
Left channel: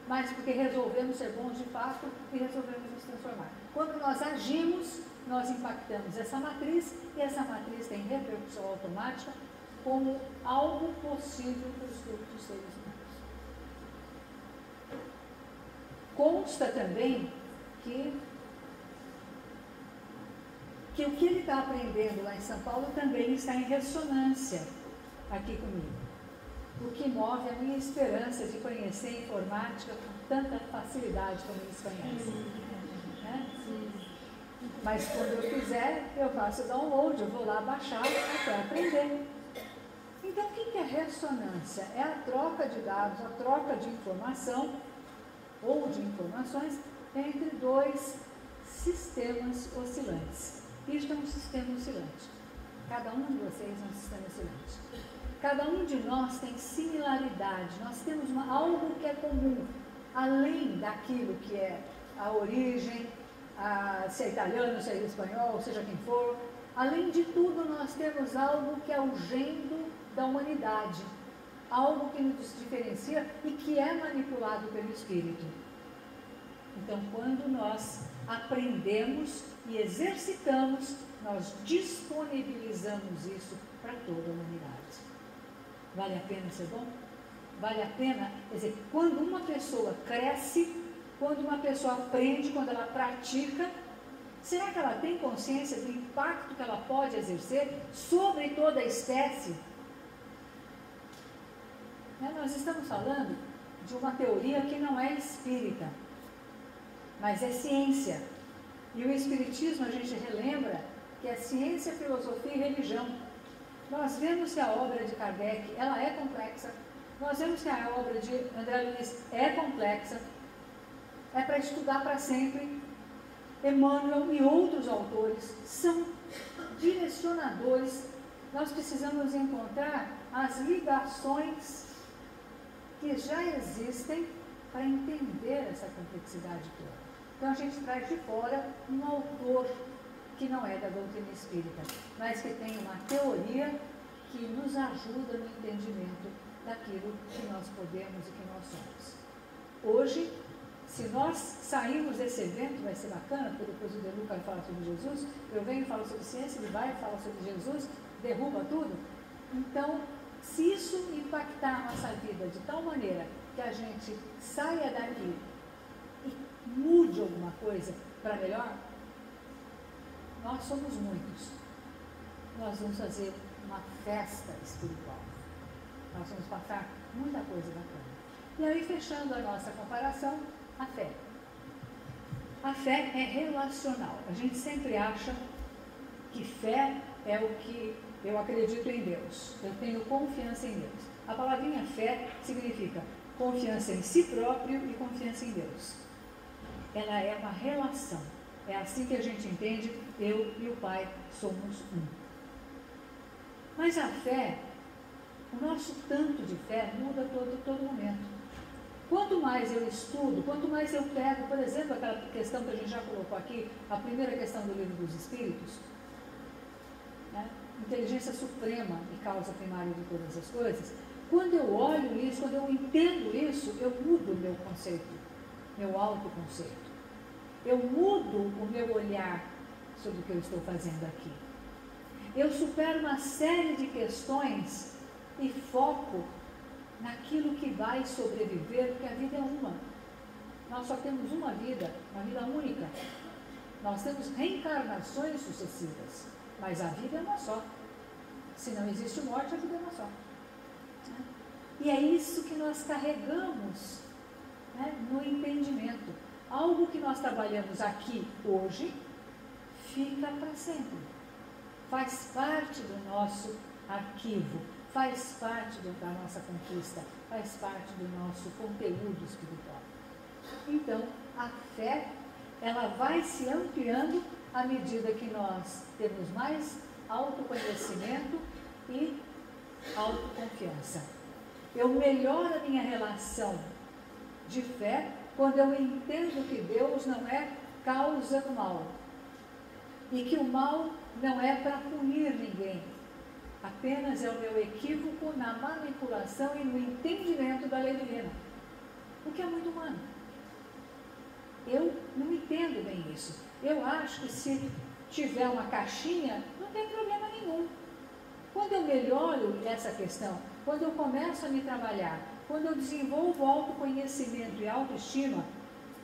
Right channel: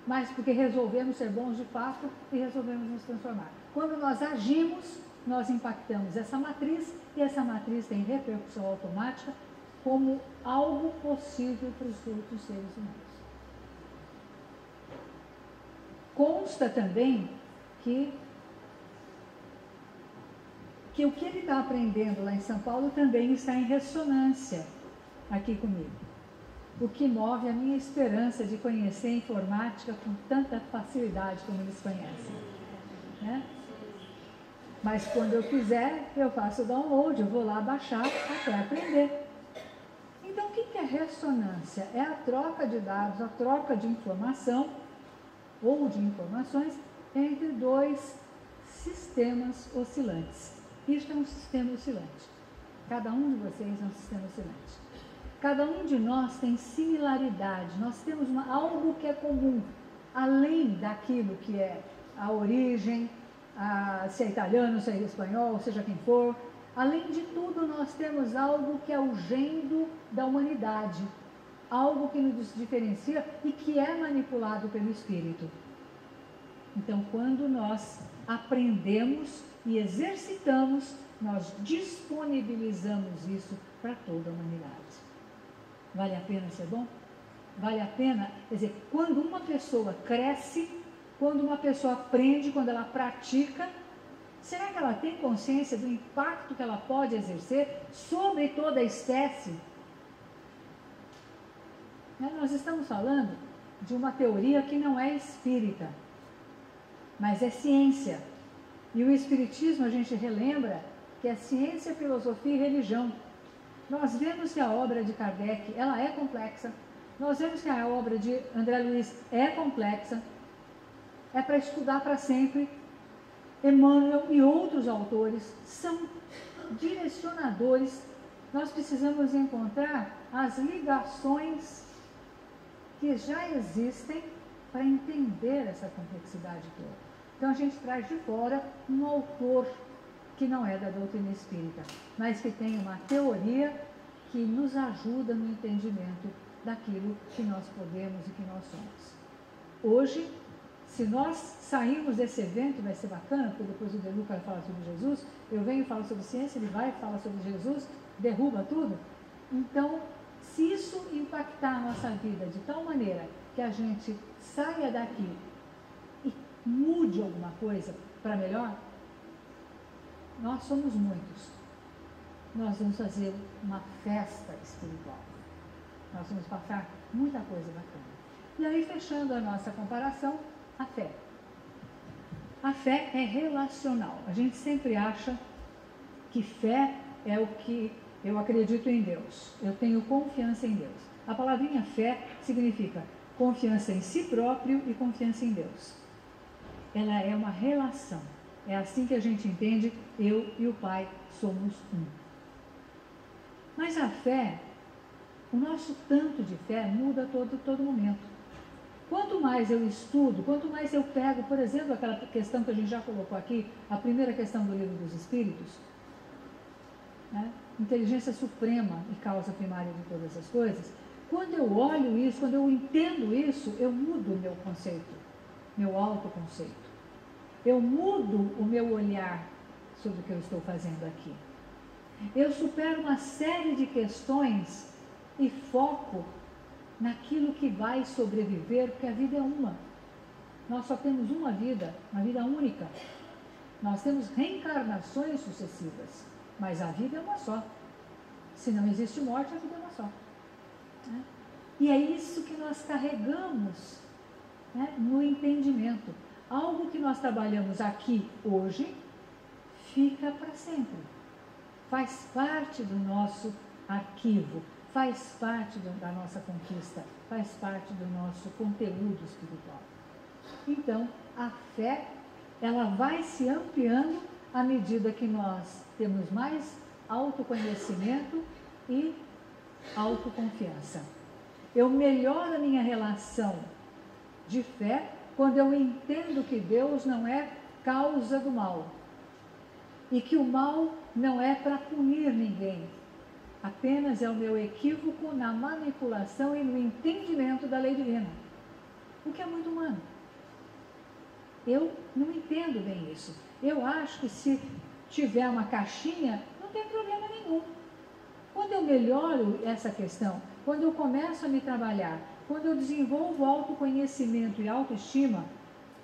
mas porque resolvemos ser bons de fato e resolvemos nos transformar. Quando nós agimos, nós impactamos essa matriz e essa matriz tem repercussão automática como algo possível para os outros seres humanos. Consta também que o que ele está aprendendo lá em São Paulo também está em ressonância aqui comigo. O que move a minha esperança de conhecer a informática com tanta facilidade como eles conhecem. Né? Mas quando eu quiser, eu faço o download, eu vou lá baixar até aprender. Então, o que é ressonância? É a troca de dados, a troca de informação ou de informações entre dois sistemas oscilantes. Isto é um sistema oscilante. Cada um de vocês é um sistema oscilante. Cada um de nós tem similaridade, nós temos algo que é comum, além daquilo que é a origem, se é italiano, se é espanhol, seja quem for. Além de tudo, nós temos algo que é o gênero da humanidade, algo que nos diferencia e que é manipulado pelo espírito. Então, quando nós aprendemos e exercitamos, nós disponibilizamos isso para toda a humanidade. Vale a pena ser bom? Vale a pena, quer dizer, quando uma pessoa cresce, quando uma pessoa aprende, quando ela pratica, será que ela tem consciência do impacto que ela pode exercer sobre toda a espécie? Nós estamos falando de uma teoria que não é espírita, mas é ciência. E o espiritismo, a gente relembra que é ciência, filosofia e religião. Nós vemos que a obra de Kardec, ela é complexa. Nós vemos que a obra de André Luiz é complexa. É para estudar para sempre. Emmanuel e outros autores são direcionadores. Nós precisamos encontrar as ligações que já existem para entender essa complexidade toda. Então a gente traz de fora um autor que não é da doutrina espírita, mas que tem uma teoria que nos ajuda no entendimento daquilo que nós podemos e que nós somos. Hoje, se nós sairmos desse evento, vai ser bacana, porque depois o Deluca vai falar sobre Jesus, eu venho falar sobre ciência, ele vai falar sobre Jesus, derruba tudo. Então, se isso impactar a nossa vida de tal maneira que a gente saia daqui e mude alguma coisa para melhor, nós somos muitos. Nós vamos fazer uma festa espiritual. Nós vamos passar muita coisa bacana. E aí, fechando a nossa comparação, a fé. A fé é relacional. A gente sempre acha que fé é o que eu acredito em Deus. Eu tenho confiança em Deus. A palavrinha fé significa confiança em si próprio e confiança em Deus. Ela é uma relação. É assim que a gente entende, eu e o Pai somos um. Mas a fé, o nosso tanto de fé muda todo momento. Quanto mais eu estudo, quanto mais eu pego, por exemplo, aquela questão que a gente já colocou aqui, a primeira questão do Livro dos Espíritos, né? Inteligência suprema e causa primária de todas as coisas. Quando eu olho isso, quando eu entendo isso, eu mudo o meu conceito, meu autoconceito. Eu mudo o meu olhar sobre o que eu estou fazendo aqui. Eu supero uma série de questões e foco naquilo que vai sobreviver, porque a vida é uma. Nós só temos uma vida única. Nós temos reencarnações sucessivas, mas a vida é uma só. Se não existe morte, a vida é uma só. Né? E é isso que nós carregamos, né, no entendimento. Algo que nós trabalhamos aqui hoje fica para sempre. Faz parte do nosso arquivo, faz parte da nossa conquista, faz parte do nosso conteúdo espiritual. Então, a fé, ela vai se ampliando à medida que nós temos mais autoconhecimento e autoconfiança. Eu melhoro a minha relação de fé quando eu entendo que Deus não é causa do mal e que o mal não é para punir ninguém, apenas é o meu equívoco na manipulação e no entendimento da lei divina, o que é muito humano. Eu não entendo bem isso. Eu acho que se tiver uma caixinha, não tem problema nenhum. Quando eu melhoro essa questão, quando eu começo a me trabalhar, quando eu desenvolvo autoconhecimento e autoestima,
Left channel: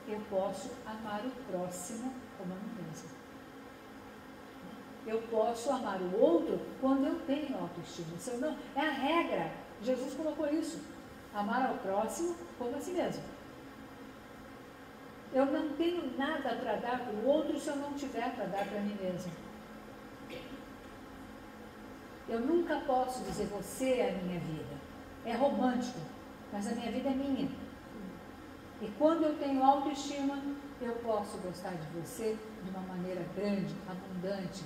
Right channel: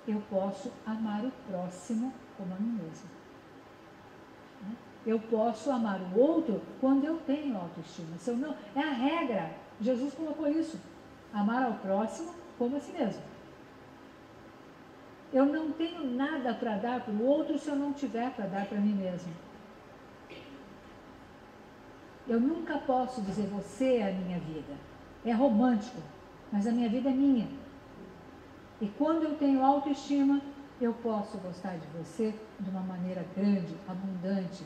eu posso amar o próximo como a mim mesma. Eu posso amar o outro quando eu tenho autoestima. Se eu não, é a regra. Jesus colocou isso. Amar ao próximo como a si mesmo. Eu não tenho nada para dar para o outro se eu não tiver para dar para mim mesmo. Eu nunca posso dizer você é a minha vida. É romântico, mas a minha vida é minha. E quando eu tenho autoestima, eu posso gostar de você de uma maneira grande, abundante.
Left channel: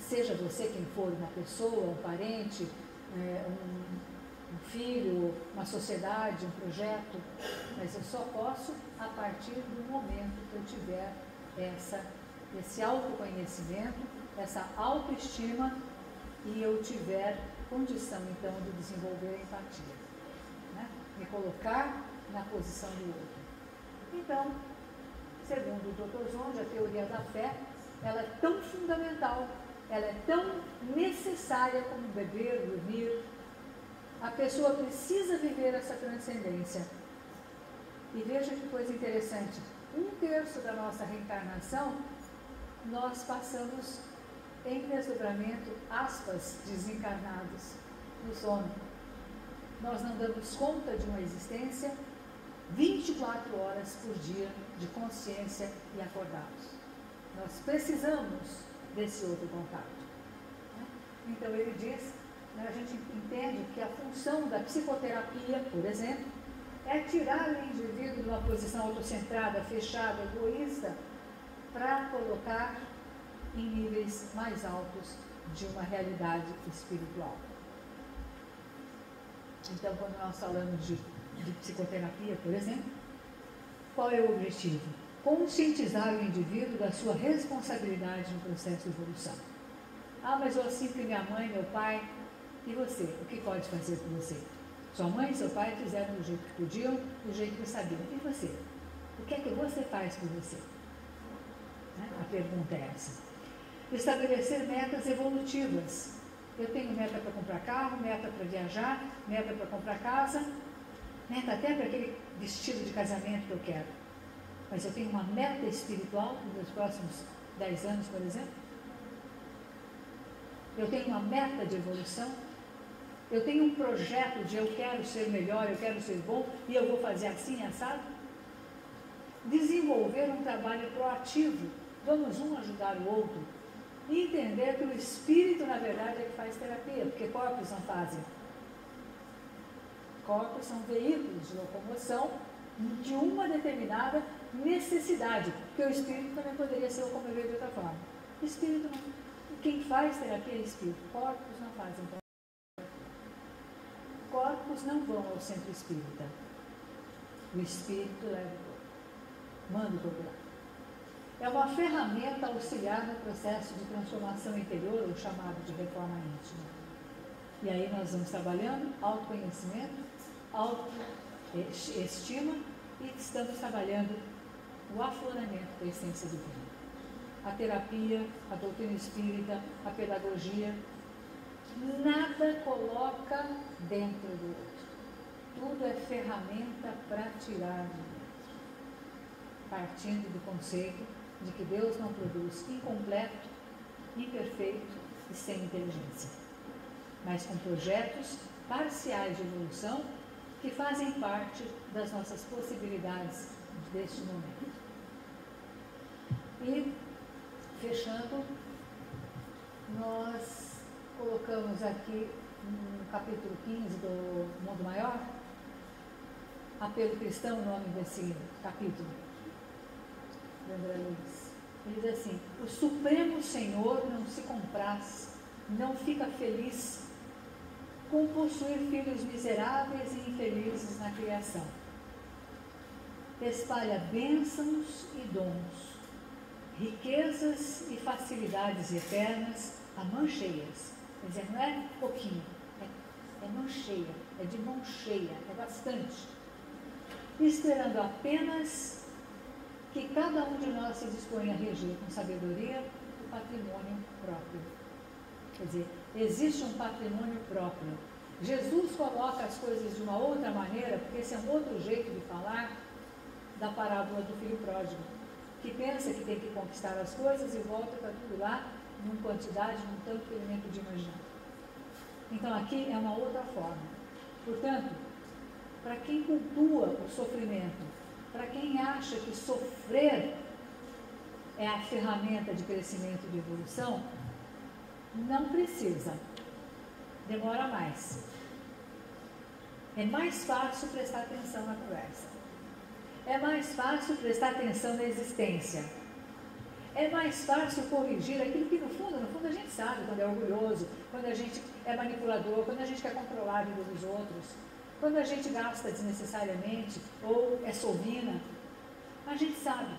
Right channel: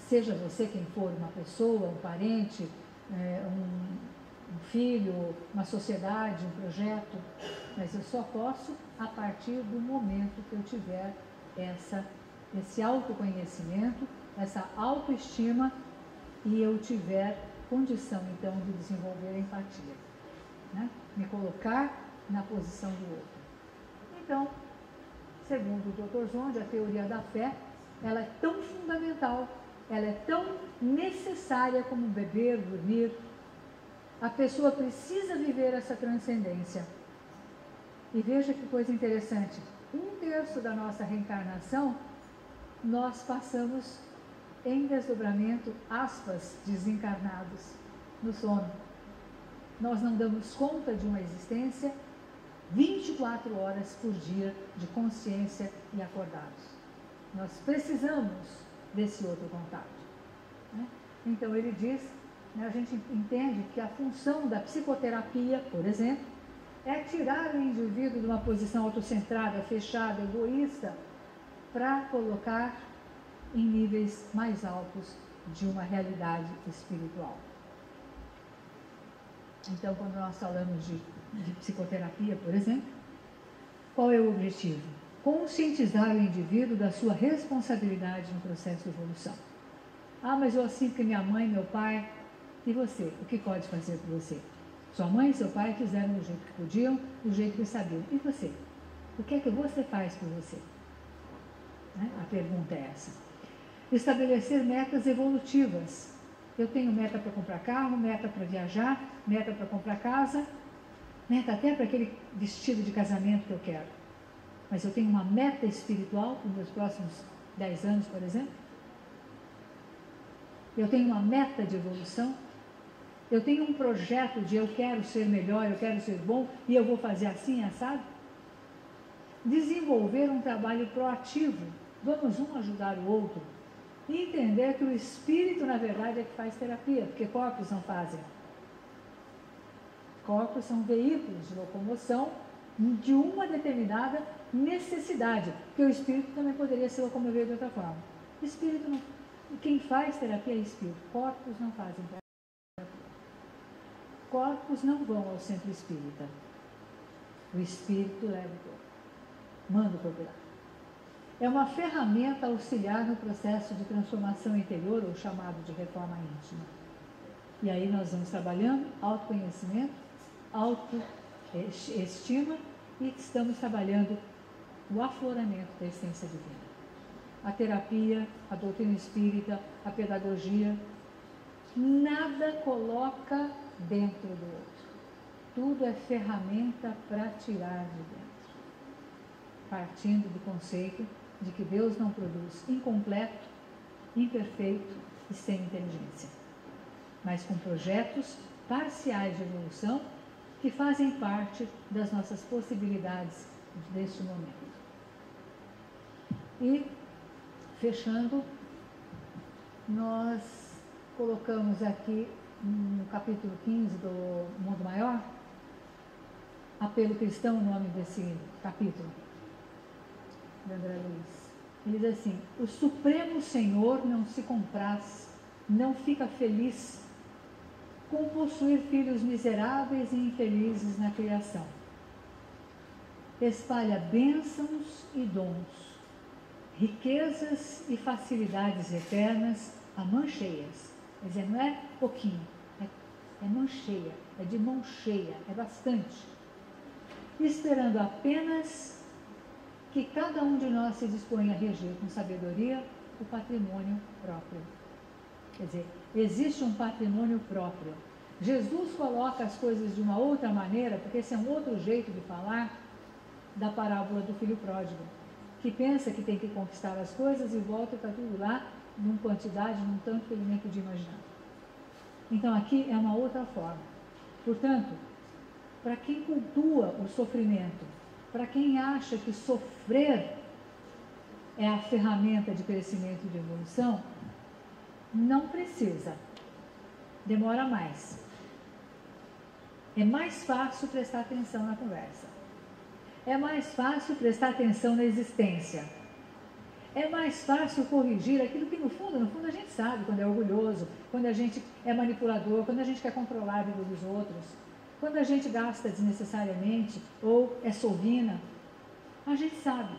Seja você quem for, uma pessoa, um parente, um filho, uma sociedade, um projeto, mas eu só posso a partir do momento que eu tiver esse autoconhecimento, essa autoestima e eu tiver condição, então, de desenvolver a empatia, né? Me colocar na posição do outro. Então, segundo o Dr. Zonde, a teoria da fé, ela é tão fundamental, ela é tão necessária como beber, dormir. A pessoa precisa viver essa transcendência. E veja que coisa interessante, 1/3 da nossa reencarnação, nós passamos em desdobramento, aspas, desencarnados, no sono. Nós não damos conta de uma existência 24 horas por dia de consciência e acordados. Nós precisamos desse outro contato. Né? Então ele diz, né, a gente entende que a função da psicoterapia, por exemplo, é tirar o indivíduo de uma posição autocentrada, fechada, egoísta, para colocar em níveis mais altos de uma realidade espiritual. Então, quando nós falamos de psicoterapia, por exemplo, qual é o objetivo? Conscientizar o indivíduo da sua responsabilidade no processo de evolução. Ah, mas eu assim que minha mãe, meu pai, e você? O que pode fazer por você? Sua mãe e seu pai fizeram do jeito que podiam, do jeito que sabiam. E você? O que é que você faz por você? Né? A pergunta é essa. Estabelecer metas evolutivas. Eu tenho meta para comprar carro, meta para viajar, meta para comprar casa, meta até para aquele vestido de casamento que eu quero. Mas eu tenho uma meta espiritual nos meus próximos 10 anos, por exemplo. Eu tenho uma meta de evolução. Eu tenho um projeto de eu quero ser melhor, eu quero ser bom e eu vou fazer assim, assado. Desenvolver um trabalho proativo. Vamos um ajudar o outro. E entender que o espírito, na verdade, é que faz terapia, porque corpos não fazem. Corpos são veículos de locomoção de uma determinada necessidade, porque o espírito também poderia se locomover de outra forma. Espírito não. Quem faz terapia é espírito. Corpos não fazem terapia. Corpos não vão ao centro espírita. O espírito leva o corpo. Manda o corpo lá. É uma ferramenta auxiliar no processo de transformação interior, ou chamado de reforma íntima. E aí nós vamos trabalhando autoconhecimento, autoestima e estamos trabalhando o afloramento da essência divina. A terapia, a doutrina espírita, a pedagogia, nada coloca dentro do outro. tudo é ferramenta para tirar de dentro, partindo do conceito de que Deus não produz incompleto, imperfeito e sem inteligência, mas com projetos parciais de evolução que fazem parte das nossas possibilidades deste momento. E, fechando, nós colocamos aqui no capítulo 15 do Mundo Maior, Apelo Cristão, o nome desse capítulo, de André Luiz. Ele diz assim: o Supremo Senhor não se compraz, não fica feliz com possuir filhos miseráveis e infelizes na criação. Espalha bênçãos e dons, riquezas e facilidades eternas a mão cheias. Quer dizer, não é pouquinho, é mão cheia, é de mão cheia, é bastante. Esperando apenas que cada um de nós se disponha a reger com sabedoria o patrimônio próprio. Quer dizer, existe um patrimônio próprio. Jesus coloca as coisas de uma outra maneira, porque esse é um outro jeito de falar da parábola do filho pródigo, que pensa que tem que conquistar as coisas e volta para tudo lá, numa quantidade, num tanto que ele nem podia imaginar. Então aqui é uma outra forma. Portanto, para quem cultua o sofrimento, para quem acha que sofrer é a ferramenta de crescimento e de evolução, não precisa. Demora mais. É mais fácil prestar atenção na conversa. É mais fácil prestar atenção na existência. É mais fácil corrigir aquilo que no fundo a gente sabe, quando é orgulhoso, quando a gente é manipulador, quando a gente quer controlar a vida dos outros, quando a gente gasta desnecessariamente ou é sovina, a gente sabe.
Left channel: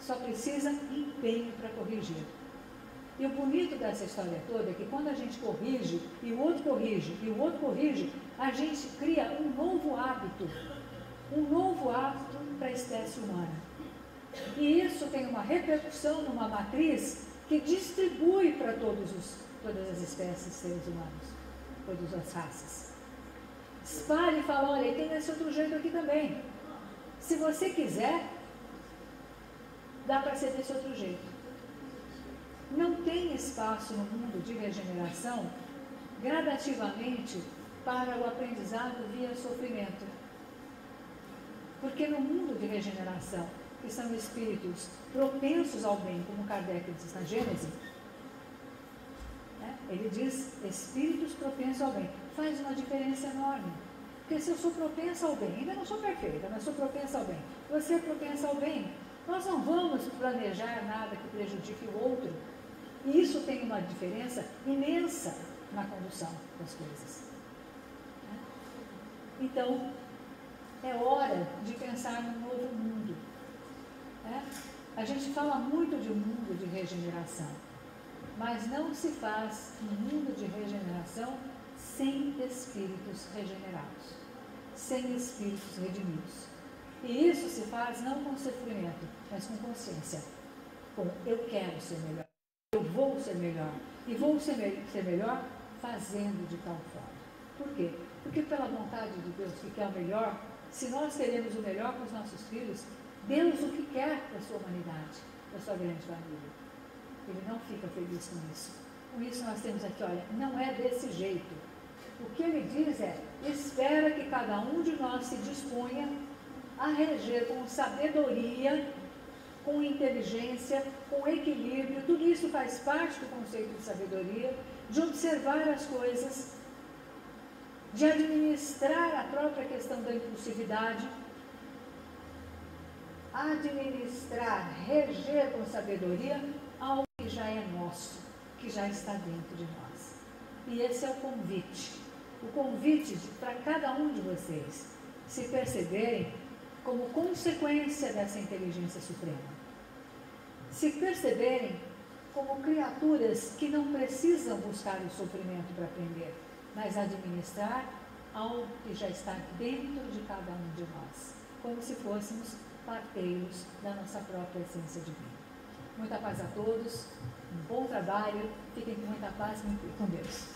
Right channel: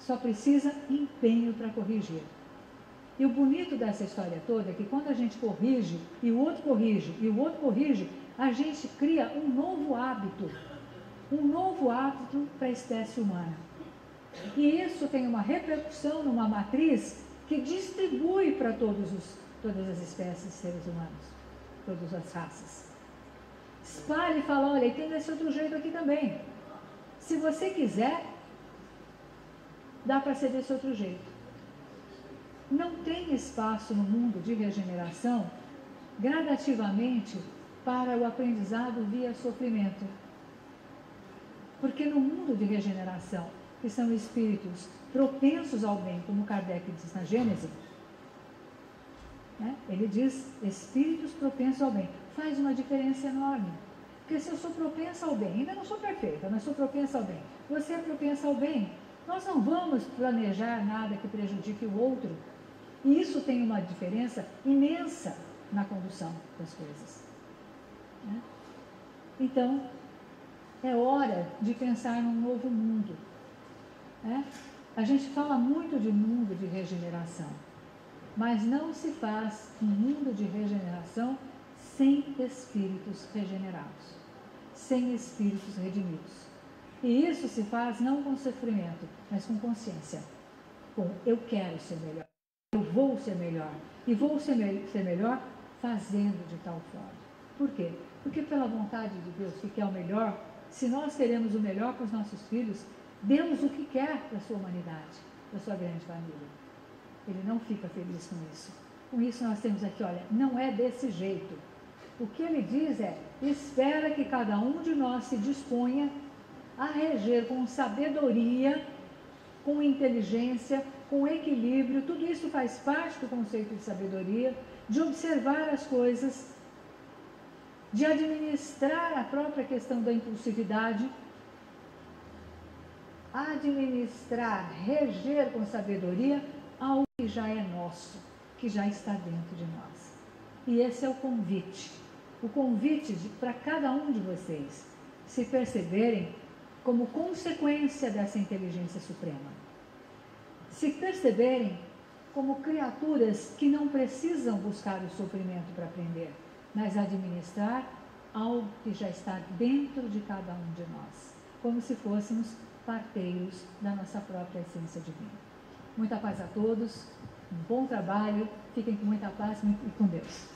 Só precisa empenho para corrigir. E o bonito dessa história toda é que quando a gente corrige, e o outro corrige, e o outro corrige, a gente cria um novo hábito para a espécie humana. E isso tem uma repercussão numa matriz que distribui para todas as espécies de seres humanos, todas as raças. Espalhe e fala, olha, tem esse outro jeito aqui também. Se você quiser, dá para ser desse outro jeito. Não tem espaço no mundo de regeneração, gradativamente, para o aprendizado via sofrimento. Porque no mundo de regeneração, que são espíritos propensos ao bem, como Kardec diz na Gênese, né? Ele diz espíritos propensos ao bem. Faz uma diferença enorme. Porque se eu sou propensa ao bem, ainda não sou perfeita, mas sou propensa ao bem. Você é propensa ao bem. Nós não vamos planejar nada que prejudique o outro. E isso tem uma diferença imensa na condução das coisas. Né? Então, é hora de pensar num novo mundo. Né? A gente fala muito de mundo de regeneração, mas não se faz um mundo de regeneração sem espíritos regenerados, sem espíritos redimidos. E isso se faz não com sofrimento, mas com consciência. Com eu quero ser melhor, eu vou ser melhor, e vou ser melhor fazendo de tal forma. Por quê? Porque pela vontade de Deus, que é o melhor, se nós queremos o melhor para os nossos filhos, Deus o que quer para a sua humanidade, para a sua grande família. Ele não fica feliz com isso. Com isso nós temos aqui, olha, não é desse jeito. O que ele diz é, espera que cada um de nós se disponha a reger com sabedoria, com inteligência, com equilíbrio. Tudo isso faz parte do conceito de sabedoria, de observar as coisas, de administrar a própria questão da impulsividade, administrar, reger com sabedoria algo que já é nosso, que já está dentro de nós. E esse é o convite para cada um de vocês se perceberem como consequência dessa inteligência suprema. Se perceberem como criaturas que não precisam buscar o sofrimento para aprender, mas administrar algo que já está dentro de cada um de nós, como se fôssemos parteiros da nossa própria essência divina. Muita paz a todos, um bom trabalho, fiquem com muita paz e com Deus.